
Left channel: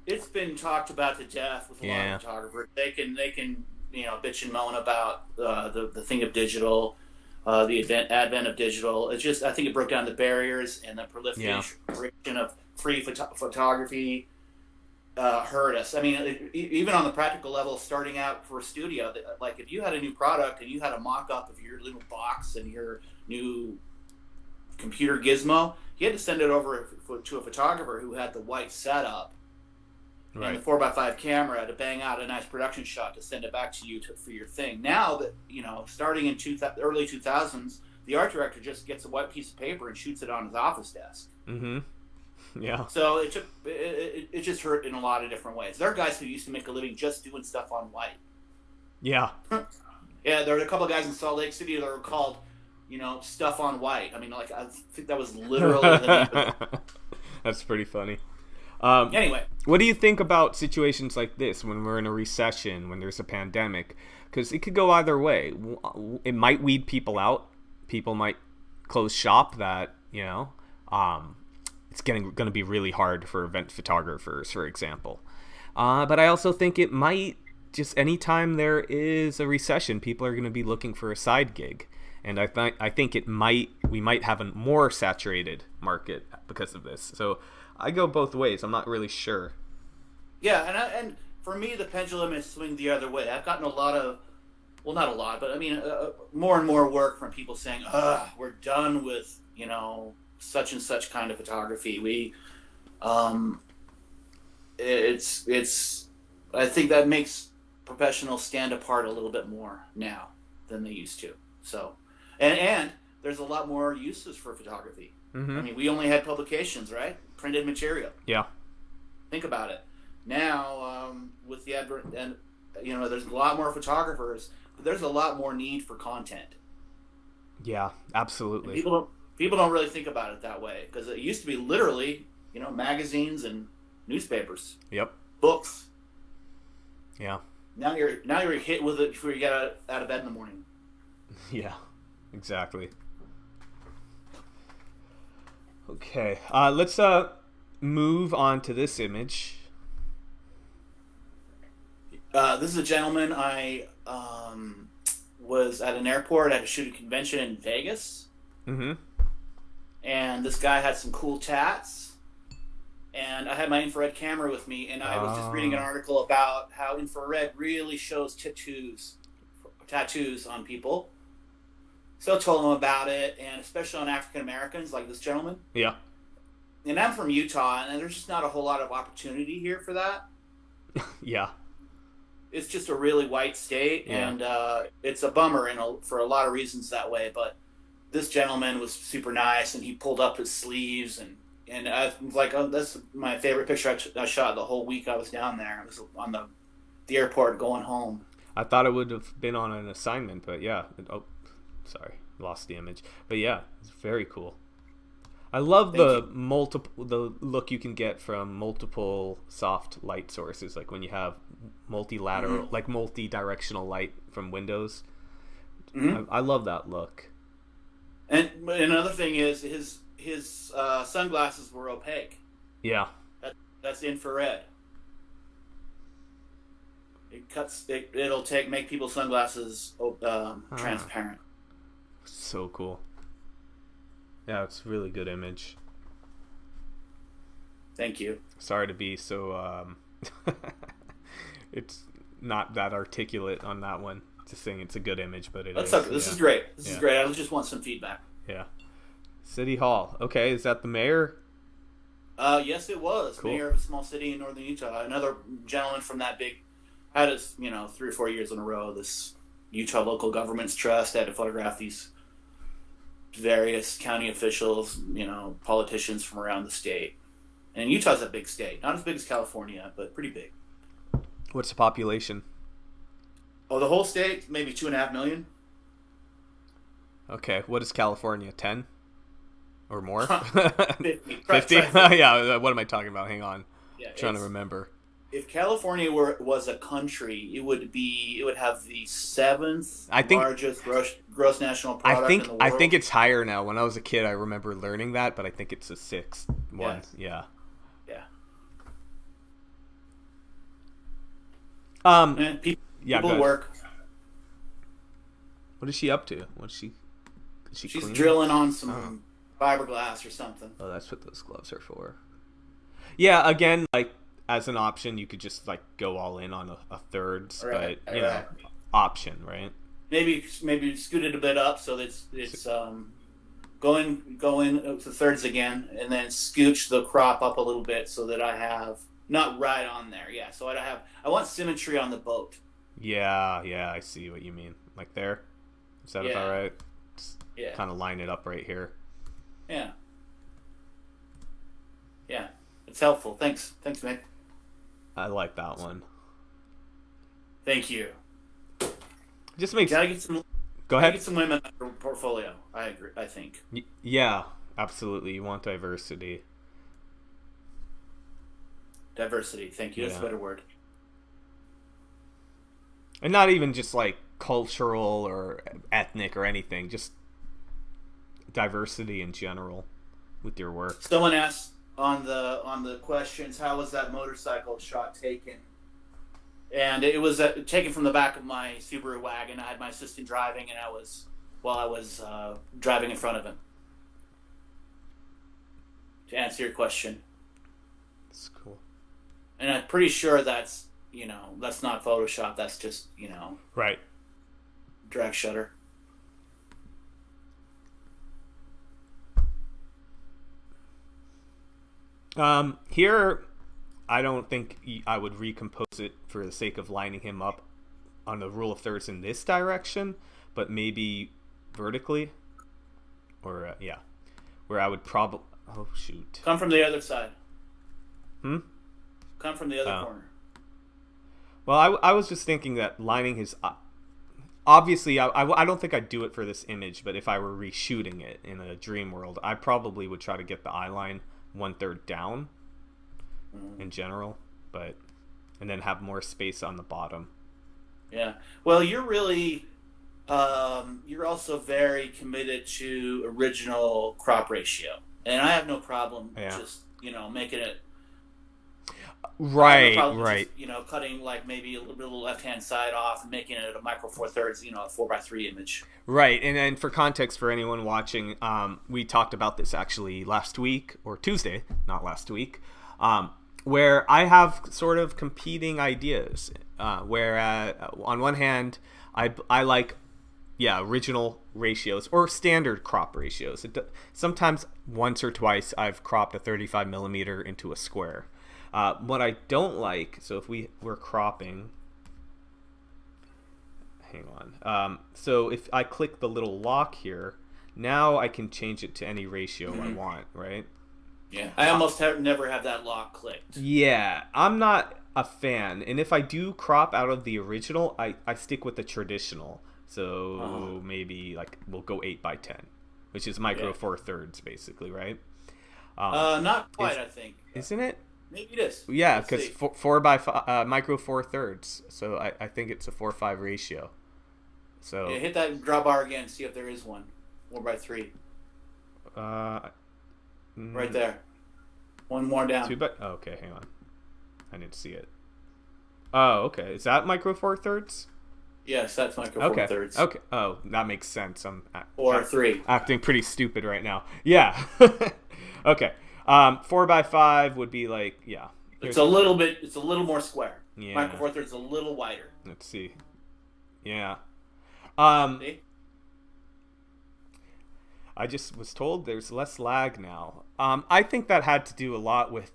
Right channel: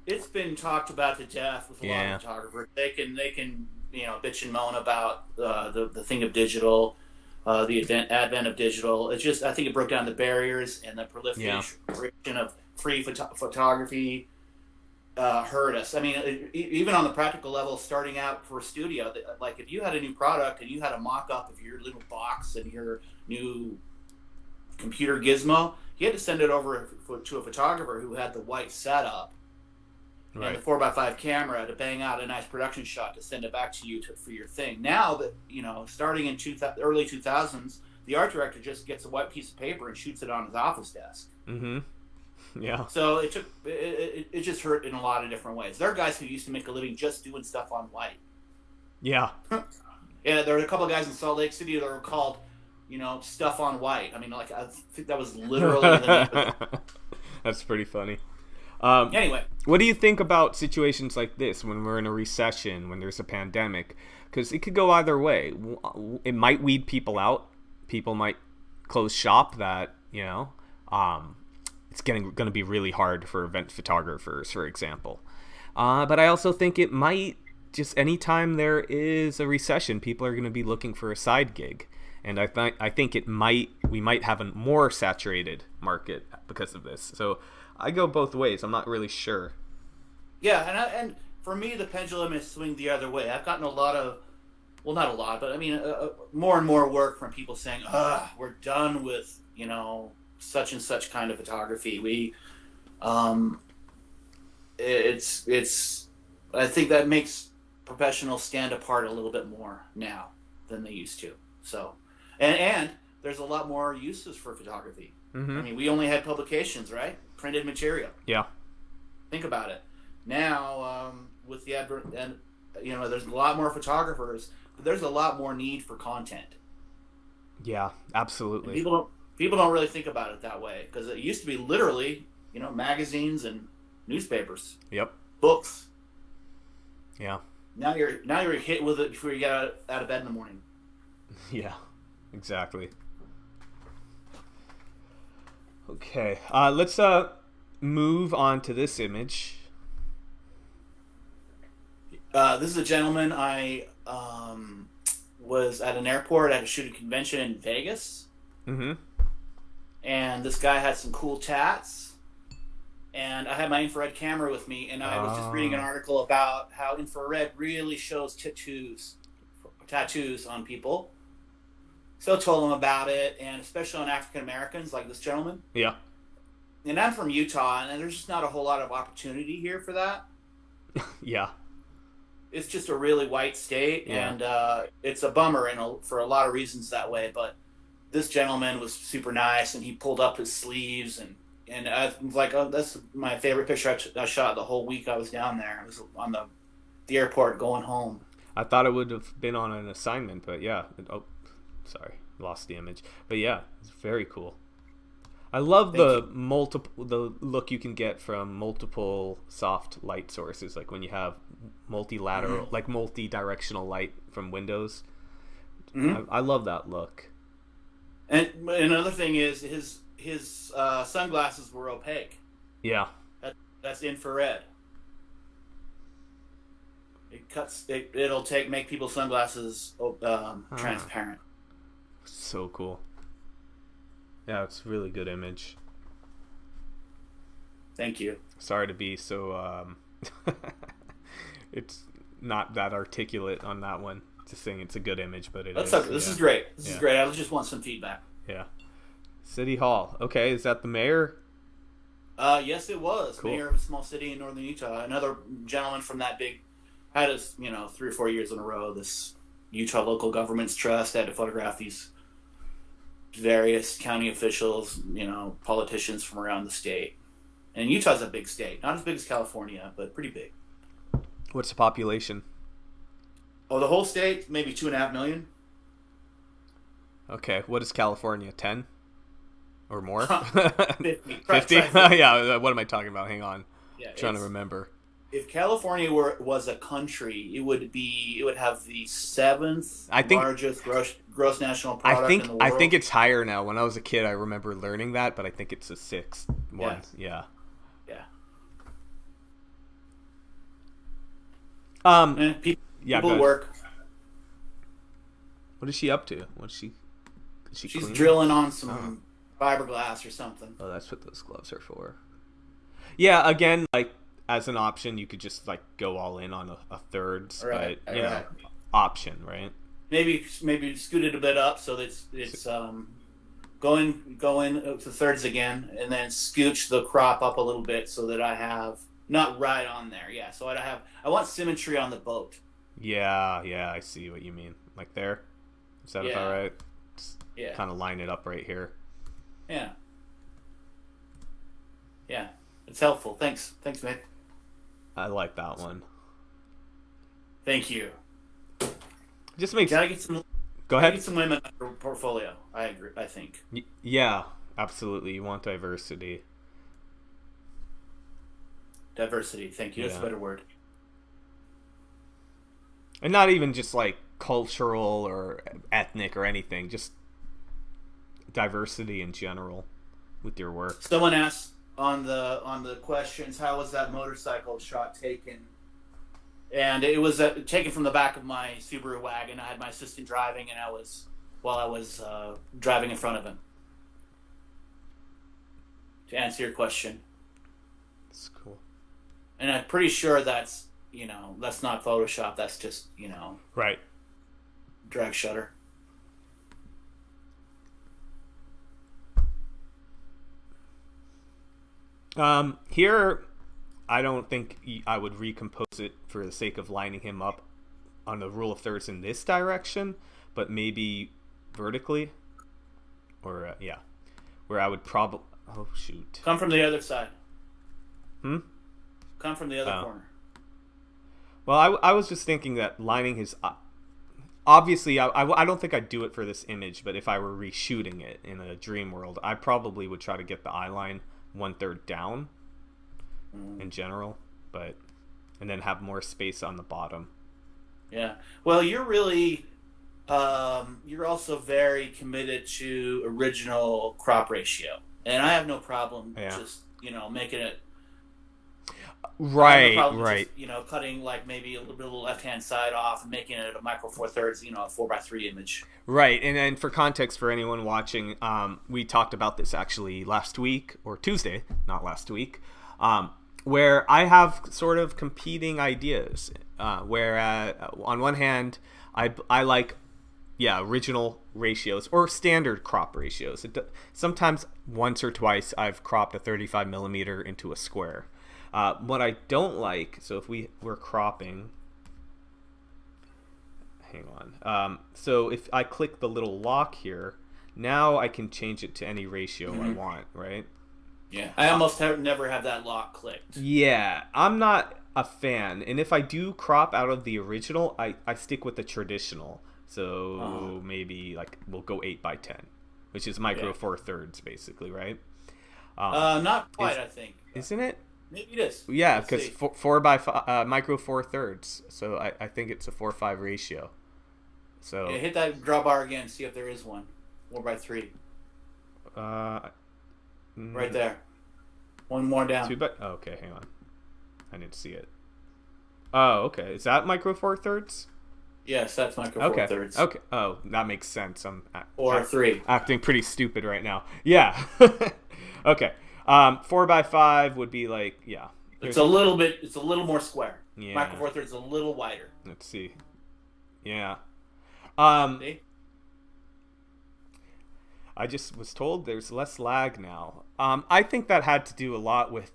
it's been talked about to death with a lot of photographers. They can bitch and moan about the thing of digital, the advent of digital. It's just, I think it broke down the barriers, and the proliferation of free photography hurt us. I mean, even on the practical level, starting out for a studio, like if you had a new product and you had a mock-up of your little box and your new computer gizmo, you had to send it over to a photographer who had the white setup Right. and the 4x5 camera to bang out a nice production shot to send it back to you for your thing. Now that, starting in early 2000s, the art director just gets a white piece of paper and shoots it on his office desk. Mm-hmm. Yeah. So it just hurt in a lot of different ways. There are guys who used to make a living just doing stuff on white. Yeah. Yeah, there were a couple of guys in Salt Lake City that were called, Stuff on White. I mean, I think that was literally the name of it. That's pretty funny. Anyway. What do you think about situations like this when we're in a recession, when there's a pandemic? Because it could go either way. It might weed people out. People might close shop that, it's going to be really hard for event photographers, for example. But I also think it might, just anytime there is a recession, people are going to be looking for a side gig. And I think we might have a more saturated market because of this. So I go both ways. I'm not really sure. Yeah, and for me, the pendulum is swinging the other way. I've gotten a lot of, well, not a lot, but I mean, more and more work from people saying, we're done with, such and such kind of photography. We, it's I think that makes professionals stand apart a little bit more now than they used to. So, and there's a lot more uses for photography. Mm-hmm. I mean, we only had publications, right? Printed material. Yeah. Think about it. Now, with the advert, and there's a lot more photographers, but there's a lot more need for content. Yeah, absolutely. And people don't really think about it that way, because it used to be literally, magazines and newspapers. Yep. Books. Yeah. Now you're hit with it before you get out of bed in the morning. Yeah, exactly. Okay, let's move on to this image. This is a gentleman. I was at an airport at a shooting convention in Vegas. Mm-hmm. And this guy had some cool tats. And I had my infrared camera with me, and I was just reading an article about how infrared really shows tattoos on people. So I told him about it, and especially on African Americans, like this gentleman. Yeah. And I'm from Utah, and there's just not a whole lot of opportunity here for that. Yeah. It's just a really white state, Yeah. and it's a bummer for a lot of reasons that way. But this gentleman was super nice, and he pulled up his sleeves, and I was like, oh, that's my favorite picture I shot the whole week I was down there. I was on the airport going home. I thought it would have been on an assignment, but yeah. Oh, sorry, lost the image. But yeah, it's very cool. I love the look you can get from multiple soft light sources, like when you have multilateral, like multi-directional light from windows. Mm-hmm. I love that look. And another thing is his sunglasses were opaque. Yeah. That's infrared. It'll make people's sunglasses transparent. So cool. Yeah, it's a really good image. Thank you. Sorry to be so it's not that articulate on that one. Just saying it's a good image, but it is. Okay. This is great. This is great. I just want some feedback. Yeah. City Hall. Okay, is that the mayor? Yes, it was. Cool. Mayor of a small city in northern Utah. Another gentleman from that had us, 3 or 4 years in a row. This Utah Local Governments Trust had to photograph these various county officials, politicians from around the state. And Utah's a big state. Not as big as California, but pretty big. What's the population? Oh, the whole state, maybe 2.5 million. Okay, what is California? 10 or more? 50. 50? Yeah. What am I talking about? Hang on. Yeah, I'm trying to remember. If California was a country, it would have the 7th largest gross national product in the world. I think it's higher now. When I was a kid, I remember learning that, but I think it's the 6th one. Yes. Yeah. People work. What is she up to? She's cleaning? Drilling on some fiberglass or something. Oh, that's what those gloves are for. Yeah, again, like as an option, you could just like go all in on a thirds, right, but option, right? Maybe scoot it a bit up so that it's going to thirds again, and then scooch the crop up a little bit so that I have not right on there. Yeah, so I want symmetry on the boat. Yeah, I see what you mean. Like there, is that about right? Just kind of line it up right here. Yeah, it's helpful. Thanks, Mick. I like that one. Thank you. Just makes. Gotta get some. Go ahead. Get some women in your portfolio. I agree. I think. Yeah, absolutely. You want diversity. Diversity. Thank you. That's a better word. And not even just like cultural or ethnic or anything. Just diversity in general with your work. Someone asked on the questions, how was that motorcycle shot taken? And it was taken from the back of my Subaru wagon. I had my assistant driving, and I was driving in front of him. To answer your question. That's cool. And I'm pretty sure that's not Photoshop. That's just right. Drag shutter. Here, I don't think I would recompose it for the sake of lining him up on the rule of thirds in this direction, but maybe vertically, or where I would probably. Oh shoot! Come from the other side. Hmm. Come from the other corner. Well, I was just thinking that lining his. Obviously, I don't think I'd do it for this image, but if I were reshooting it in a dream world, I probably would try to get the eye line 1/3 down in general, and then have more space on the bottom. Yeah. Well, you're really, you're also very committed to original crop ratio, and I have no problem just making it. Right. Just, cutting like maybe a little left-hand side off and making it a micro 4/3, a 4:3 image. Right, and then for context for anyone watching, we talked about this actually last week, or Tuesday, not last week, where I have sort of competing ideas. Where on one hand, I like, original ratios or standard crop ratios. Sometimes once or twice I've cropped a 35 millimeter into a square. What I don't like, so if we're cropping, hang on. So if I click the little lock here, now I can change it to any ratio I want, right? Yeah, I almost never have that lock clicked. Yeah, I'm not a fan. And if I do crop out of the original, I stick with the traditional. So maybe like we'll go 8x10, which is micro 4/3 basically, right? Not quite, I think. Isn't it? Maybe it is. Yeah, because 4x5 micro 4/3. So I think it's a 4:5 ratio. So hit that drawbar again. See if there is one. 4x3. Right there. One more down. Okay, hang on. I didn't see it. Oh, okay. Is that micro 4/3? Yes, that's micro 4/3. Okay. Oh, that makes sense. I'm 4/3. Acting pretty stupid right now. Yeah. Okay. 4x5 would be like, It's a little more square. Yeah. Micro 4/3 is a little wider. Let's see. Yeah. See? I just was told there's less lag now. I think that had to do a lot with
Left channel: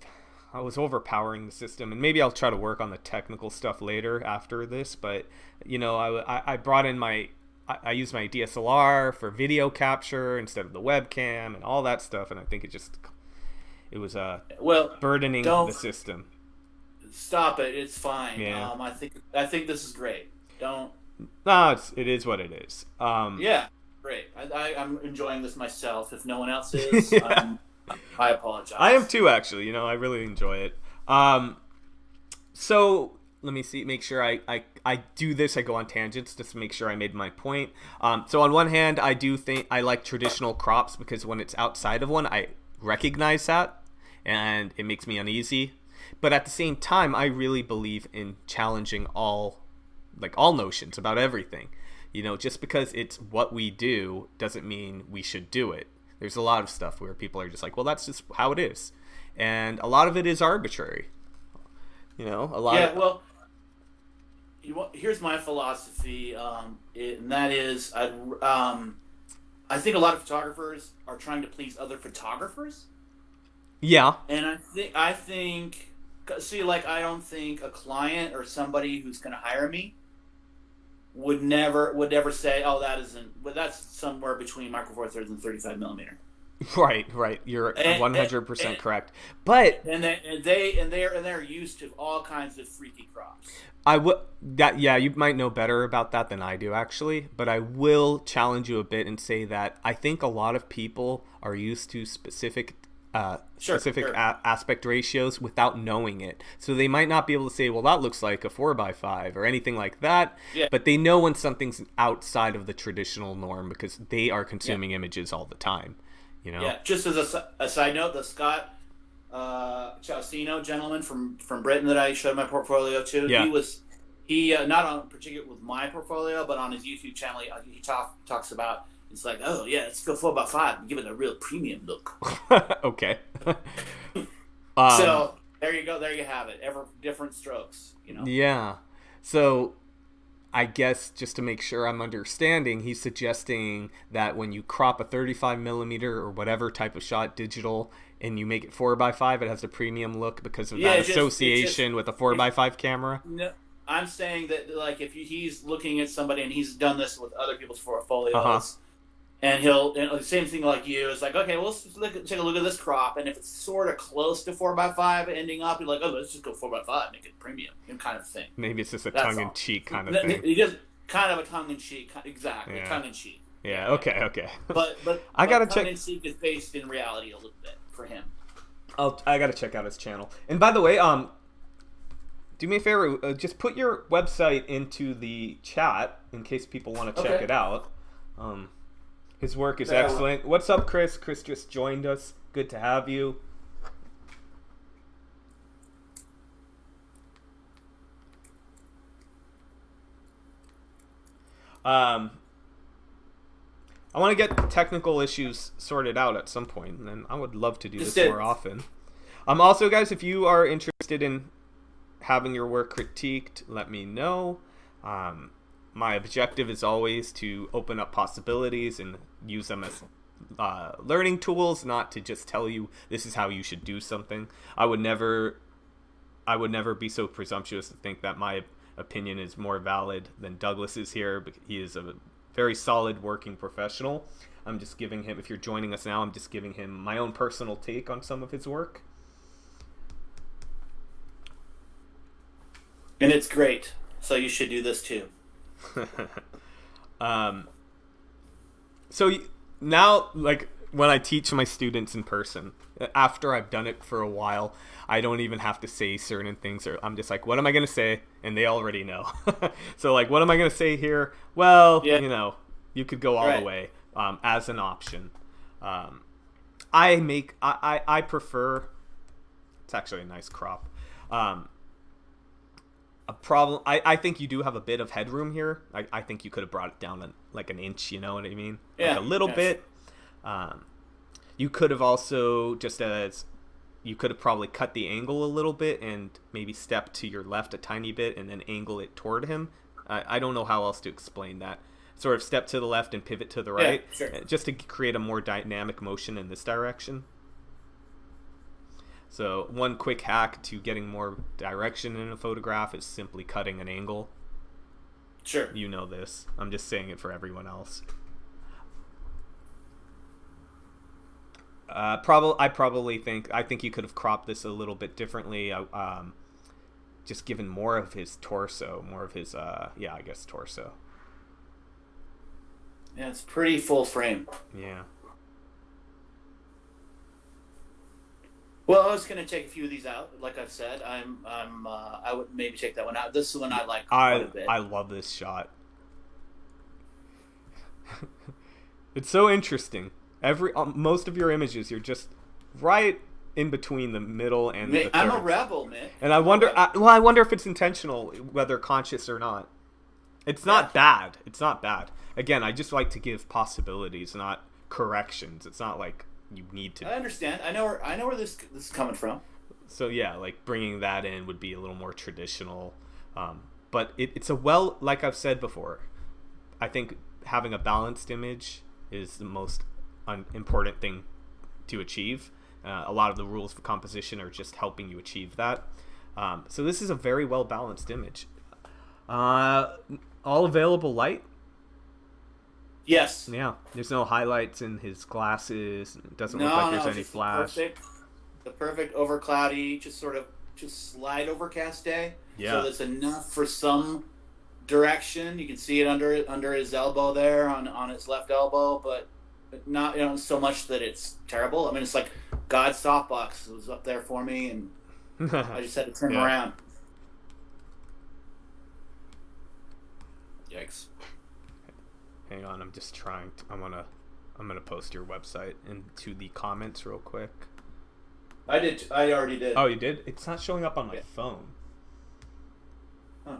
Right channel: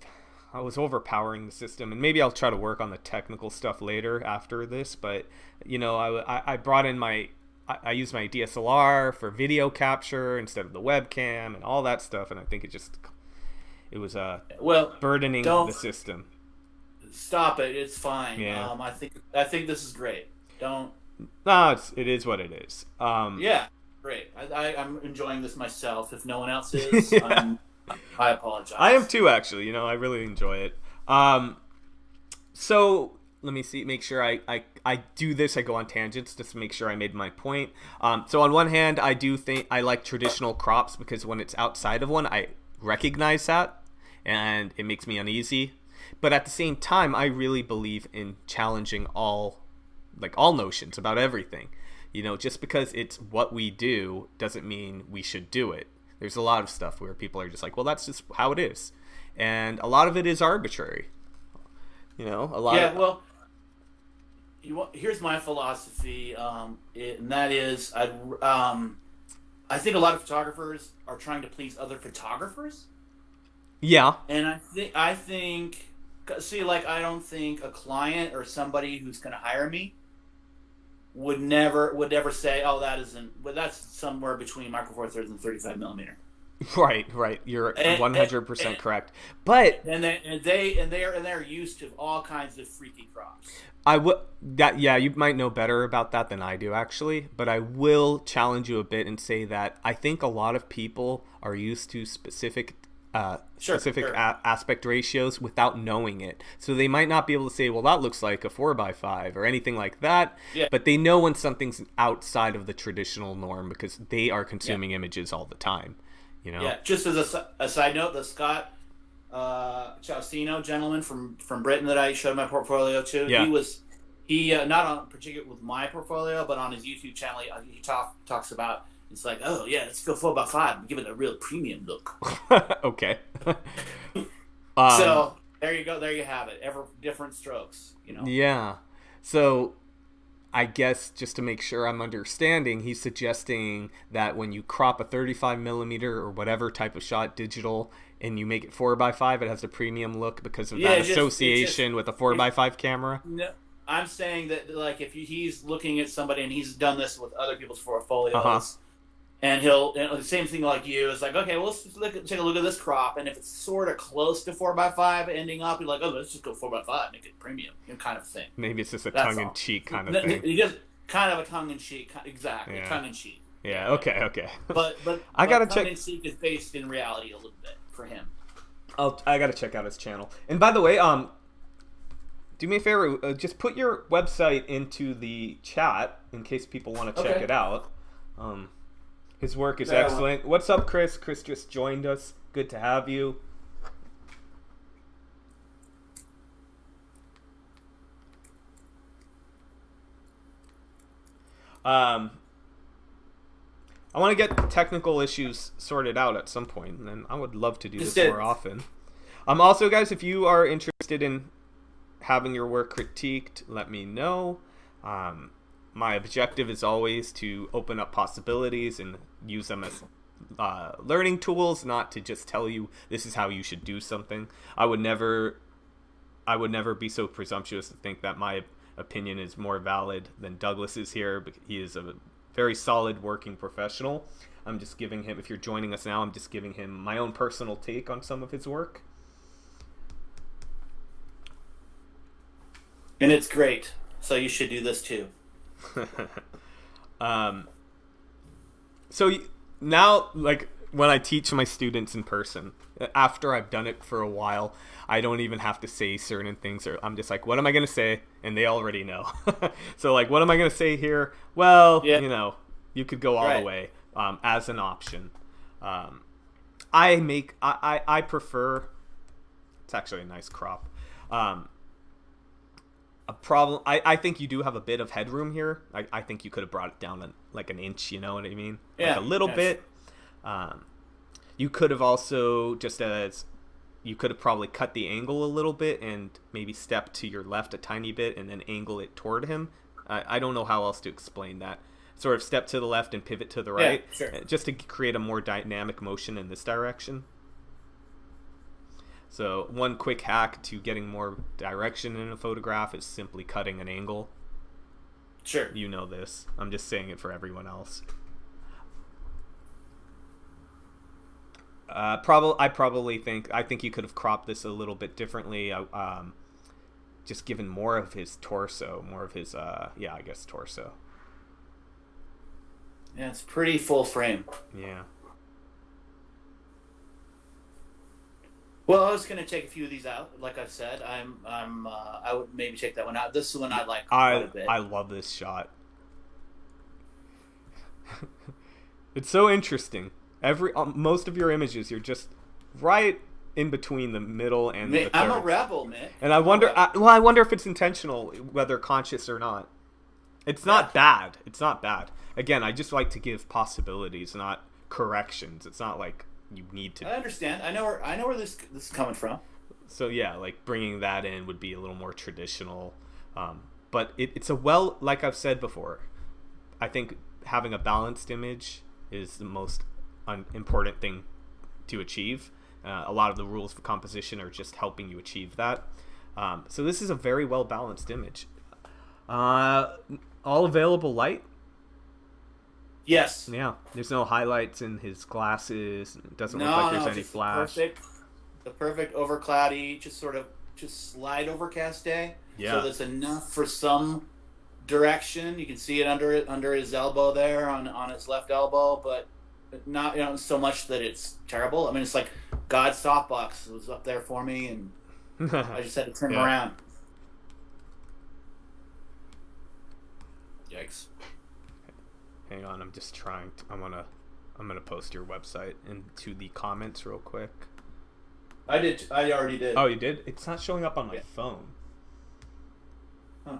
I was overpowering the system, and maybe I'll try to work on the technical stuff later after this. But I brought in I used my DSLR for video capture instead of the webcam and all that stuff, and I think it was burdening the system. Stop it! It's fine. Yeah. I think this is great. Don't. No, it is what it is. Yeah, great. I'm enjoying this myself. If no one else is, I apologize. I am too, actually. I really enjoy it. So let me see. Make sure I do this. I go on tangents just to make sure I made my point. So on one hand, I do think I like traditional crops because when it's outside of one, I recognize that, and it makes me uneasy. But at the same time, I really believe in challenging all notions about everything. Just because it's what we do doesn't mean we should do it. There's a lot of stuff where people are just like, well, that's just how it is. And a lot of it is arbitrary. Here's my philosophy, and that is, I think a lot of photographers are trying to please other photographers. Yeah. And I think, I don't think a client or somebody who's going to hire me would never say, oh, that's somewhere between micro 4/3 and 35 millimeter. Right. You're 100% correct. But they're used to all kinds of freaky crops. You might know better about that than I do, actually. But I will challenge you a bit and say that I think a lot of people are used to specific aspect ratios without knowing it. So they might not be able to say, well, that looks like a 4x5 or anything like that. Yeah. But they know when something's outside of the traditional norm because they are consuming images all the time. Yeah. Just as a side note, the Scott Ciaustino gentleman from Britain that I showed my portfolio to, he not on particular with my portfolio, but on his YouTube channel, he talks about. It's like, oh yeah, let's go 4x5 and give it a real premium look. Okay. So there you go. There you have it. Different strokes. Yeah. So I guess just to make sure I'm understanding, he's suggesting that when you crop a 35 millimeter or whatever type of shot digital and you make it 4x5, it has a premium look because of that association with a 4x5 camera. No, I'm saying that like if he's looking at somebody and he's done this with other people's portfolios, and the same thing like you is like, okay, well, take a look at this crop, and if it's sort of close to 4x5 ending up, you're like, oh, let's just go 4x5, make it premium, kind of thing. Maybe it's just a tongue-in-cheek kind of thing. It is kind of a tongue-in-cheek, exactly, yeah. tongue-in-cheek. Yeah, okay. But I gotta check. Tongue-in-cheek is based in reality a little bit for him. I gotta check out his channel. And by the way, do me a favor, just put your website into the chat in case people want to check it out. His work is excellent. What's up, Chris? Chris just joined us. Good to have you. I want to get technical issues sorted out at some point, and I would love to do this more often. Also, guys, if you are interested in having your work critiqued, let me know. My objective is always to open up possibilities and use them as learning tools, not to just tell you this is how you should do something. I would never be so presumptuous to think that my opinion is more valid than Douglas's here, but he is a very solid working professional. I'm just giving him, if you're joining us now, I'm just giving him my own personal take on some of his work. And it's great, so you should do this too. So now, like, when I teach my students in person, after I've done it for a while, I don't even have to say certain things, or I'm just like, what am I going to say? And they already know. So, like, what am I going to say here? Well, you know, you could go all the way as an option. I prefer, it's actually a nice crop. A problem, I think you do have a bit of headroom here. I think you could have brought it down like an inch, you know what I mean? Like a little bit. You could have also, you could have probably cut the angle a little bit and maybe step to your left a tiny bit and then angle it toward him. I don't know how else to explain that. Sort of step to the left and pivot to the right, just to create a more dynamic motion in this direction. So one quick hack to getting more direction in a photograph is simply cutting an angle. Sure. You know this. I'm just saying it for everyone else. I think you could have cropped this a little bit differently. Just given more of his torso, torso. Yeah, it's pretty full frame. Yeah. Well, I was going to take a few of these out. Like I've said, I would maybe take that one out. This is one I like quite a bit. I love this shot. It's so interesting. Most of your images, you're just right in between the middle and the third. I'm a rebel, man. And I wonder if it's intentional, whether conscious or not. It's not bad. It's not bad. Again, I just like to give possibilities, not corrections. It's not like you need to. I understand. I know where this is coming from. So yeah, like bringing that in would be a little more traditional. But it's like I've said before, I think having a balanced image is the most important thing to achieve. A lot of the rules for composition are just helping you achieve that. So this is a very well balanced image. All available light. Yes. Yeah. There's no highlights in his glasses. It doesn't look like there's any flash. The perfect over cloudy, just slight overcast day. Yeah. So there's enough for some direction. You can see it under his elbow there on his left elbow, but not so much that it's terrible. I mean, it's like God's softbox was up there for me, and I just had to turn around. Yikes. Hang on, I'm just trying to, I'm gonna post your website into the comments real quick. I already did. Oh, you did? It's not showing up on my phone. Huh.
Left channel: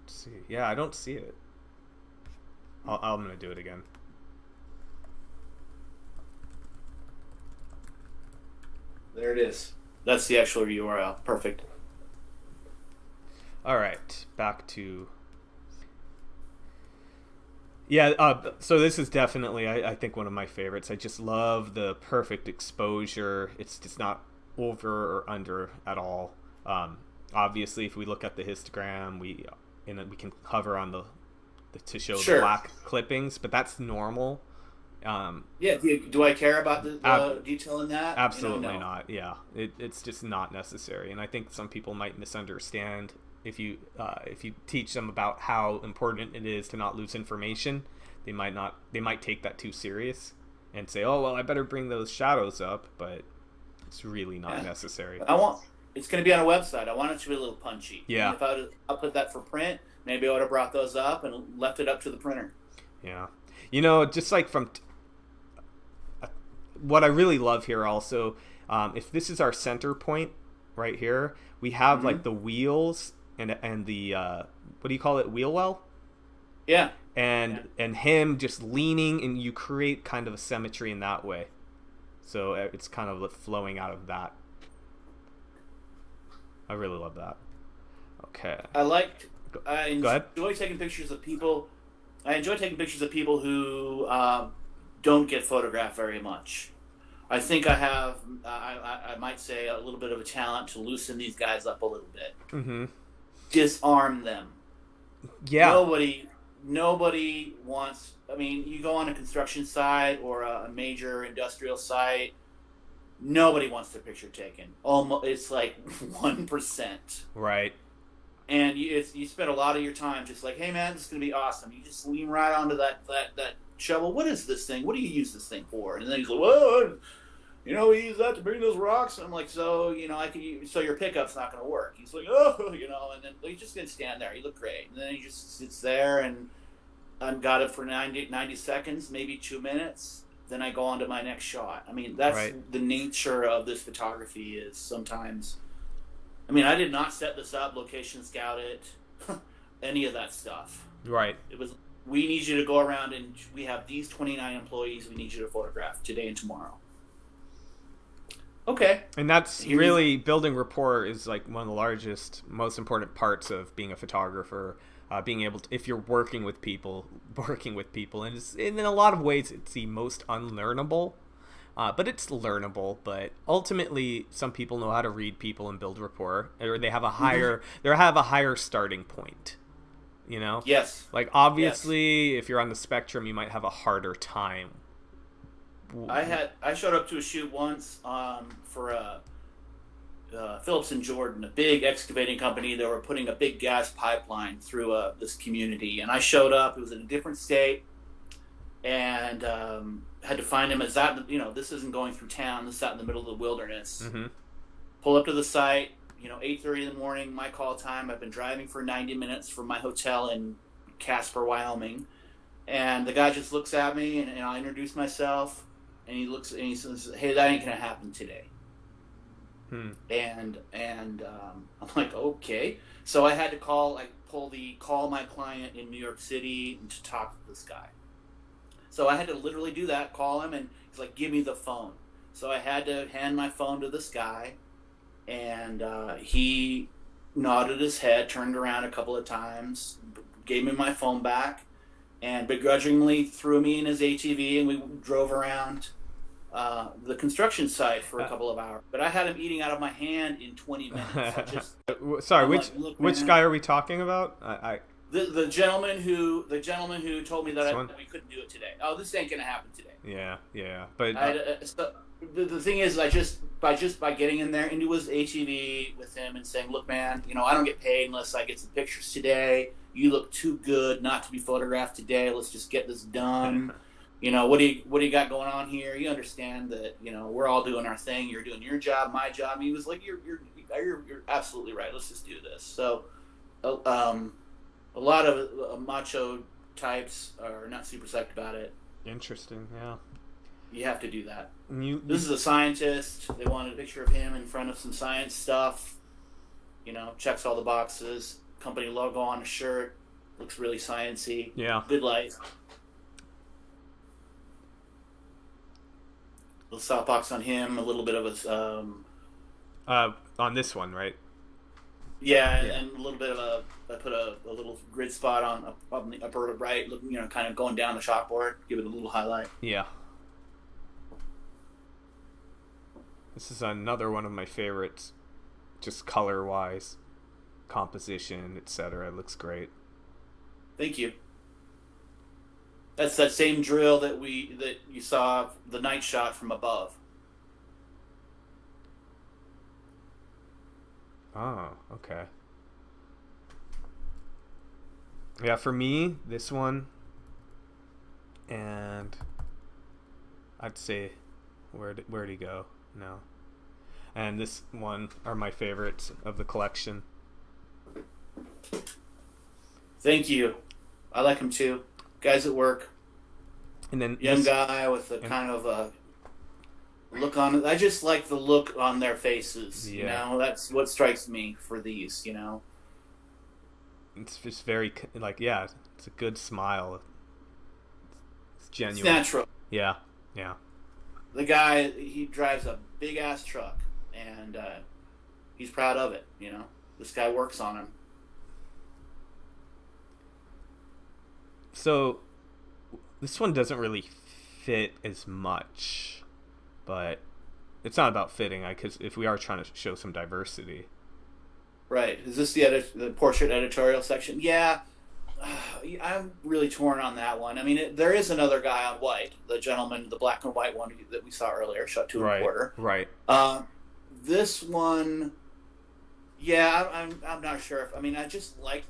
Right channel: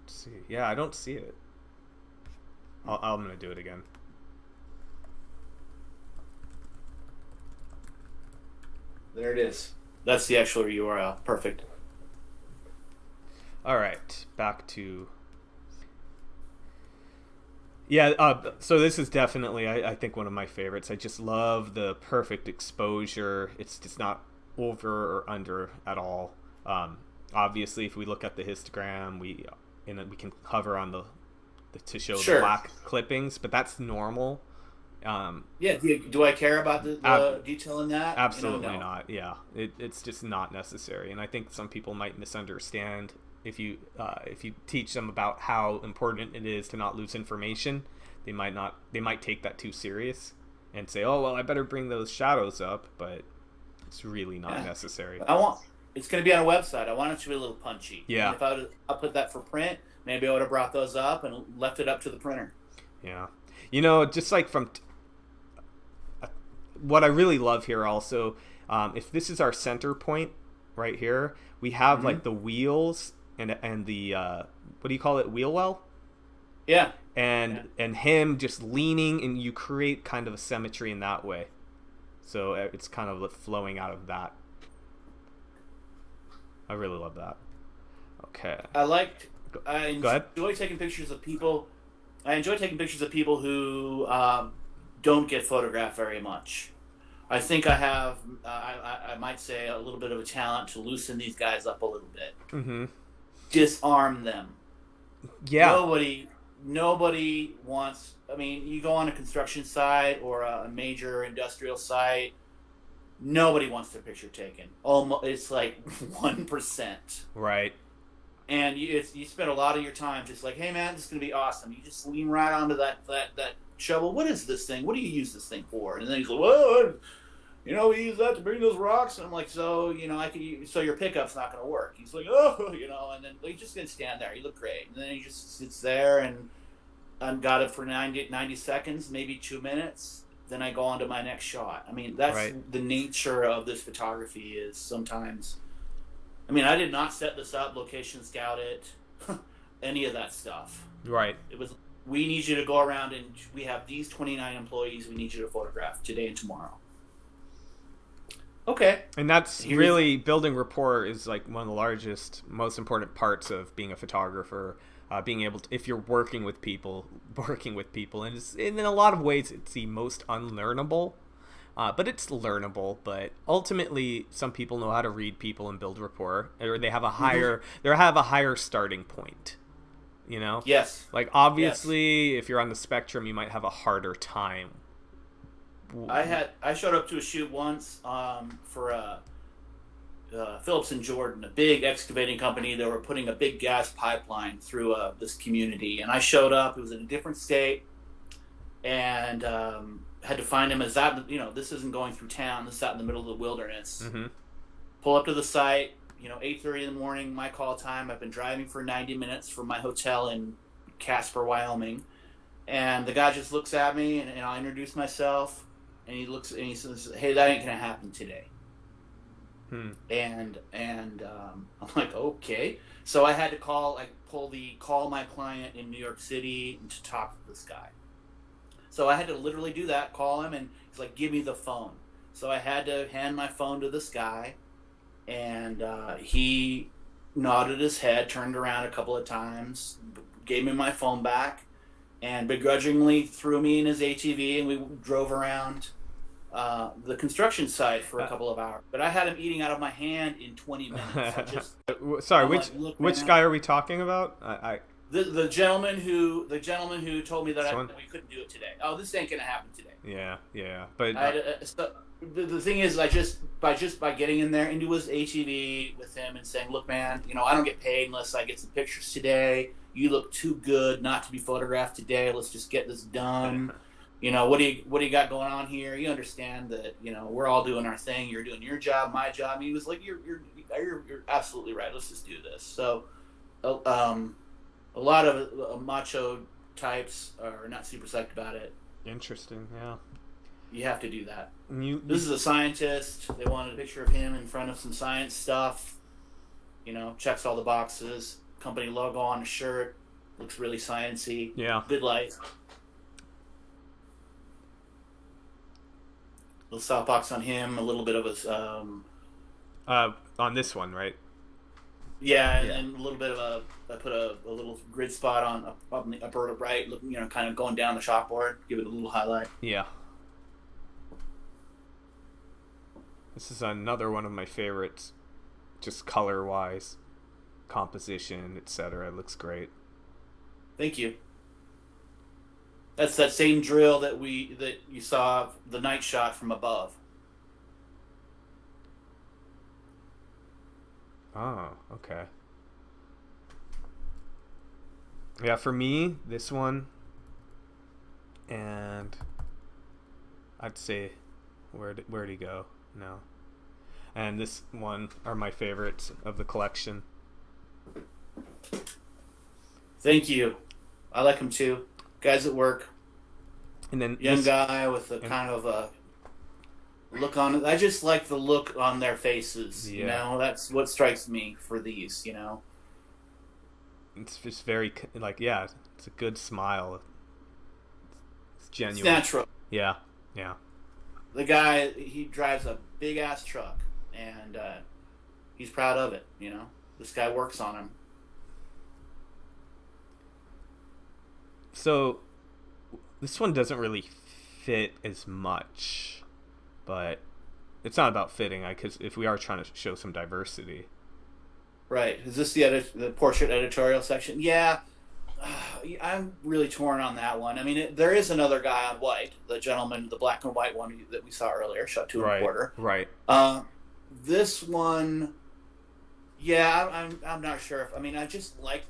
Let's see. Yeah, I don't see it. I'm gonna do it again. There it is. That's the actual URL. Perfect. All right, back to Yeah, so this is definitely, I think, one of my favorites. I just love the perfect exposure. It's just not over or under at all. Obviously, if we look at the histogram, we can hover on the to show the Sure. black clippings, but that's normal. Yeah. Do I care about the detail in that? Absolutely No. not. Yeah, it's just not necessary, and I think some people might misunderstand if you teach them about how important it is to not lose information. They might take that too serious and say, "Oh well, I better bring those shadows up," but it's really not Yeah. necessary. It's going to be on a website. I want it to be a little punchy. Yeah. And if I put that for print, maybe I would have brought those up and left it up to the printer. Yeah, just like what I really love here also, if this is our center point right here, we have like the wheels and the what do you call it, wheel well, Yeah. and him just leaning, and you create kind of a symmetry in that way. So it's kind of flowing out of that. I really love that. Okay. I Go ahead. enjoy taking pictures of people. I enjoy taking pictures of people who don't get photographed very much. I think I have, I might say, a little bit of a talent to loosen these guys up a little bit. Mm-hmm. Disarm them. Yeah. Nobody wants. I mean, you go on a construction site or a major industrial site. Nobody wants their picture taken. Almost, it's like 1%. Right. And you spend a lot of your time just like, hey man, this is gonna be awesome. You just lean right onto that shovel. What is this thing? What do you use this thing for? And then he's like, well, we use that to bring those rocks. And I'm like, so so your pickup's not gonna work. He's like, oh, and then he's just gonna stand there. You look great. And then he just sits there and I've got it for 90 seconds, maybe 2 minutes. Then I go on to my next shot. I mean, that's right. The nature of this photography is sometimes. I mean, I did not set this up, location scout it, any of that stuff. Right. It was, we need you to go around and we have these 29 employees we need you to photograph today and tomorrow. Okay. And that's really, building rapport is like one of the largest, most important parts of being a photographer. Being able to, if you're working with people, and in a lot of ways it's the most unlearnable, but it's learnable. But ultimately, some people know how to read people and build rapport, or they have a higher starting point. Yes. Like obviously, if you're on the spectrum, you might have a harder time. I showed up to a shoot once for Phillips and Jordan, a big excavating company. They were putting a big gas pipeline through this community, and I showed up. It was in a different state, and had to find him. This isn't going through town. This is out in the middle of the wilderness. Mm-hmm. Pull up to the site. 8:30 in the morning, my call time. I've been driving for 90 minutes from my hotel in Casper, Wyoming, and the guy just looks at me, and I introduce myself, and he looks and he says, "Hey, that ain't gonna happen today." And I'm like, okay. So I had to call my client in New York City to talk to this guy. So I had to literally do that, call him, and he's like, give me the phone. So I had to hand my phone to this guy, and he nodded his head, turned around a couple of times, gave me my phone back, and begrudgingly threw me in his ATV, and we drove around the construction site for a couple of hours. But I had him eating out of my hand in 20 minutes. Sorry, which guy are we talking about? The gentleman who told me that we couldn't do it today. Oh, this ain't gonna happen today. Yeah. But so the thing is, I just by getting in there into his ATV with him and saying, "Look, man, I don't get paid unless I get some pictures today. You look too good not to be photographed today. Let's just get this done." What do you got going on here? You understand that, we're all doing our thing. You're doing your job, my job. And he was like, you're absolutely right. Let's just do this. So, a lot of macho types are not super psyched about it. Interesting. Yeah. You have to do that. This is a scientist. They wanted a picture of him in front of some science stuff. Checks all the boxes. Company logo on the shirt. Looks really sciencey. Yeah. Good light. Little softbox on him, a little bit of a on this one, right? Yeah, Yeah. and a little bit of I put a little grid spot on the upper right, kind of going down the chalkboard, give it a little highlight. Yeah. This is another one of my favorites, just color-wise, composition, etc. It looks great. Thank you. That's that same drill that you saw the night shot from above. Oh, okay. Yeah, for me, this one, and I'd say, where'd he go? No. And this one are my favorites of the collection. Thank you. I like him too. Guys at work. And then Young guy with a kind of a look on it. I just like the look on their faces. Yeah. That's what strikes me for these. It's just very it's a good smile. It's genuine. It's natural. Yeah, yeah. The guy, he drives a big ass truck, and he's proud of it. This guy works on him. So this one doesn't really fit as much, but it's not about fitting. Because if we are trying to show some diversity, right? Is this the portrait editorial section? Yeah, I'm really torn on that one. I mean, there is another guy on white, the gentleman, the black and white one that we saw earlier, shot 2.25. Right. This one. Yeah, I'm not sure. I just like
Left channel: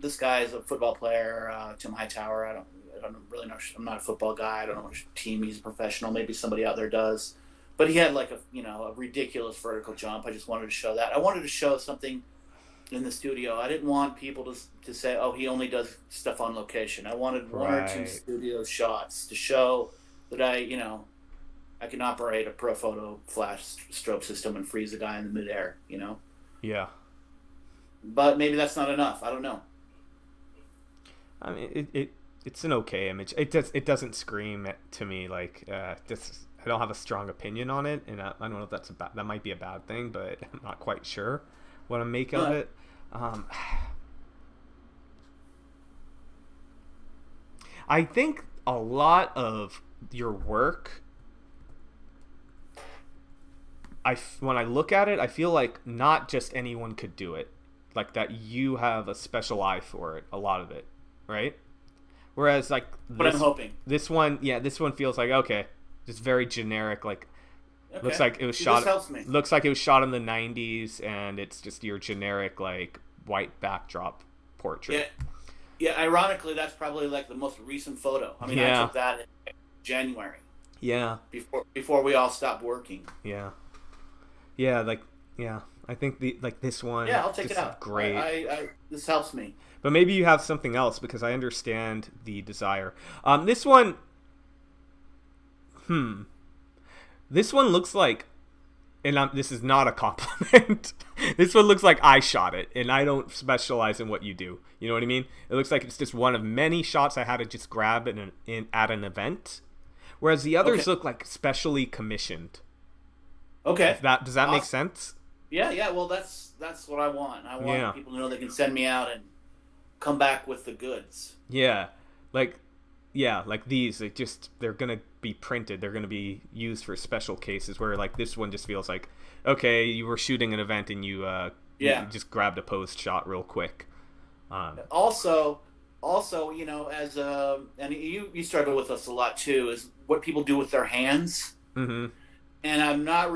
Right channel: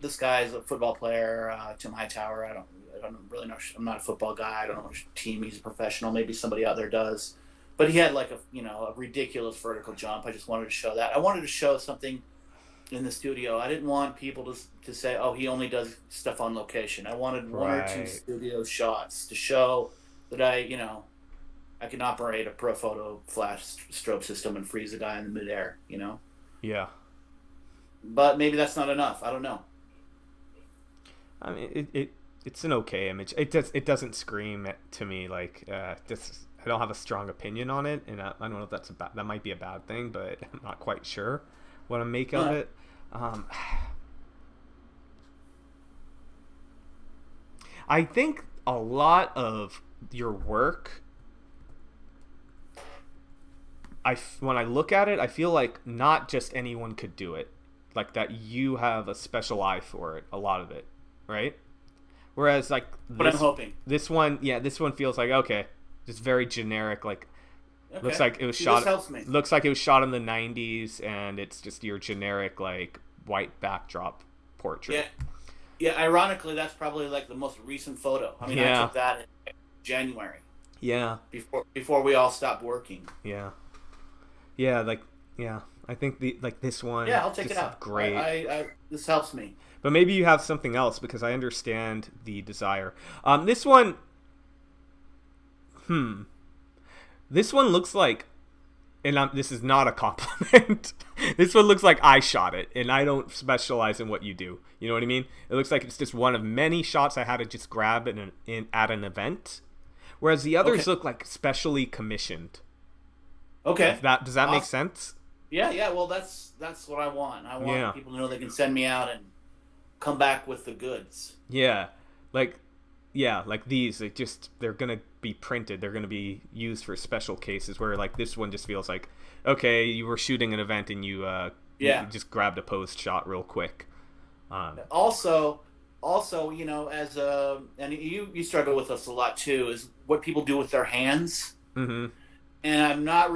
this guy is a football player, Tim Hightower. I don't really know. I'm not a football guy. I don't know which team he's a professional. Maybe somebody out there does. But he had like a ridiculous vertical jump. I just wanted to show that. I wanted to show something in the studio. I didn't want people to say, oh, he only does stuff on location. I wanted one or two studio shots to show that I can operate a Pro Photo flash strobe system and freeze a guy in the midair. Yeah. But maybe that's not enough. I don't know. I mean, it's an okay image. It doesn't scream to me like this. I don't have a strong opinion on it, and I don't know if that might be a bad thing, but I'm not quite sure what I make of it. I think a lot of your work, when I look at it, I feel like not just anyone could do it. Like that you have a special eye for it, a lot of it, right? Whereas like I'm hoping. This one feels like okay, just very generic. Like Okay. looks like it was shot. This helps me. Looks like it was shot in the '90s, and it's just your generic like white backdrop portrait. Yeah. Ironically, that's probably like the most recent photo. I took that in January. Yeah. Before we all stopped working. Yeah. Yeah. I think this one. Yeah, I'll take it out. Great. This helps me. But maybe you have something else because I understand the desire. This one. This one looks like, and this is not a compliment. This one looks like I shot it, and I don't specialize in what you do. You know what I mean? It looks like it's just one of many shots I had to just grab at an event, whereas the others look like specially commissioned. Okay. Does that make sense? Yeah. Well, that's what I want. I want people to know they can send me out and come back with the goods. Yeah, like these, they're gonna be printed. They're gonna be used for special cases. Where like this one just feels like, okay, you were shooting an event and you just grabbed a post shot real quick. Also, as and you struggle with this a lot too, is what people do with their hands. Mm-hmm. And I've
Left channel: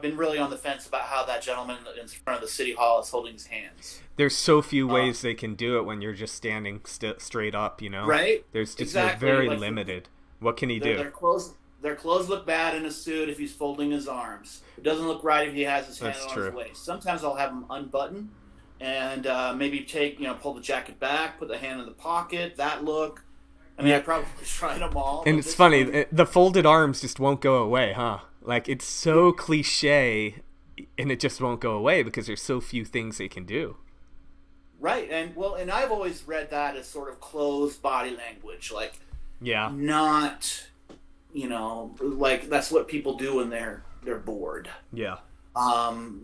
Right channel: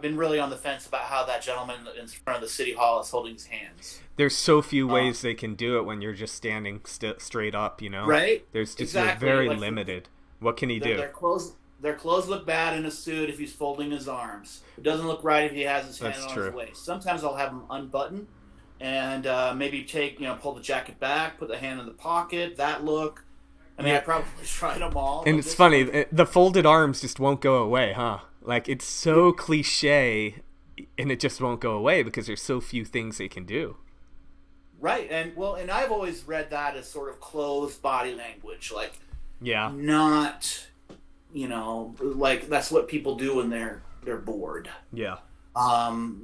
been really on the fence about how that gentleman in front of the city hall is holding his hands. There's so few ways they can do it when you're just standing straight up, Right? There's just exactly. You're very limited. What can he do? Their clothes look bad in a suit if he's folding his arms. It doesn't look right if he has his hand on his waist. Sometimes I'll have him unbutton and maybe pull the jacket back, put the hand in the pocket. That look. I probably tried them all. And it's funny, the folded arms just won't go away, huh? Like, it's so cliche, and it just won't go away because there's so few things they can do. Right, and I've always read that as sort of closed body language, like, not, like that's what people do when they're bored. Yeah.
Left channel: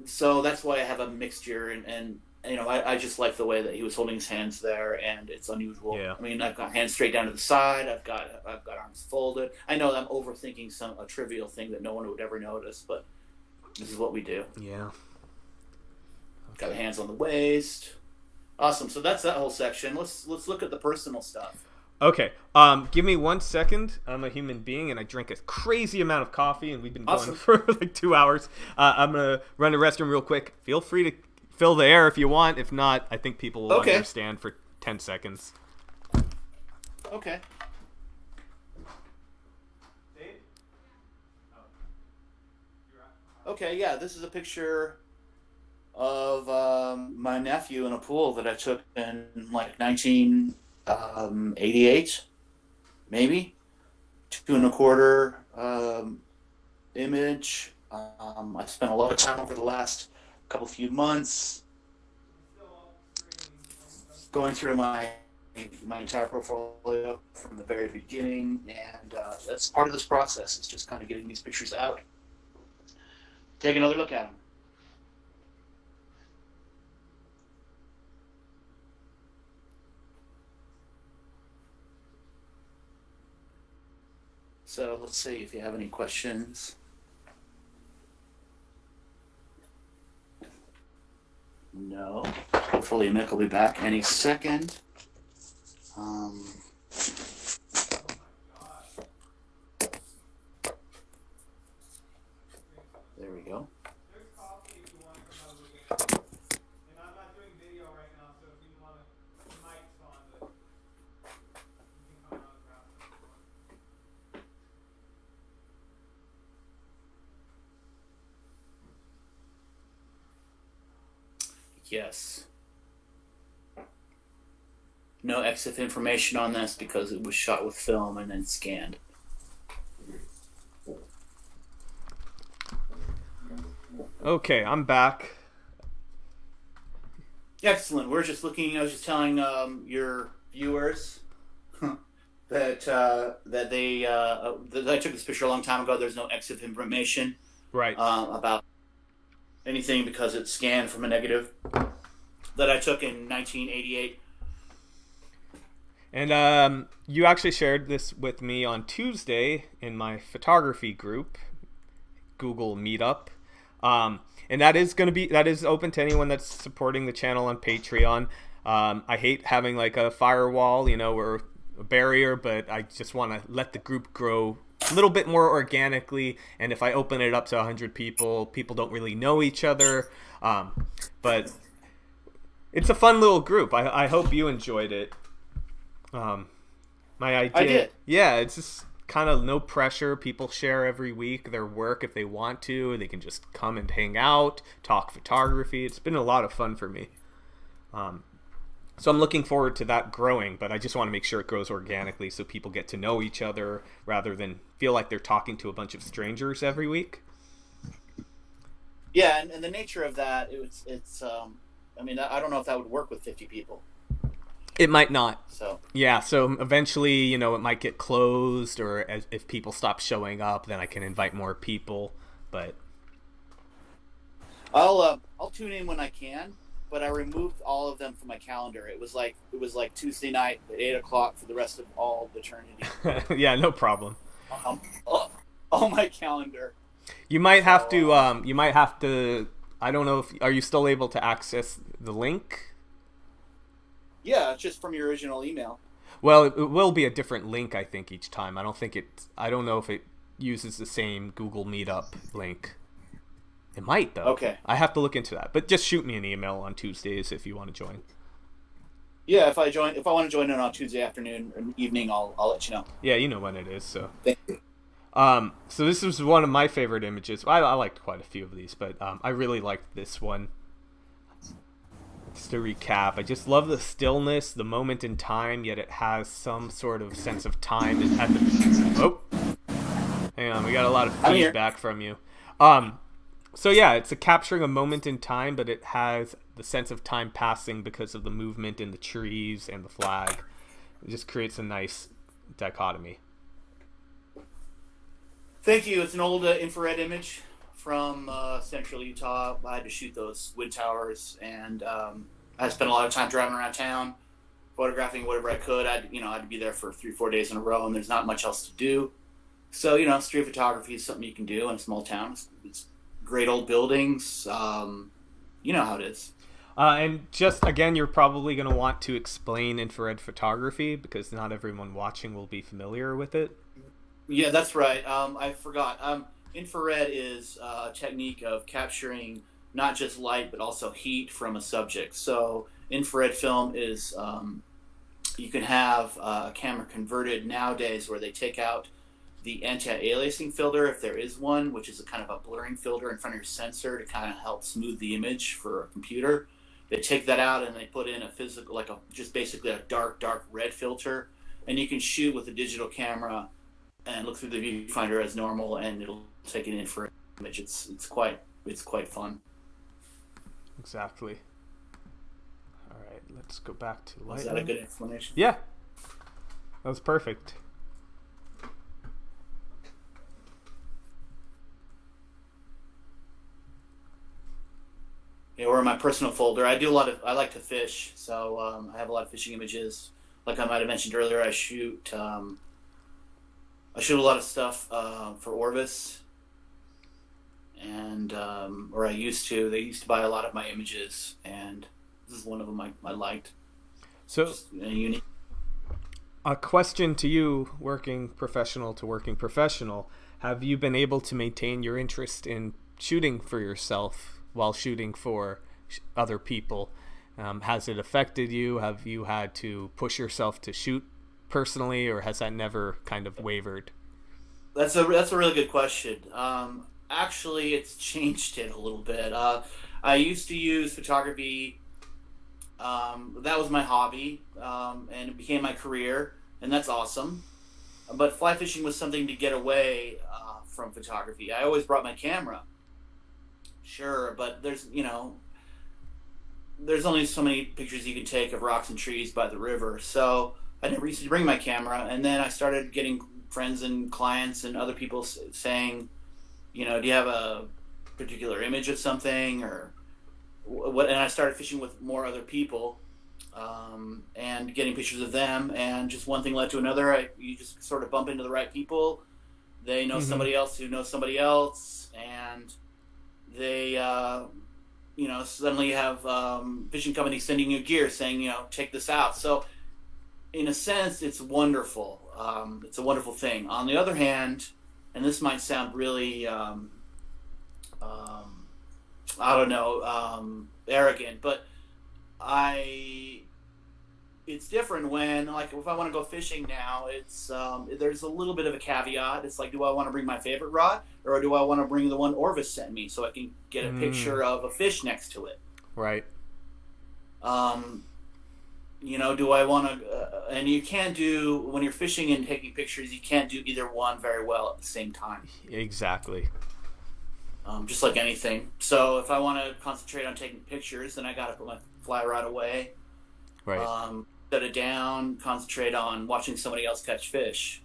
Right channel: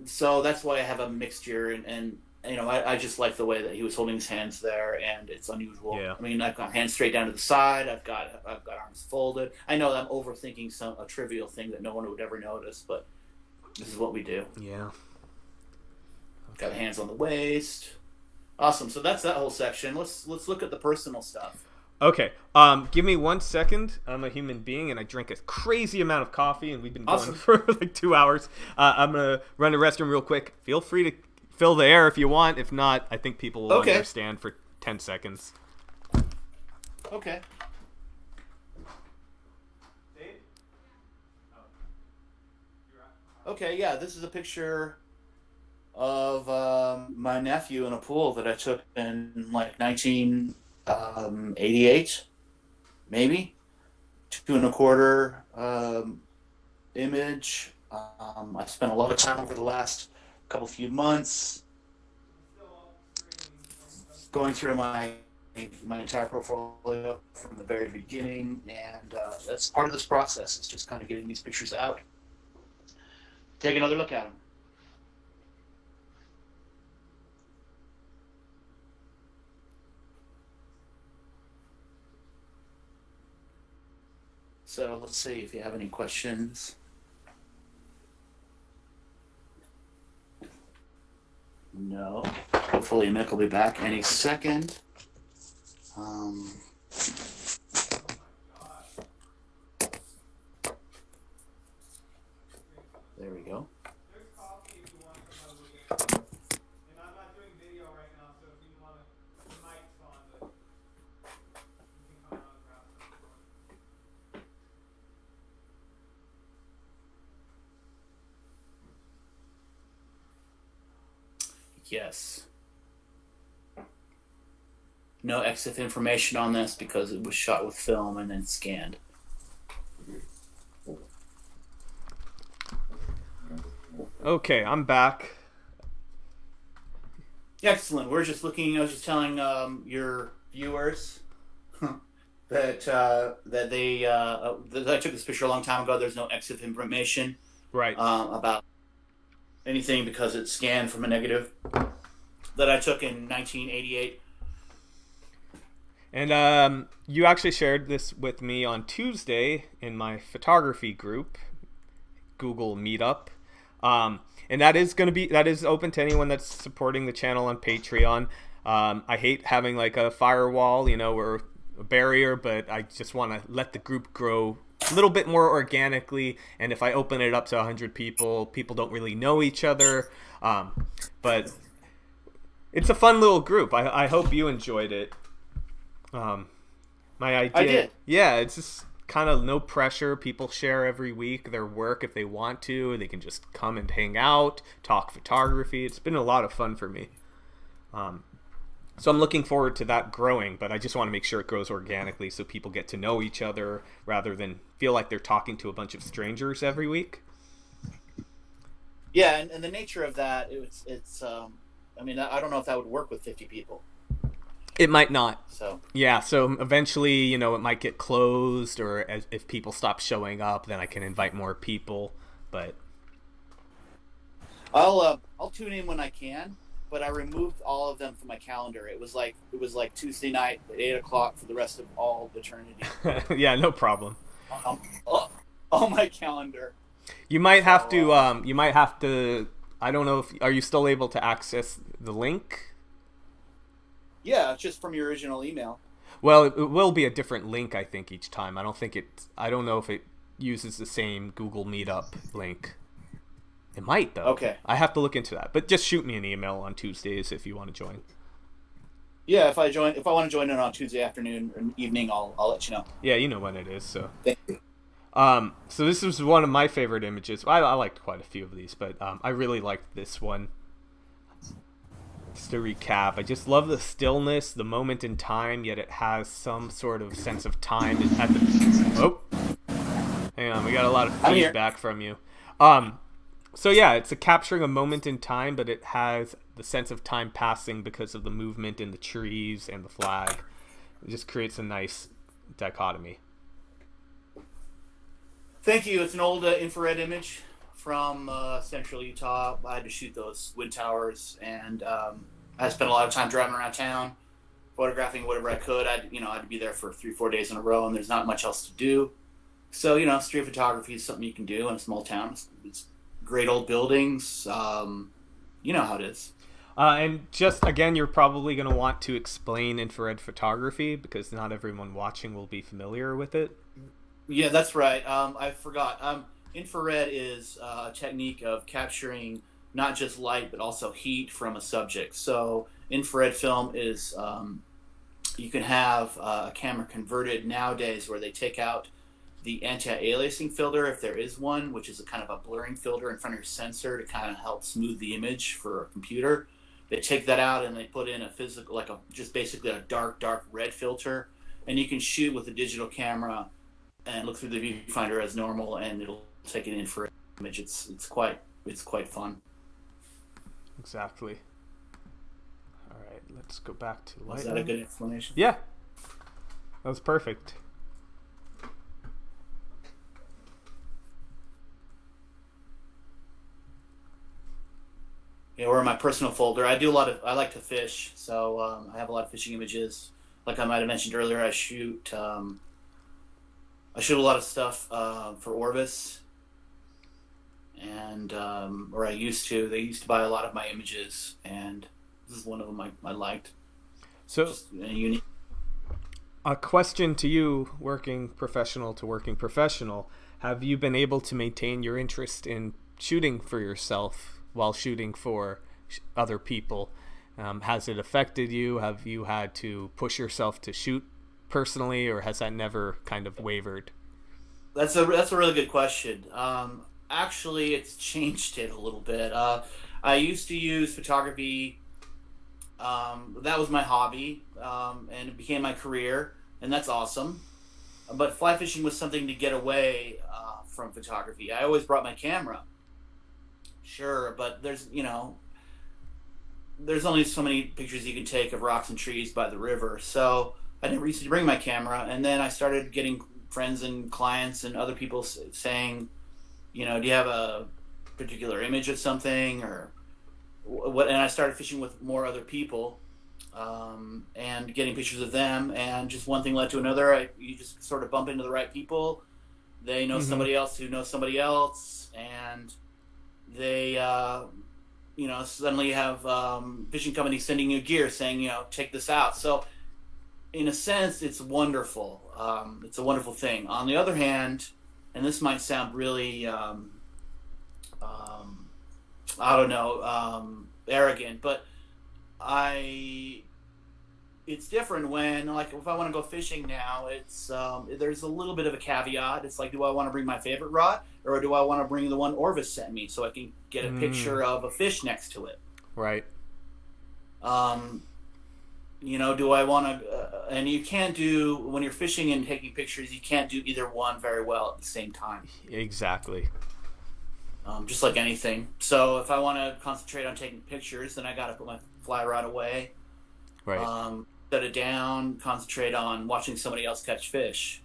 So that's why I have a mixture, and I just like the way that he was holding his hands there, and it's unusual. Yeah. I mean, I've got hands straight down to the side. I've got arms folded. I know I'm overthinking a trivial thing that no one would ever notice, but this is what we do. Yeah. Got Okay. hands on the waist. Awesome. So that's that whole section. Let's look at the personal stuff. Okay. Give me 1 second. I'm a human being, and I drink a crazy amount of coffee, and we've been going Awesome. for like 2 hours. I'm gonna run the restroom real quick. Feel free to fill the air if you want. If not, I think people will Okay. understand for 10 seconds. Okay. Dave? Okay. Yeah. This is a picture of my nephew in a pool that I took in like 1988, maybe 2.25 image. I spent a lot of time over the last few months going through my entire portfolio from the very beginning, and that's part of this process. It's just kind of getting these pictures out. Take another look at them. So let's see if you have any questions. No. Hopefully Nick will be back any second. Um, there we go. There's coffee if you want to come have a look at it. And I'm not doing video right now, so if you want to, the mic's on, but you can come out and grab some if you want. Yes. No EXIF information on this because it was shot with film and then scanned. Okay, I'm back. Excellent. We're just looking. I was just telling your viewers that I took this picture a long time ago. There's no EXIF information Right. about anything because it's scanned from a negative that I took in 1988. And you actually shared this with me on Tuesday in my photography group, Google Meetup. And that is open to anyone that's supporting the channel on Patreon. I hate having like a firewall, or a barrier, but I just want to let the group grow a little bit more organically. And if I open it up to 100 people, people don't really know each other. But it's a fun little group. I hope you enjoyed it. My idea, I did. yeah, it's just kind of no pressure. People share every week their work if they want to. They can just come and hang out, talk photography. It's been a lot of fun for me. So I'm looking forward to that growing, but I just want to make sure it grows organically so people get to know each other rather than feel like they're talking to a bunch of strangers every week. Yeah, and the nature of that, it's I mean, I don't know if that would work with 50 people. It might not. So Yeah, so eventually, it might get closed, or if people stop showing up, then I can invite more people. But I'll tune in when I can, but I removed all of them from my calendar. It was like Tuesday night at 8 o'clock for the rest of all eternity. yeah, no problem. All my calendar. You might have to. You might have to. I don't know if are you still able to access the link. Yeah, just from your original email. Well, it will be a different link, I think, each time. I don't know if it uses the same Google Meetup link. It might, though. Okay. I have to look into that. But just shoot me an email on Tuesdays if you want to join. Yeah, if I want to join in on Tuesday afternoon or evening, I'll let you know. Yeah, you know when it is, so. Thank you. So this was one of my favorite images. I liked quite a few of these, but I really liked this one. Just to recap, I just love the stillness, the moment in time, yet it has some sort of sense of time at the... Oh! Hang on, we got a lot of I'm here. feedback from you. So yeah, it's capturing a moment in time, but it has the sense of time passing because of the movement in the trees and the flag. It just creates a nice dichotomy. Thank you. It's an old infrared image. from central Utah. I had to shoot those wind towers, and I spent a lot of time driving around town, photographing whatever I could. I had to be there for 3-4 days in a row, and there's not much else to do. So street photography is something you can do in a small town. It's great old buildings. You know how it is. And just again, you're probably going to want to explain infrared photography because not everyone watching will be familiar with it. Yeah, that's right. I forgot. Infrared is a technique of capturing not just light but also heat from a subject. So infrared film is you can have a camera converted nowadays where they take out the anti-aliasing filter, if there is one, which is a kind of a blurring filter in front of your sensor to kind of help smooth the image for a computer. They take that out and they put in a physical, just basically a dark red filter, and you can shoot with a digital camera and look through the viewfinder as normal, and it'll take an infrared image. It's quite fun. Exactly. All right, let's go back to light. Is that a good explanation? Yeah, that was perfect. Or in my personal folder, I like to fish, so I have a lot of fishing images. Like I might have mentioned earlier, I shoot a lot of stuff for Orvis, and or I used to. They used to buy a lot of my images, and this is one of them I liked. So, just unique. A question to you, working professional to working professional: have you been able to maintain your interest in shooting for yourself while shooting for other people? Has it affected you? Have you had to push yourself to shoot personally, or has that never kind of wavered? That's a really good question. Actually, it's changed it a little bit. I used to use photography. That was my hobby, and it became my career, and that's awesome. But fly fishing was something to get away from photography. I always brought my camera. Sure, but there's only so many pictures you can take of rocks and trees by the river. So I never used to bring my camera, and then I started getting friends and clients and other people saying, do you have a particular image of something or what? And I started fishing with more other people and getting pictures of them, and just one thing led to another. You just sort of bump into the right people. They know somebody else who knows somebody else, and they suddenly have fishing companies sending you gear saying, take this out. So in a sense, it's wonderful. It's a wonderful thing. On the other hand, and this might sound really arrogant, but it's different when, like, if I want to go fishing now, it's there's a little bit of a caveat. It's like, do I want to bring my favorite rod, or do I want to bring the one Orvis sent me so I can get a picture of a fish next to it? Right. Do I want to? And you can't do, when you're fishing and taking pictures, you can't do either one very well at the same time. Exactly. Just like anything. So if I want to concentrate on taking pictures, then I got to put my fly rod away. Right. Set it down, concentrate on watching somebody else catch fish.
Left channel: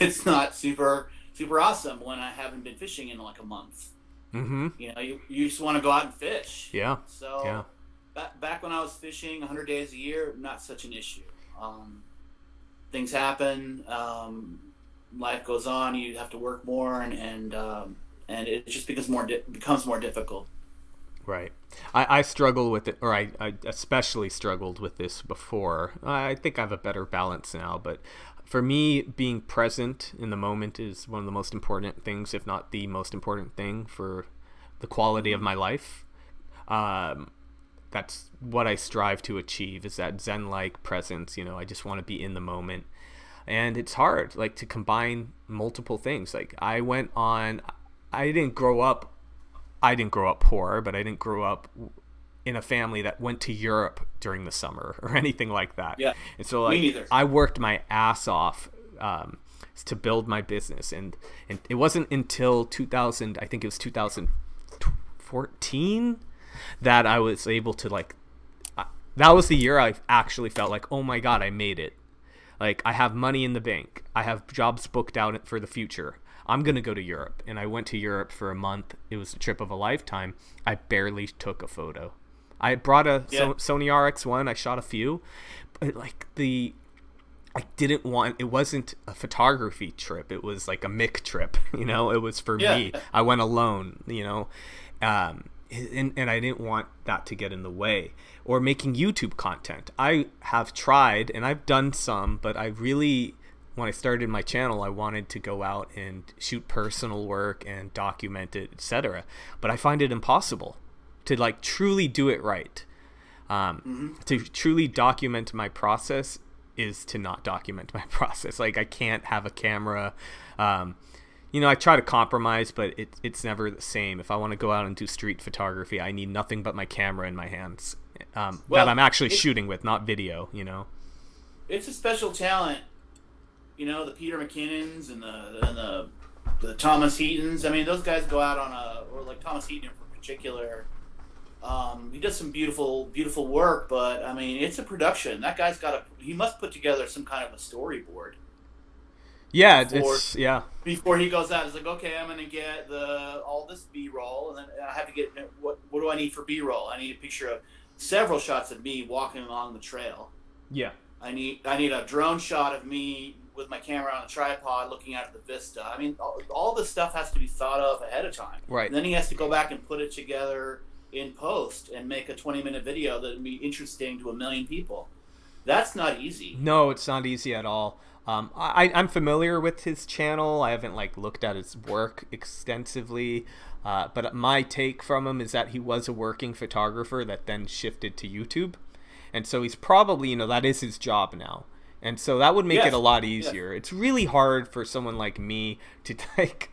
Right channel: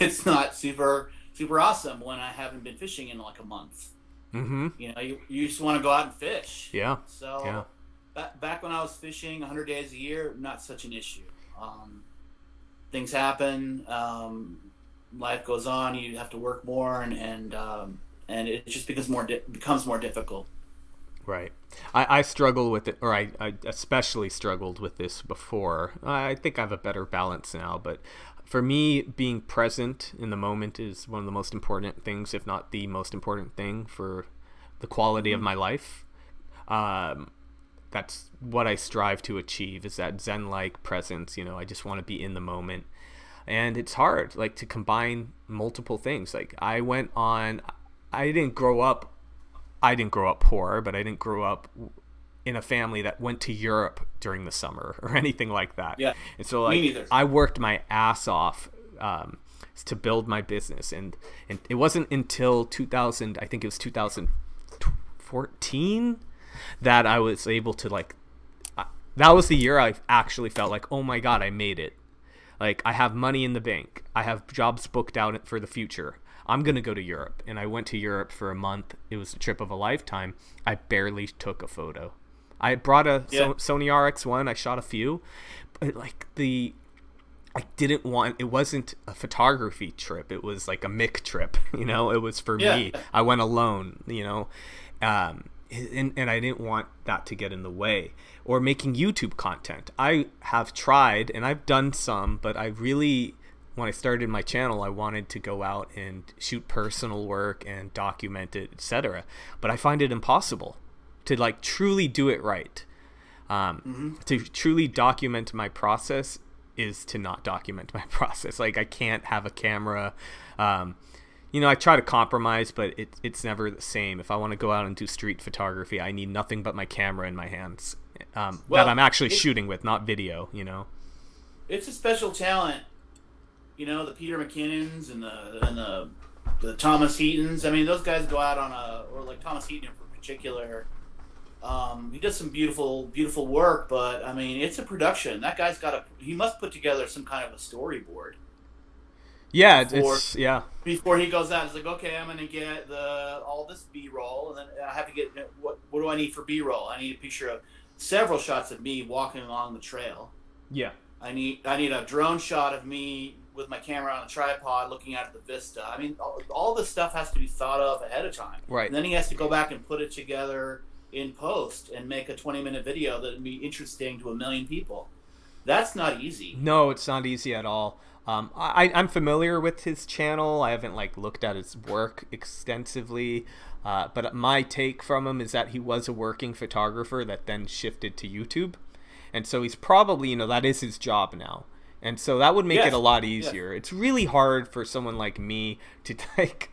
It's not super awesome when I haven't been fishing in like a month. Mm-hmm. You just want to go out and fish. Yeah. So yeah. Back when I was fishing 100 days a year, not such an issue. Things happen. Life goes on. You have to work more, and it just becomes more difficult. Right. I struggle with it, or I especially struggled with this before. I think I have a better balance now, but for me, being present in the moment is one of the most important things, if not the most important thing for the quality of my life. That's what I strive to achieve, is that Zen-like presence. I just want to be in the moment. And it's hard, like, to combine multiple things. Like, I didn't grow up poor, but I didn't grow up in a family that went to Europe during the summer or anything like that. Yeah. And so, like, I worked my ass off to build my business, and it wasn't until 2014 that I was able to, like, that was the year I actually felt like, oh my God, I made it. Like, I have money in the bank. I have jobs booked out for the future. I'm going to go to Europe. And I went to Europe for a month. It was a trip of a lifetime. I barely took a photo. I brought a Sony RX1. I shot a few. But like I didn't want, it wasn't a photography trip. It was like a Mick trip, you know, it was for me. I went alone, you know, and I didn't want that to get in the way. Or making YouTube content. I have tried and I've done some, but I really, when I started my channel, I wanted to go out and shoot personal work and document it, etc. But I find it impossible to like truly do it right. To truly document my process is to not document my process. Like I can't have a camera. You know, I try to compromise, but it's never the same. If I want to go out and do street photography, I need nothing but my camera in my hands that I'm actually shooting with, not video, you know. It's a special talent. You know, the Peter McKinnons and the Thomas Heatons. I mean, those guys go out on or like Thomas Heaton in particular. He does some beautiful, beautiful work, but I mean, it's a production. That guy's he must put together some kind of a storyboard. Yeah, Before he goes out, it's like, okay, I'm gonna get all this B-roll, and then I have to get what do I need for B-roll? I need a picture of several shots of me walking along the trail. Yeah. I need a drone shot of me with my camera on a tripod looking out at the vista. I mean, all this stuff has to be thought of ahead of time. Right. And then he has to go back and put it together in post and make a 20-minute video that would be interesting to 1 million people. That's not easy. No, it's not easy at all. I'm familiar with his channel. I haven't like looked at his work extensively, but my take from him is that he was a working photographer that then shifted to YouTube, and so he's probably, you know, that is his job now. And so that would make it a lot easier. It's really hard for someone like me to like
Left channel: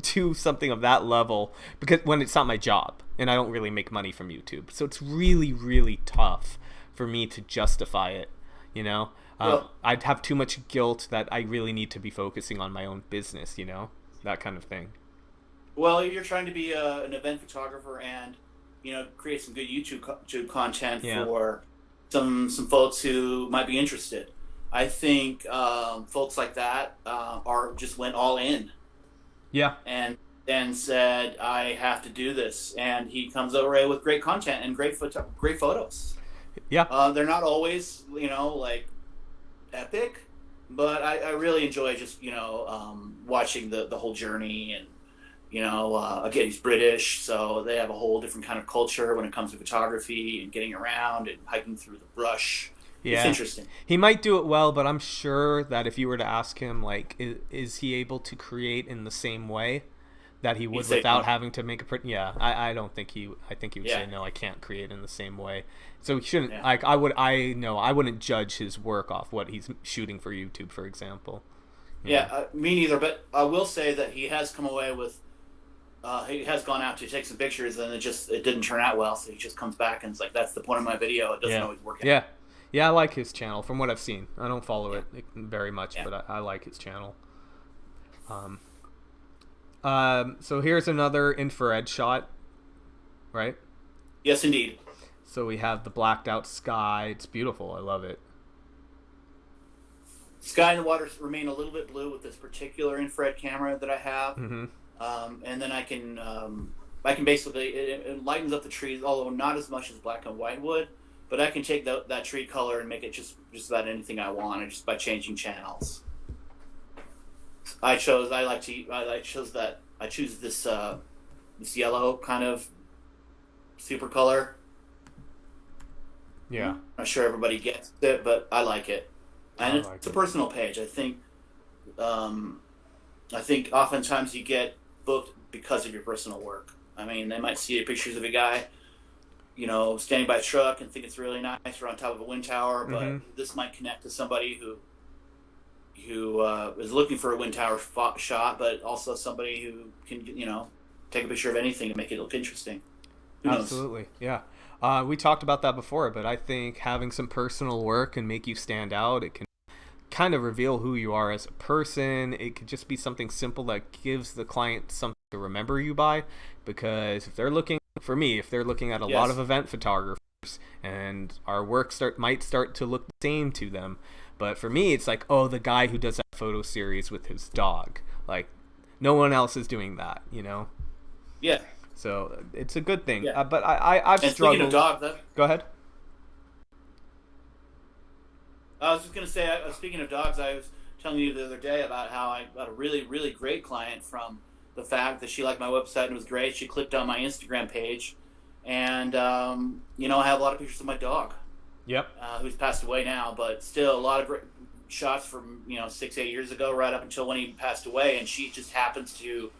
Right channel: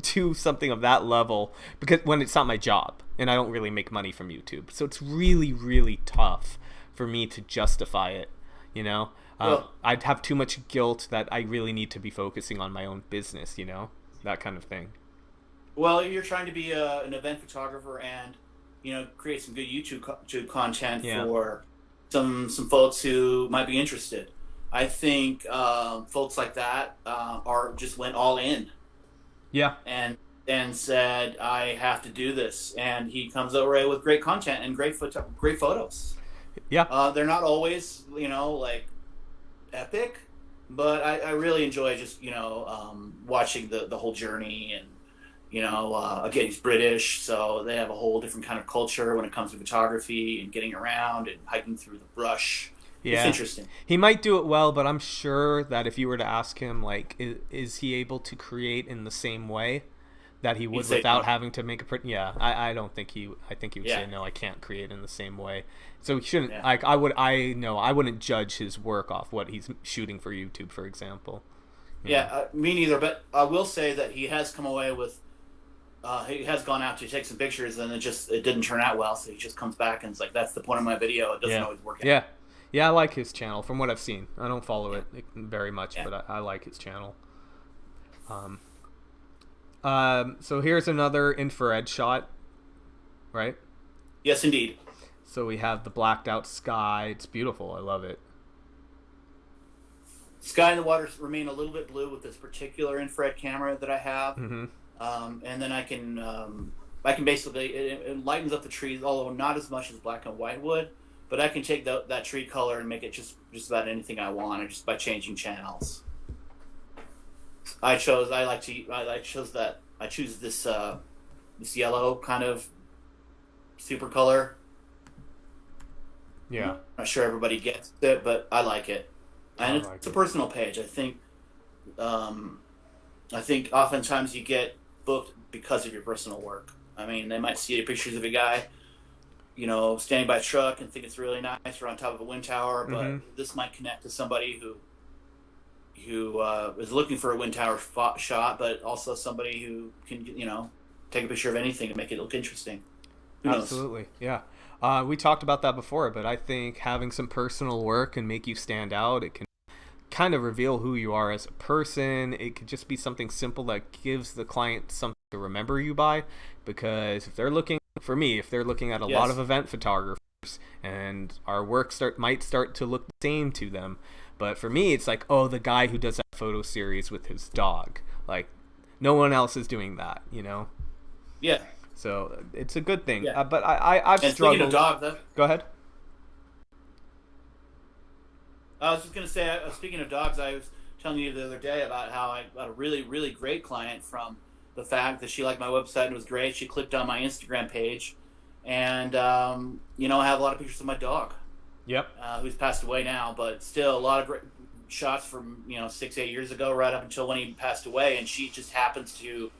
do something of that level because when it's not my job and I don't really make money from YouTube. So it's really, really tough for me to justify it, you know? I'd have too much guilt that I really need to be focusing on my own business, you know? That kind of thing. Well, you're trying to be an event photographer and, you know, create some good YouTube content for some folks who might be interested. I think folks like that went all in. Yeah. And said, I have to do this. And he comes over with great content and great photos. Yeah. They're not always, you know, like epic, but I really enjoy just, you know, watching the whole journey. And, you know, again, he's British, so they have a whole different kind of culture when it comes to photography and getting around and hiking through the brush. Yeah. It's interesting. He might do it well, but I'm sure that if you were to ask him, like, is he able to create in the same way that he would without having to make a print? Yeah, I don't think I think he would say, no, I can't create in the same way. So he shouldn't, like, I wouldn't judge his work off what he's shooting for YouTube, for example. Me neither, but I will say that he has come away with, he has gone out to take some pictures and it didn't turn out well, so he just comes back and it's like, that's the point of my video, it doesn't always work out. Yeah, I like his channel from what I've seen. I don't follow it very much, but I like his channel. So here's another infrared shot, right? Yes, indeed. So we have the blacked out sky. It's beautiful. I love it. Sky and the water remain a little bit blue with this particular infrared camera that I have. Mm-hmm. And then I can basically, it lightens up the trees, although not as much as black and white would. But I can take that tree color and make it just about anything I want, just by changing channels. I choose this yellow kind of super color. Yeah. I'm not sure everybody gets it, but I like it. And it's a personal page. I think oftentimes you get booked because of your personal work. I mean, they might see pictures of a guy, you know, standing by a truck and think it's really nice or on top of a wind tower, but this might connect to somebody who is looking for a wind tower shot, but also somebody who can, you know, take a picture of anything and make it look interesting. Absolutely, yeah. We talked about that before, but I think having some personal work can make you stand out. It can kind of reveal who you are as a person. It could just be something simple that gives the client something to remember you by, because if they're looking at a lot of event photographers and our work might start to look the same to them, but for me it's like, oh, the guy who does that photo series with his dog, like No one else is doing that, you know? Yeah. So it's a good thing. Yeah. But I've And struggled. speaking of dogs, Go ahead. I was just going to say, speaking of dogs, I was telling you the other day about how I got a really, really great client from the fact that she liked my website and it was great. She clicked on my Instagram page, and I have a lot of pictures of my dog. Yep. Who's passed away now, but still a lot of great shots from 6-8 years ago, right up until when he passed away. And she just happens to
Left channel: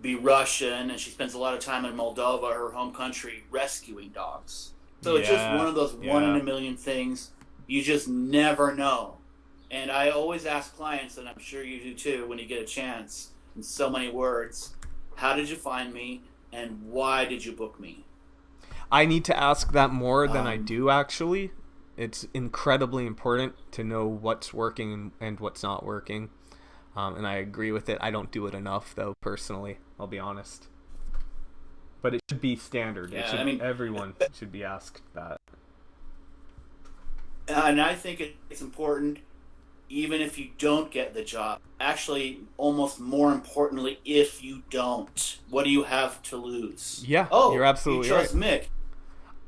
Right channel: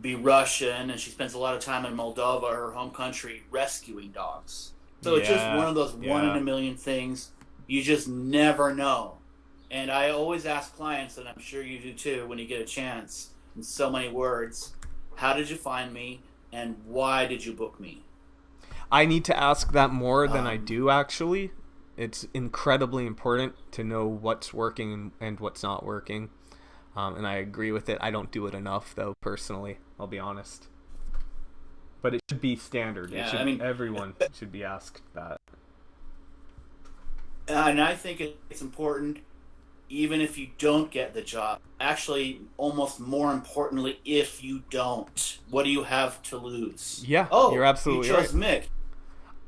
be Russian, and she spends a lot of time in Moldova, her home country, rescuing dogs. So it's just one of those one in a million things. You just never know. And I always ask clients, and I'm sure you do too, when you get a chance, in so many words, how did you find me, and why did you book me? I need to ask that more than I do, actually. It's incredibly important to know what's working and what's not working. And I agree with it. I don't do it enough, though, personally. I'll be honest. But it should be standard. Yeah, everyone should be asked that. And I think it's important, even if you don't get the job. Actually, almost more importantly, if you don't, what do you have to lose? Yeah, you're absolutely right. Mick.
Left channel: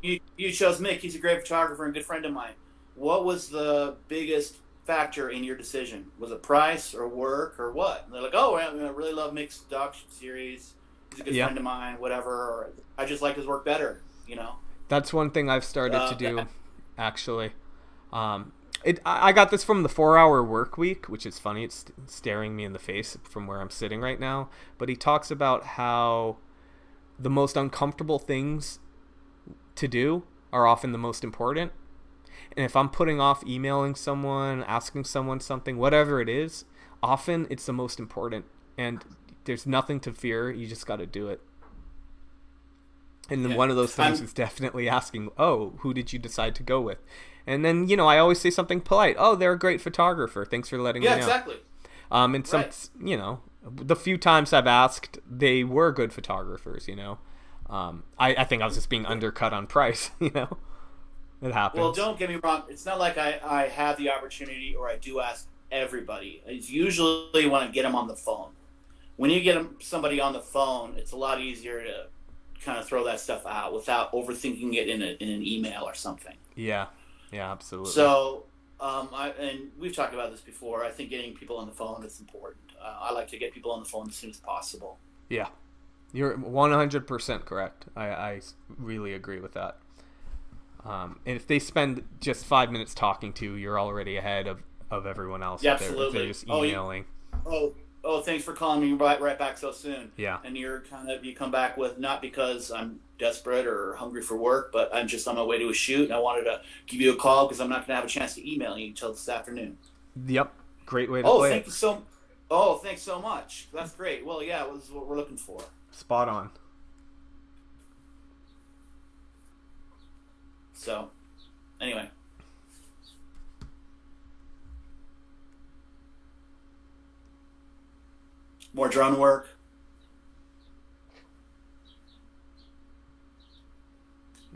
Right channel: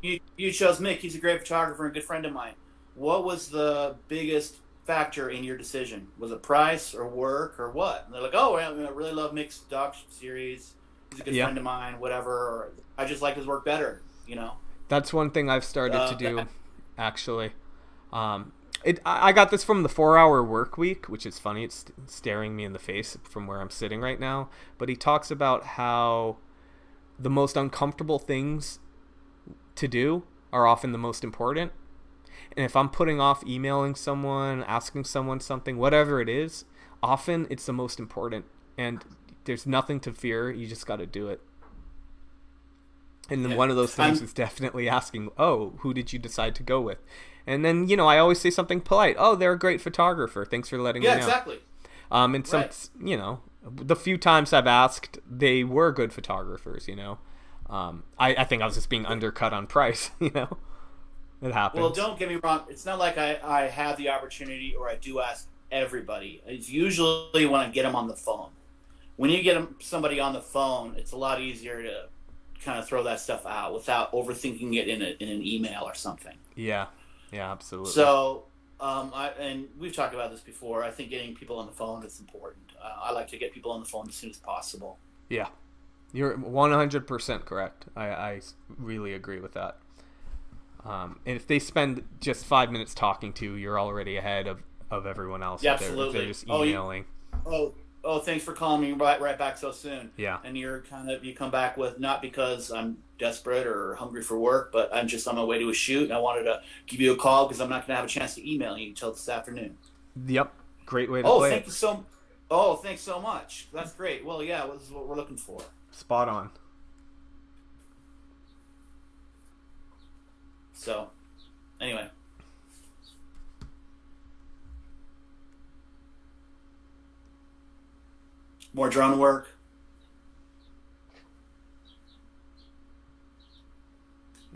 You chose Mick. He's a great photographer and good friend of mine. What was the biggest factor in your decision? Was it price or work or what? And they're like, oh, I really love Mick's doc series. He's a good friend of mine, whatever. Or I just like his work better, That's one thing I've started to do, actually. I got this from the 4-Hour Work Week, which is funny. It's staring me in the face from where I'm sitting right now. But he talks about how the most uncomfortable things to do are often the most important. And if I'm putting off emailing someone, asking someone something, whatever it is, often it's the most important. And there's nothing to fear. You just got to do it. And then one of those things is definitely asking, oh, who did you decide to go with? And then, I always say something polite. Oh, they're a great photographer. Thanks for letting me know. Yeah, exactly. And some, the few times I've asked, they were good photographers, I think I was just being undercut on price, It happens. Well, don't get me wrong. It's not like I have the opportunity or I do ask everybody. It's usually when I get them on the phone. When you get somebody on the phone, it's a lot easier to kind of throw that stuff out without overthinking it in an email or something. Yeah, absolutely. So, and we've talked about this before. I think getting people on the phone is important. I like to get people on the phone as soon as possible. Yeah, you're 100% correct. I really agree with that. And if they spend just 5 minutes talking to you, you're already ahead of everyone else. Yeah, if they're just emailing. Oh, thanks for calling me right back so soon. Yeah. And you come back with, not because I'm desperate or hungry for work, but I'm just on my way to a shoot, and I wanted to give you a call because I'm not going to have a chance to email you until this afternoon. Yep. Great way to play it. Thanks so much. That's great. Well, yeah, this is what we're looking for. Spot on. So, anyway. More drone work.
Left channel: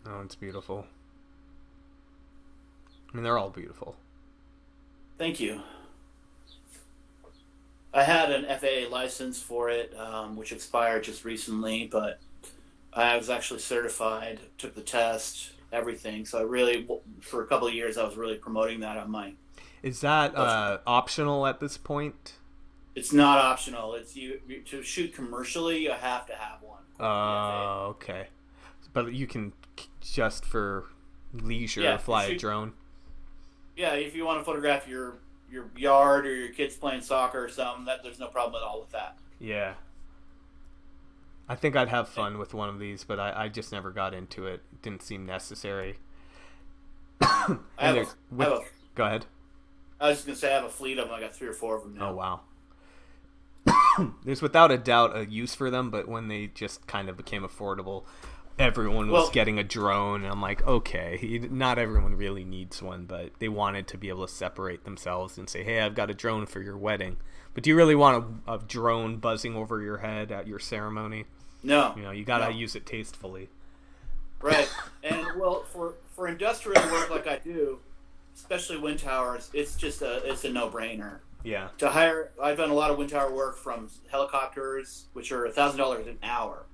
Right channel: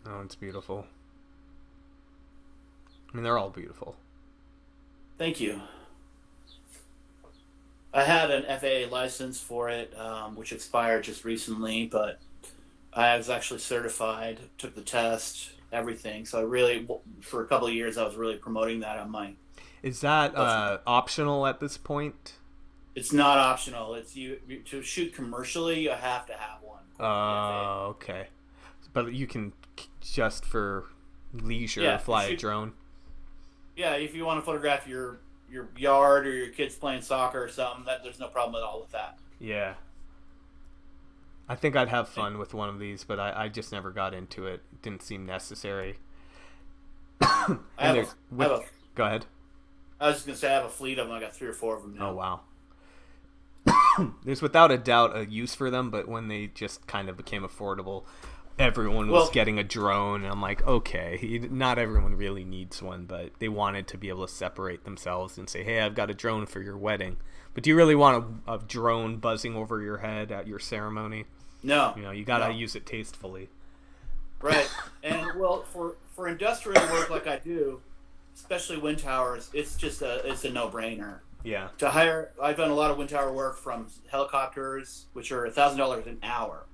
Oh, it's beautiful. I mean, they're all beautiful. Thank you. I had an FAA license for it, which expired just recently, but I was actually certified, took the test, everything. So I really, for a couple of years, I was really promoting that on my... Is that optional at this point? It's not optional. It's to shoot commercially, you have to have one. Oh, okay. But you can just for leisure fly a drone. Yeah, if you want to photograph your yard or your kids playing soccer or something, there's no problem at all with that. Yeah. I think I'd have fun with one of these, but I just never got into it. It didn't seem necessary. Go ahead. I was just going to say I have a fleet of them. I got 3 or 4 of them now. Oh, wow. There's without a doubt a use for them, but when they just kind of became affordable, everyone was getting a drone, and I'm like, okay, not everyone really needs one, but they wanted to be able to separate themselves and say, hey, I've got a drone for your wedding. But do you really want a drone buzzing over your head at your ceremony? No. You gotta use it tastefully. Right. And well, for industrial work like I do, especially wind towers, it's a no-brainer. Yeah. I've done a lot of wind tower work from helicopters, which are $1,000 an hour,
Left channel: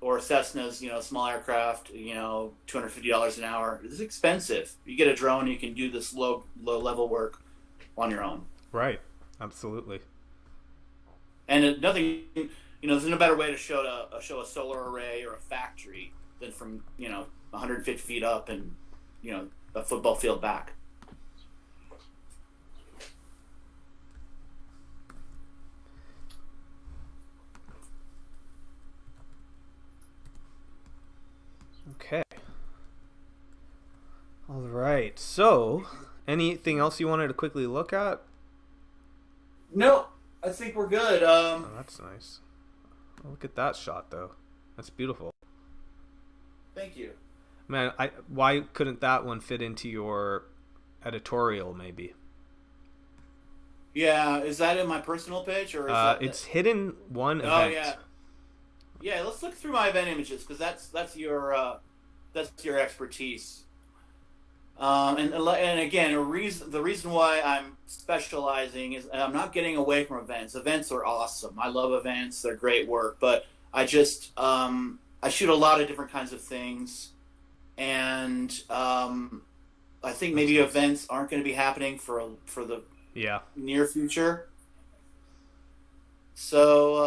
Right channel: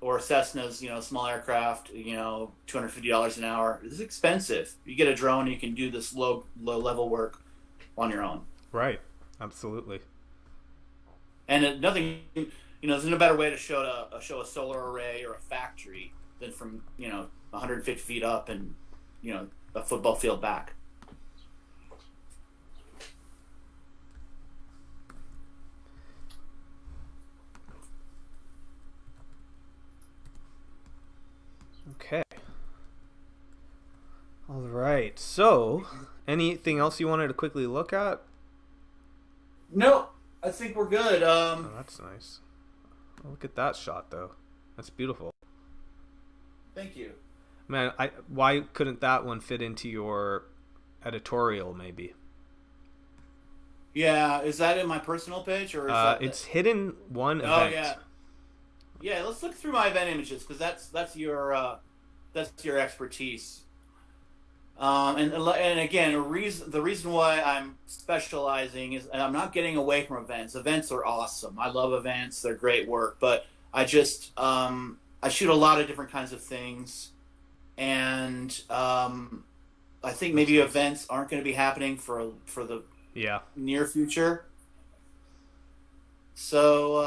or Cessnas, small aircraft, $250 an hour. This is expensive. You get a drone, you can do this low level work on your own. Right. Absolutely. And there's no better way to show a solar array or a factory than from 150 feet up and a football field back. Okay. All right. So, anything else you wanted to quickly look at? No, I think we're good. Oh, that's nice. Oh, look at that shot, though. That's beautiful. Thank you. Man, why couldn't that one fit into your editorial, maybe? Yeah, is that in my personal page or? It's hidden one event. Oh yeah. Yeah, let's look through my event images because that's your expertise. And again, the reason why I'm specializing is, and I'm not getting away from events. Events are awesome. I love events; they're great work. But I just I shoot a lot of different kinds of things, and I think maybe events aren't going to be happening for the near future. So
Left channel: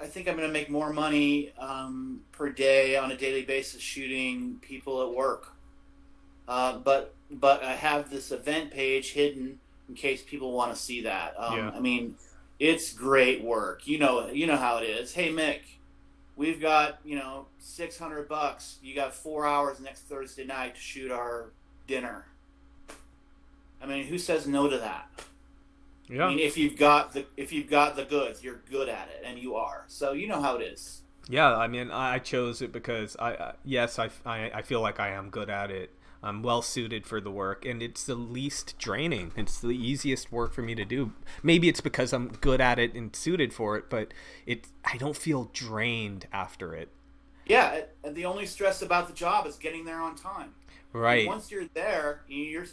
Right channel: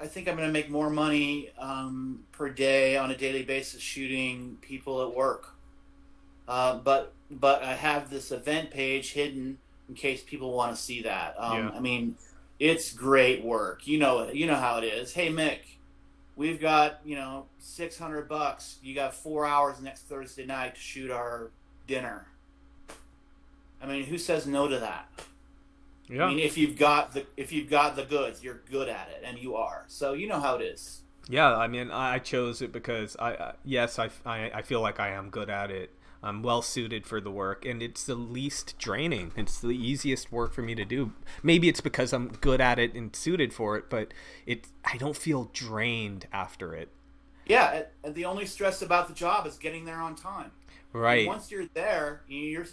I think I'm going to make more money per day on a daily basis shooting people at work. But I have this event page hidden in case people want to see that. I mean, it's great work. You know how it is. Hey Mick, we've got $600. You got 4 hours next Thursday night to shoot our dinner. I mean, who says no to that? Yeah. I mean, if you've got the goods, you're good at it, and you are. So you know how it is. Yeah, I mean, I chose it because I feel like I am good at it. I'm well suited for the work, and it's the least draining. It's the easiest work for me to do. Maybe it's because I'm good at it and suited for it, but I don't feel drained after it. Yeah, and the only stress about the job is getting there on time. Right. And once you're there, you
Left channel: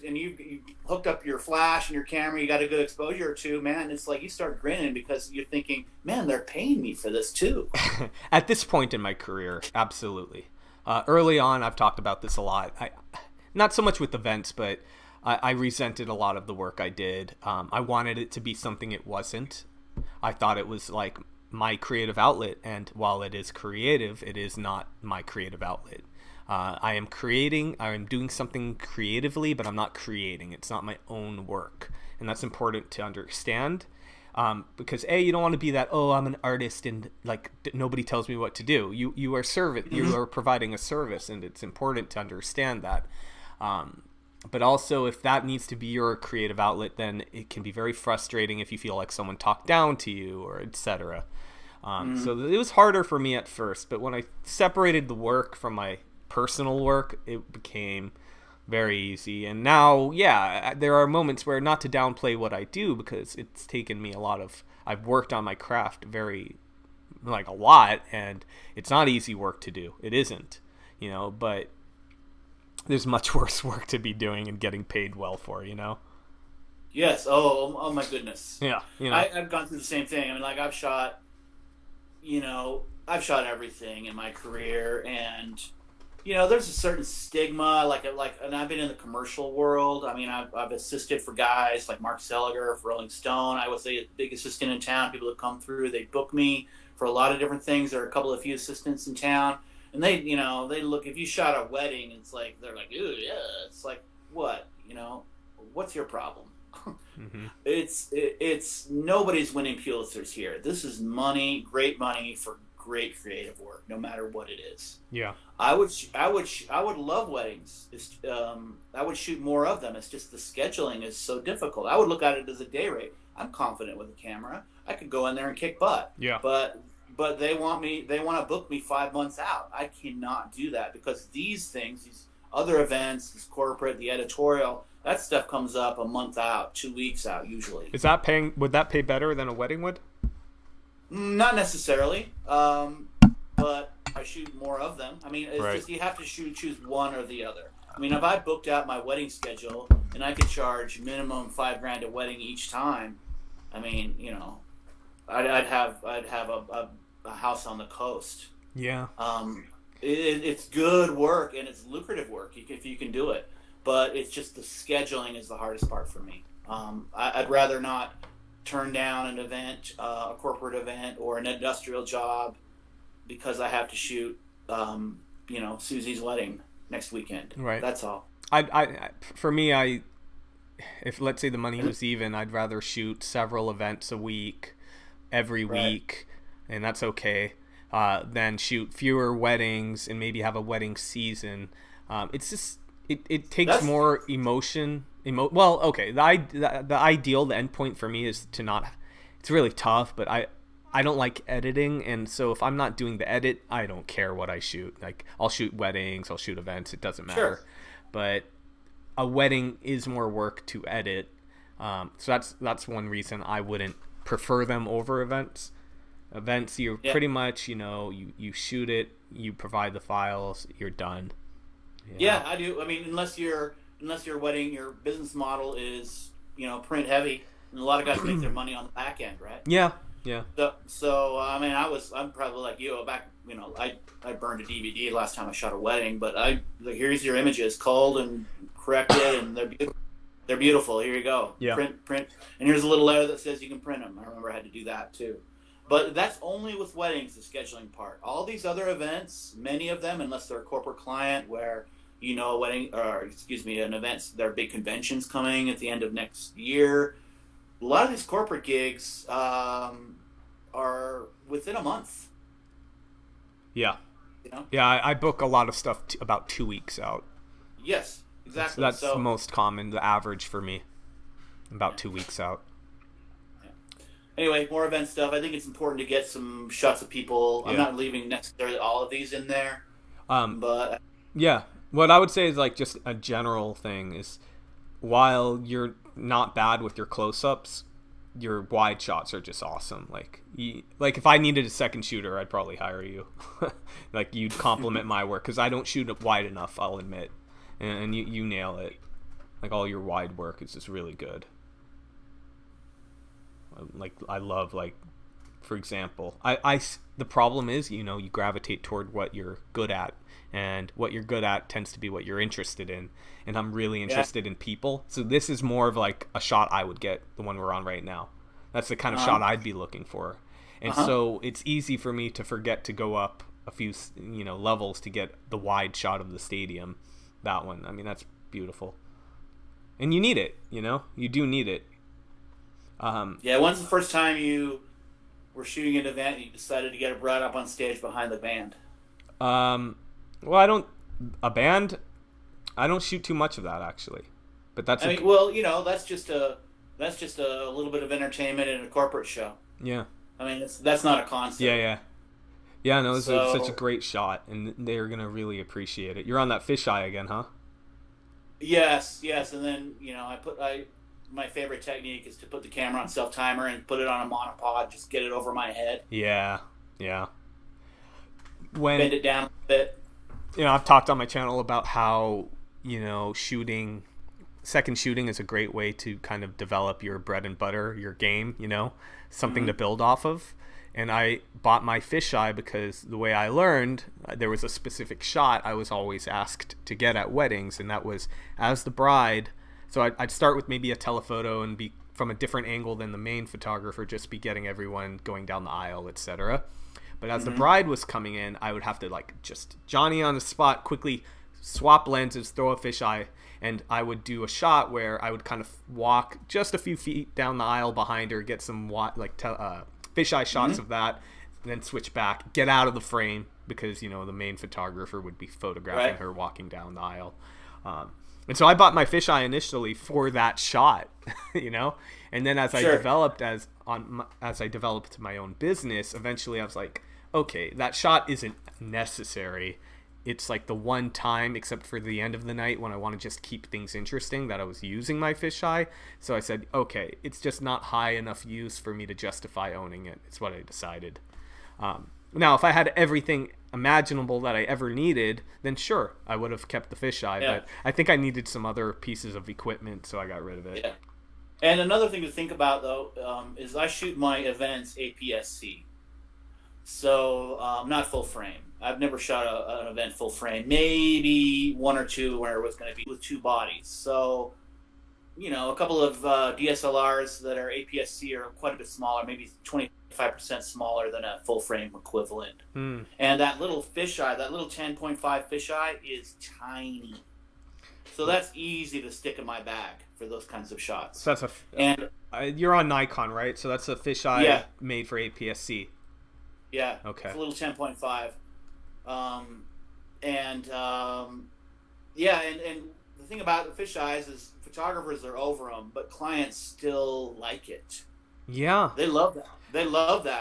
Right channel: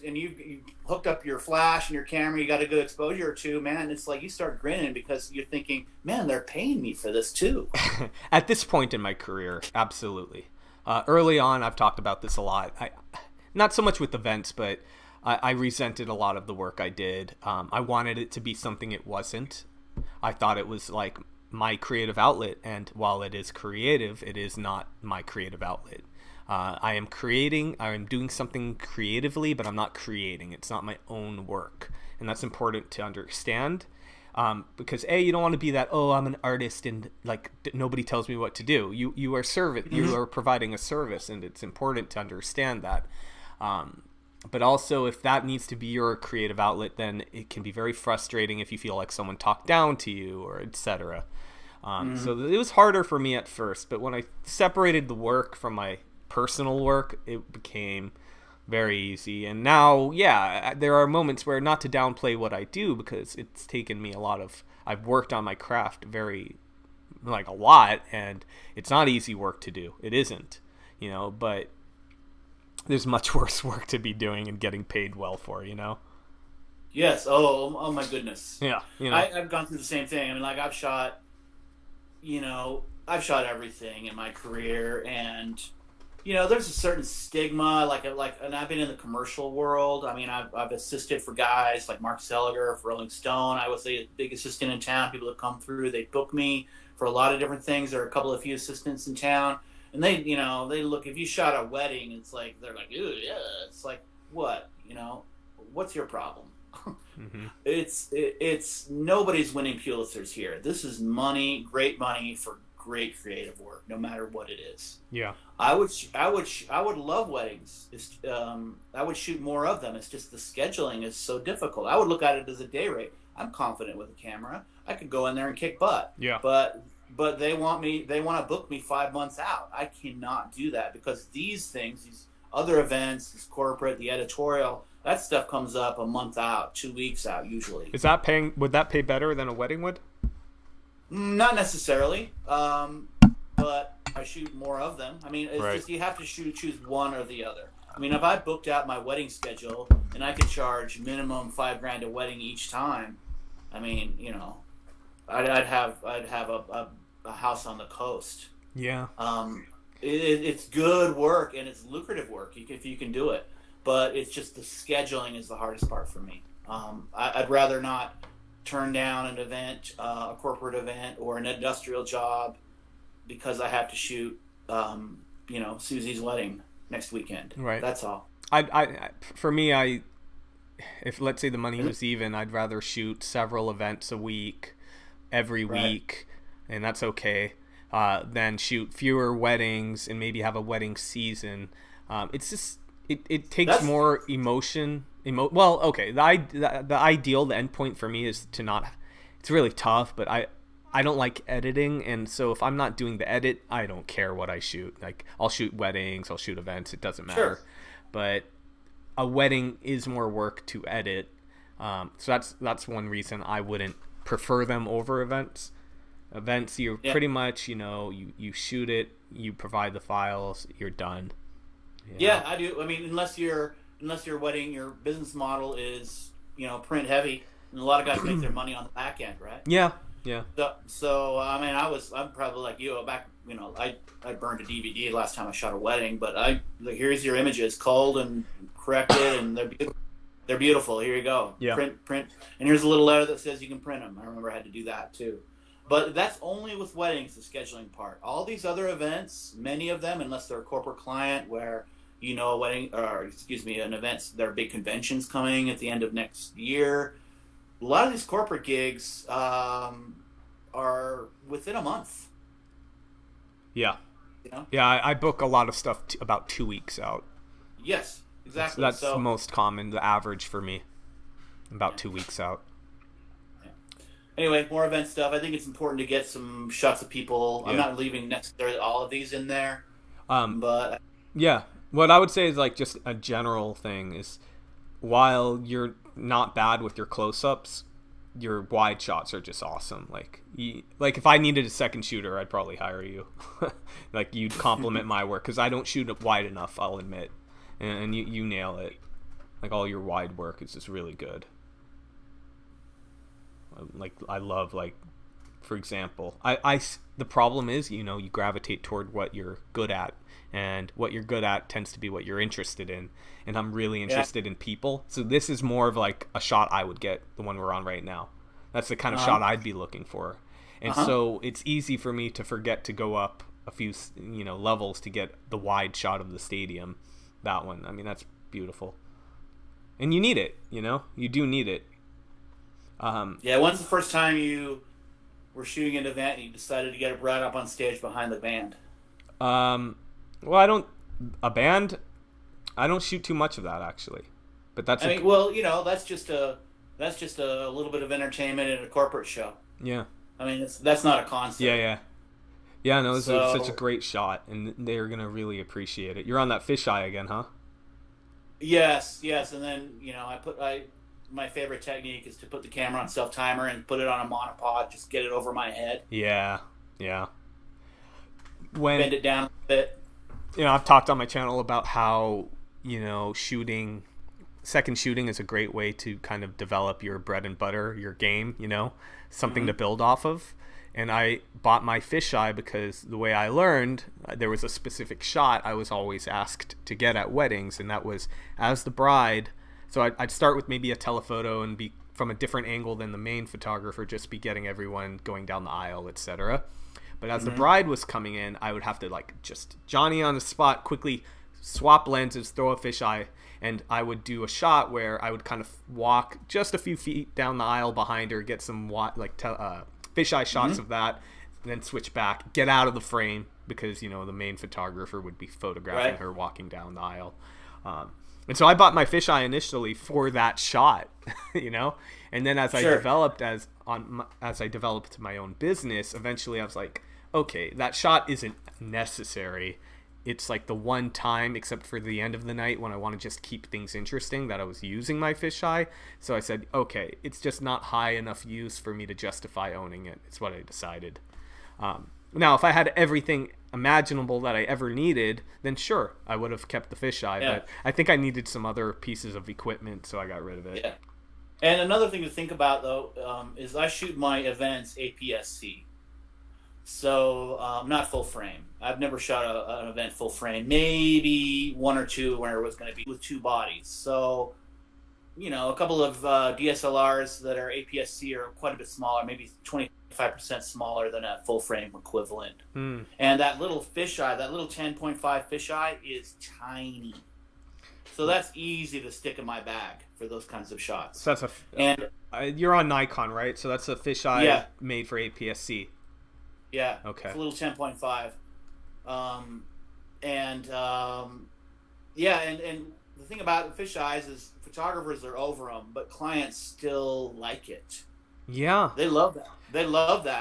hooked up your flash and your camera, you got a good exposure or two, man, it's like you start grinning because you're thinking, man, they're paying me for this too. At this point in my career, absolutely. Early on, I've talked about this a lot. Not so much with events, but I resented a lot of the work I did. I wanted it to be something it wasn't. I thought it was like my creative outlet, and while it is creative, it is not my creative outlet. I am doing something creatively, but I'm not creating. It's not my own work, and that's important to understand. Because you don't want to be that, I'm an artist and like nobody tells me what to do. You are you are providing a service, and it's important to understand that. But also, if that needs to be your creative outlet, then it can be very frustrating if you feel like someone talked down to you or etc. So it was harder for me at first, but when I separated the work from my personal work, it became very easy. And now, there are moments where, not to downplay what I do, because it's taken me I've worked on my craft a lot, and it's not easy work to do. It isn't, but there's much worse work to be doing and getting paid well for, Yes. Oh my goodness. Yeah. I've gone through the same thing. I mean, like I've shot everything in my career, and there's a certain stigma, and I've been in the commercial world. I mean, I've assisted for guys like Mark Seliger for Rolling Stone. I was the big assistant in town. People that come through, they book me for a lot of different things. There are a few assistants in town, and they look. If you shot a wedding, it's like they're like, "Ooh, yeah." It's like, what? What's your problem? Mm-hmm. It's nobody's winning Pulitzers here. This is money, great money for great creative work, no matter what it is. Yeah. I would love weddings. I would shoot more of them. It's just the scheduling is so difficult. I would look at it as a day rate. I'm confident with a camera. I could go in there and kick butt. Yeah. But they want to book me 5 months out. I cannot do that because these other events, this corporate, the editorial, that stuff comes up a month out, 2 weeks out usually. Would that pay better than a wedding would? Not necessarily, but I shoot more of them. I mean, it's just you have to choose one or the other. I mean, if I booked out my wedding schedule and I could charge minimum $5,000 a wedding each time, I mean, I'd have a house on the coast. Yeah. It's good work and it's lucrative work if you can do it, but it's just the scheduling is the hardest part for me. I'd rather not turn down an event, a corporate event, or an industrial job because I have to shoot, Susie's wedding next weekend. Right. That's all. For me, if let's say the money was even, I'd rather shoot several events a week, every week, and that's okay. Than shoot fewer weddings and maybe have a wedding season. It's just it takes more emotion. Well, okay. The ideal, the end point for me is to not. It's really tough, but I don't like editing, and so if I'm not doing the edit, I don't care what I shoot. Like, I'll shoot weddings, I'll shoot events. It doesn't matter. Sure. But a wedding is more work to edit. So that's one reason I wouldn't prefer them over events. Events, you're pretty much, you shoot it, you provide the files, you're done. Yeah, I do. I mean, unless your wedding, your business model is, print heavy, and a lot of guys make their money on the back end, right? Yeah. So I mean, I'm probably like you. Back, I burned a DVD last time I shot a wedding, but here's your images, culled and corrected, and they're beautiful. Here you go. Yeah. Print, and here's a little letter that says you can print them. I remember I had to do that too. But that's only with weddings, the scheduling part. All these other events, many of them, unless they're a corporate client where, a wedding, an event, there are big conventions coming at the end of next year. A lot of these corporate gigs are within a month. Yeah. Yeah, I book a lot of stuff about 2 weeks out. Yes, exactly. That's the most common, the average for me, about 2 weeks out. Anyway, more event stuff. I think it's important to get some shots of people. Yeah. I'm not leaving necessarily all of these in there. But yeah, what I would say is just a general thing is, while you're not bad with your close-ups, your wide shots are just awesome. Like if I needed a second shooter, I'd probably hire you. You'd compliment my work because I don't shoot it wide enough, I'll admit, and you nail it. All your wide work is just really good. I love, for example, the problem is, you gravitate toward what you're good at, and what you're good at tends to be what you're interested in, and I'm really interested in people, so this is more of a shot I would get, the one we're on right now. That's the kind of shot I'd be looking for, and so it's easy for me to forget to go up a few levels to get the wide shot of the stadium. That one, I mean, that's beautiful, and you need it. You do need it. When's the first time you were shooting an event and you decided to get it brought up on stage behind the band? Well, I don't shoot too much of that, actually. But that's that's just a little bit of entertainment in a corporate show. Yeah. I mean, that's not a concept. Yeah. No, it's such a great shot, and they're going to really appreciate it. You're on that fisheye again, huh? Yes, and then, my favorite technique is to put the camera on self-timer and put it on a monopod, just get it over my head. Yeah. Bend it down a bit. I've talked on my channel about how, second shooting is a great way to kind of develop your bread and butter, your game, something to build off of. And I bought my fisheye because the way I learned, there was a specific shot I was always asked to get at weddings, and that was as the bride. So I'd start with maybe a telephoto and be from a different angle than the main photographer, just be getting everyone going down the aisle, etc. But as the bride was coming in, I would have to just Johnny on the spot, quickly swap lenses, throw a fisheye, and I would do a shot where I would kind of walk just a few feet down the aisle behind her, get some fisheye shots of that, and then switch back, get out of the frame because the main photographer would be photographing her walking down the aisle. And so I bought my fisheye initially for that shot, and then as I developed as I developed my own business, eventually I was like, okay, that shot isn't necessary. It's the one time, except for the end of the night when I want to just keep things interesting, that I was using my fisheye. So I said, okay, it's just not high enough use for me to justify owning it. It's what I decided. Now, if I had everything imaginable that I ever needed, then sure, I would have kept the fisheye. Yeah. But I think I needed some other pieces of equipment, so I got rid of it. Yeah. And another thing to think about, though, is I shoot my events APS-C. So, not full frame. I've never shot an event full frame. Maybe one or two where it was going to be with two bodies. So, a couple of DSLRs that are APS-C are quite a bit smaller, maybe 25% smaller than a full frame equivalent. And that little fisheye, that little 10.5 fisheye is tiny. So that's easy to stick in my bag for those kinds of shots. So that's you're on Nikon, right? So that's a fisheye made for APS-C. Yeah. Okay. It's a little 10.5. And the thing about fisheyes is photographers are over them, but clients still like it. Yeah. They love that.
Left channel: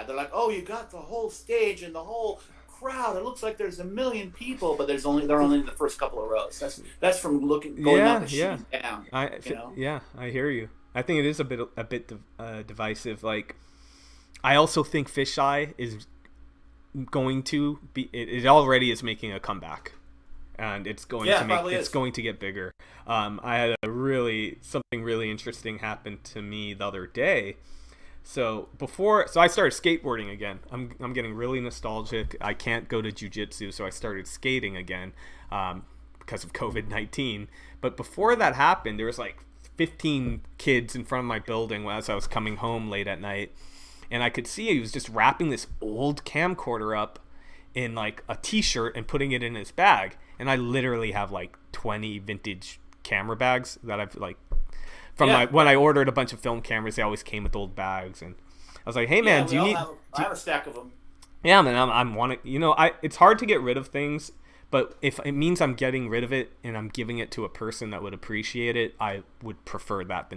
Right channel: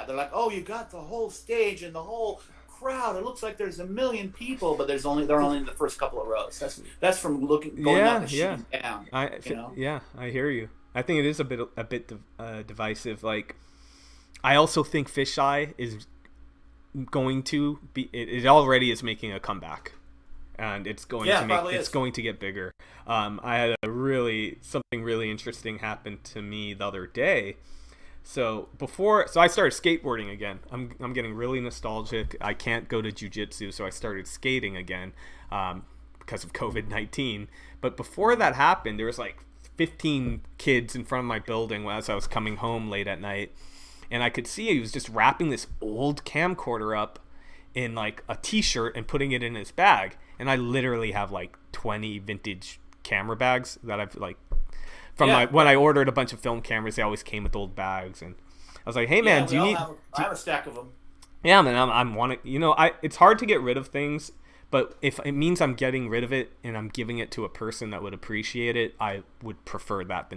They're like, oh, you got the whole stage and the whole crowd. It looks like there's 1 million people, but they're only in the first couple of rows. That's from going up and shooting down. I hear you. I think it is a bit divisive. Like, I also think fisheye is going to be. It already is making a comeback, and it's going to get bigger. I had something really interesting happen to me the other day. So I started skateboarding again. I'm getting really nostalgic. I can't go to jiu-jitsu, so I started skating again because of COVID-19. But before that happened, there was like 15 kids in front of my building as I was coming home late at night, and I could see he was just wrapping this old camcorder up in like a t-shirt and putting it in his bag. And I literally have like 20 vintage camera bags that I've like when I ordered a bunch of film cameras, they always came with old bags, and I was like, "Hey man, I have a stack of them." Yeah, man, I'm wanting. It's hard to get rid of things, but if it means I'm getting rid of it and I'm giving it to a person that would appreciate it, I would prefer that than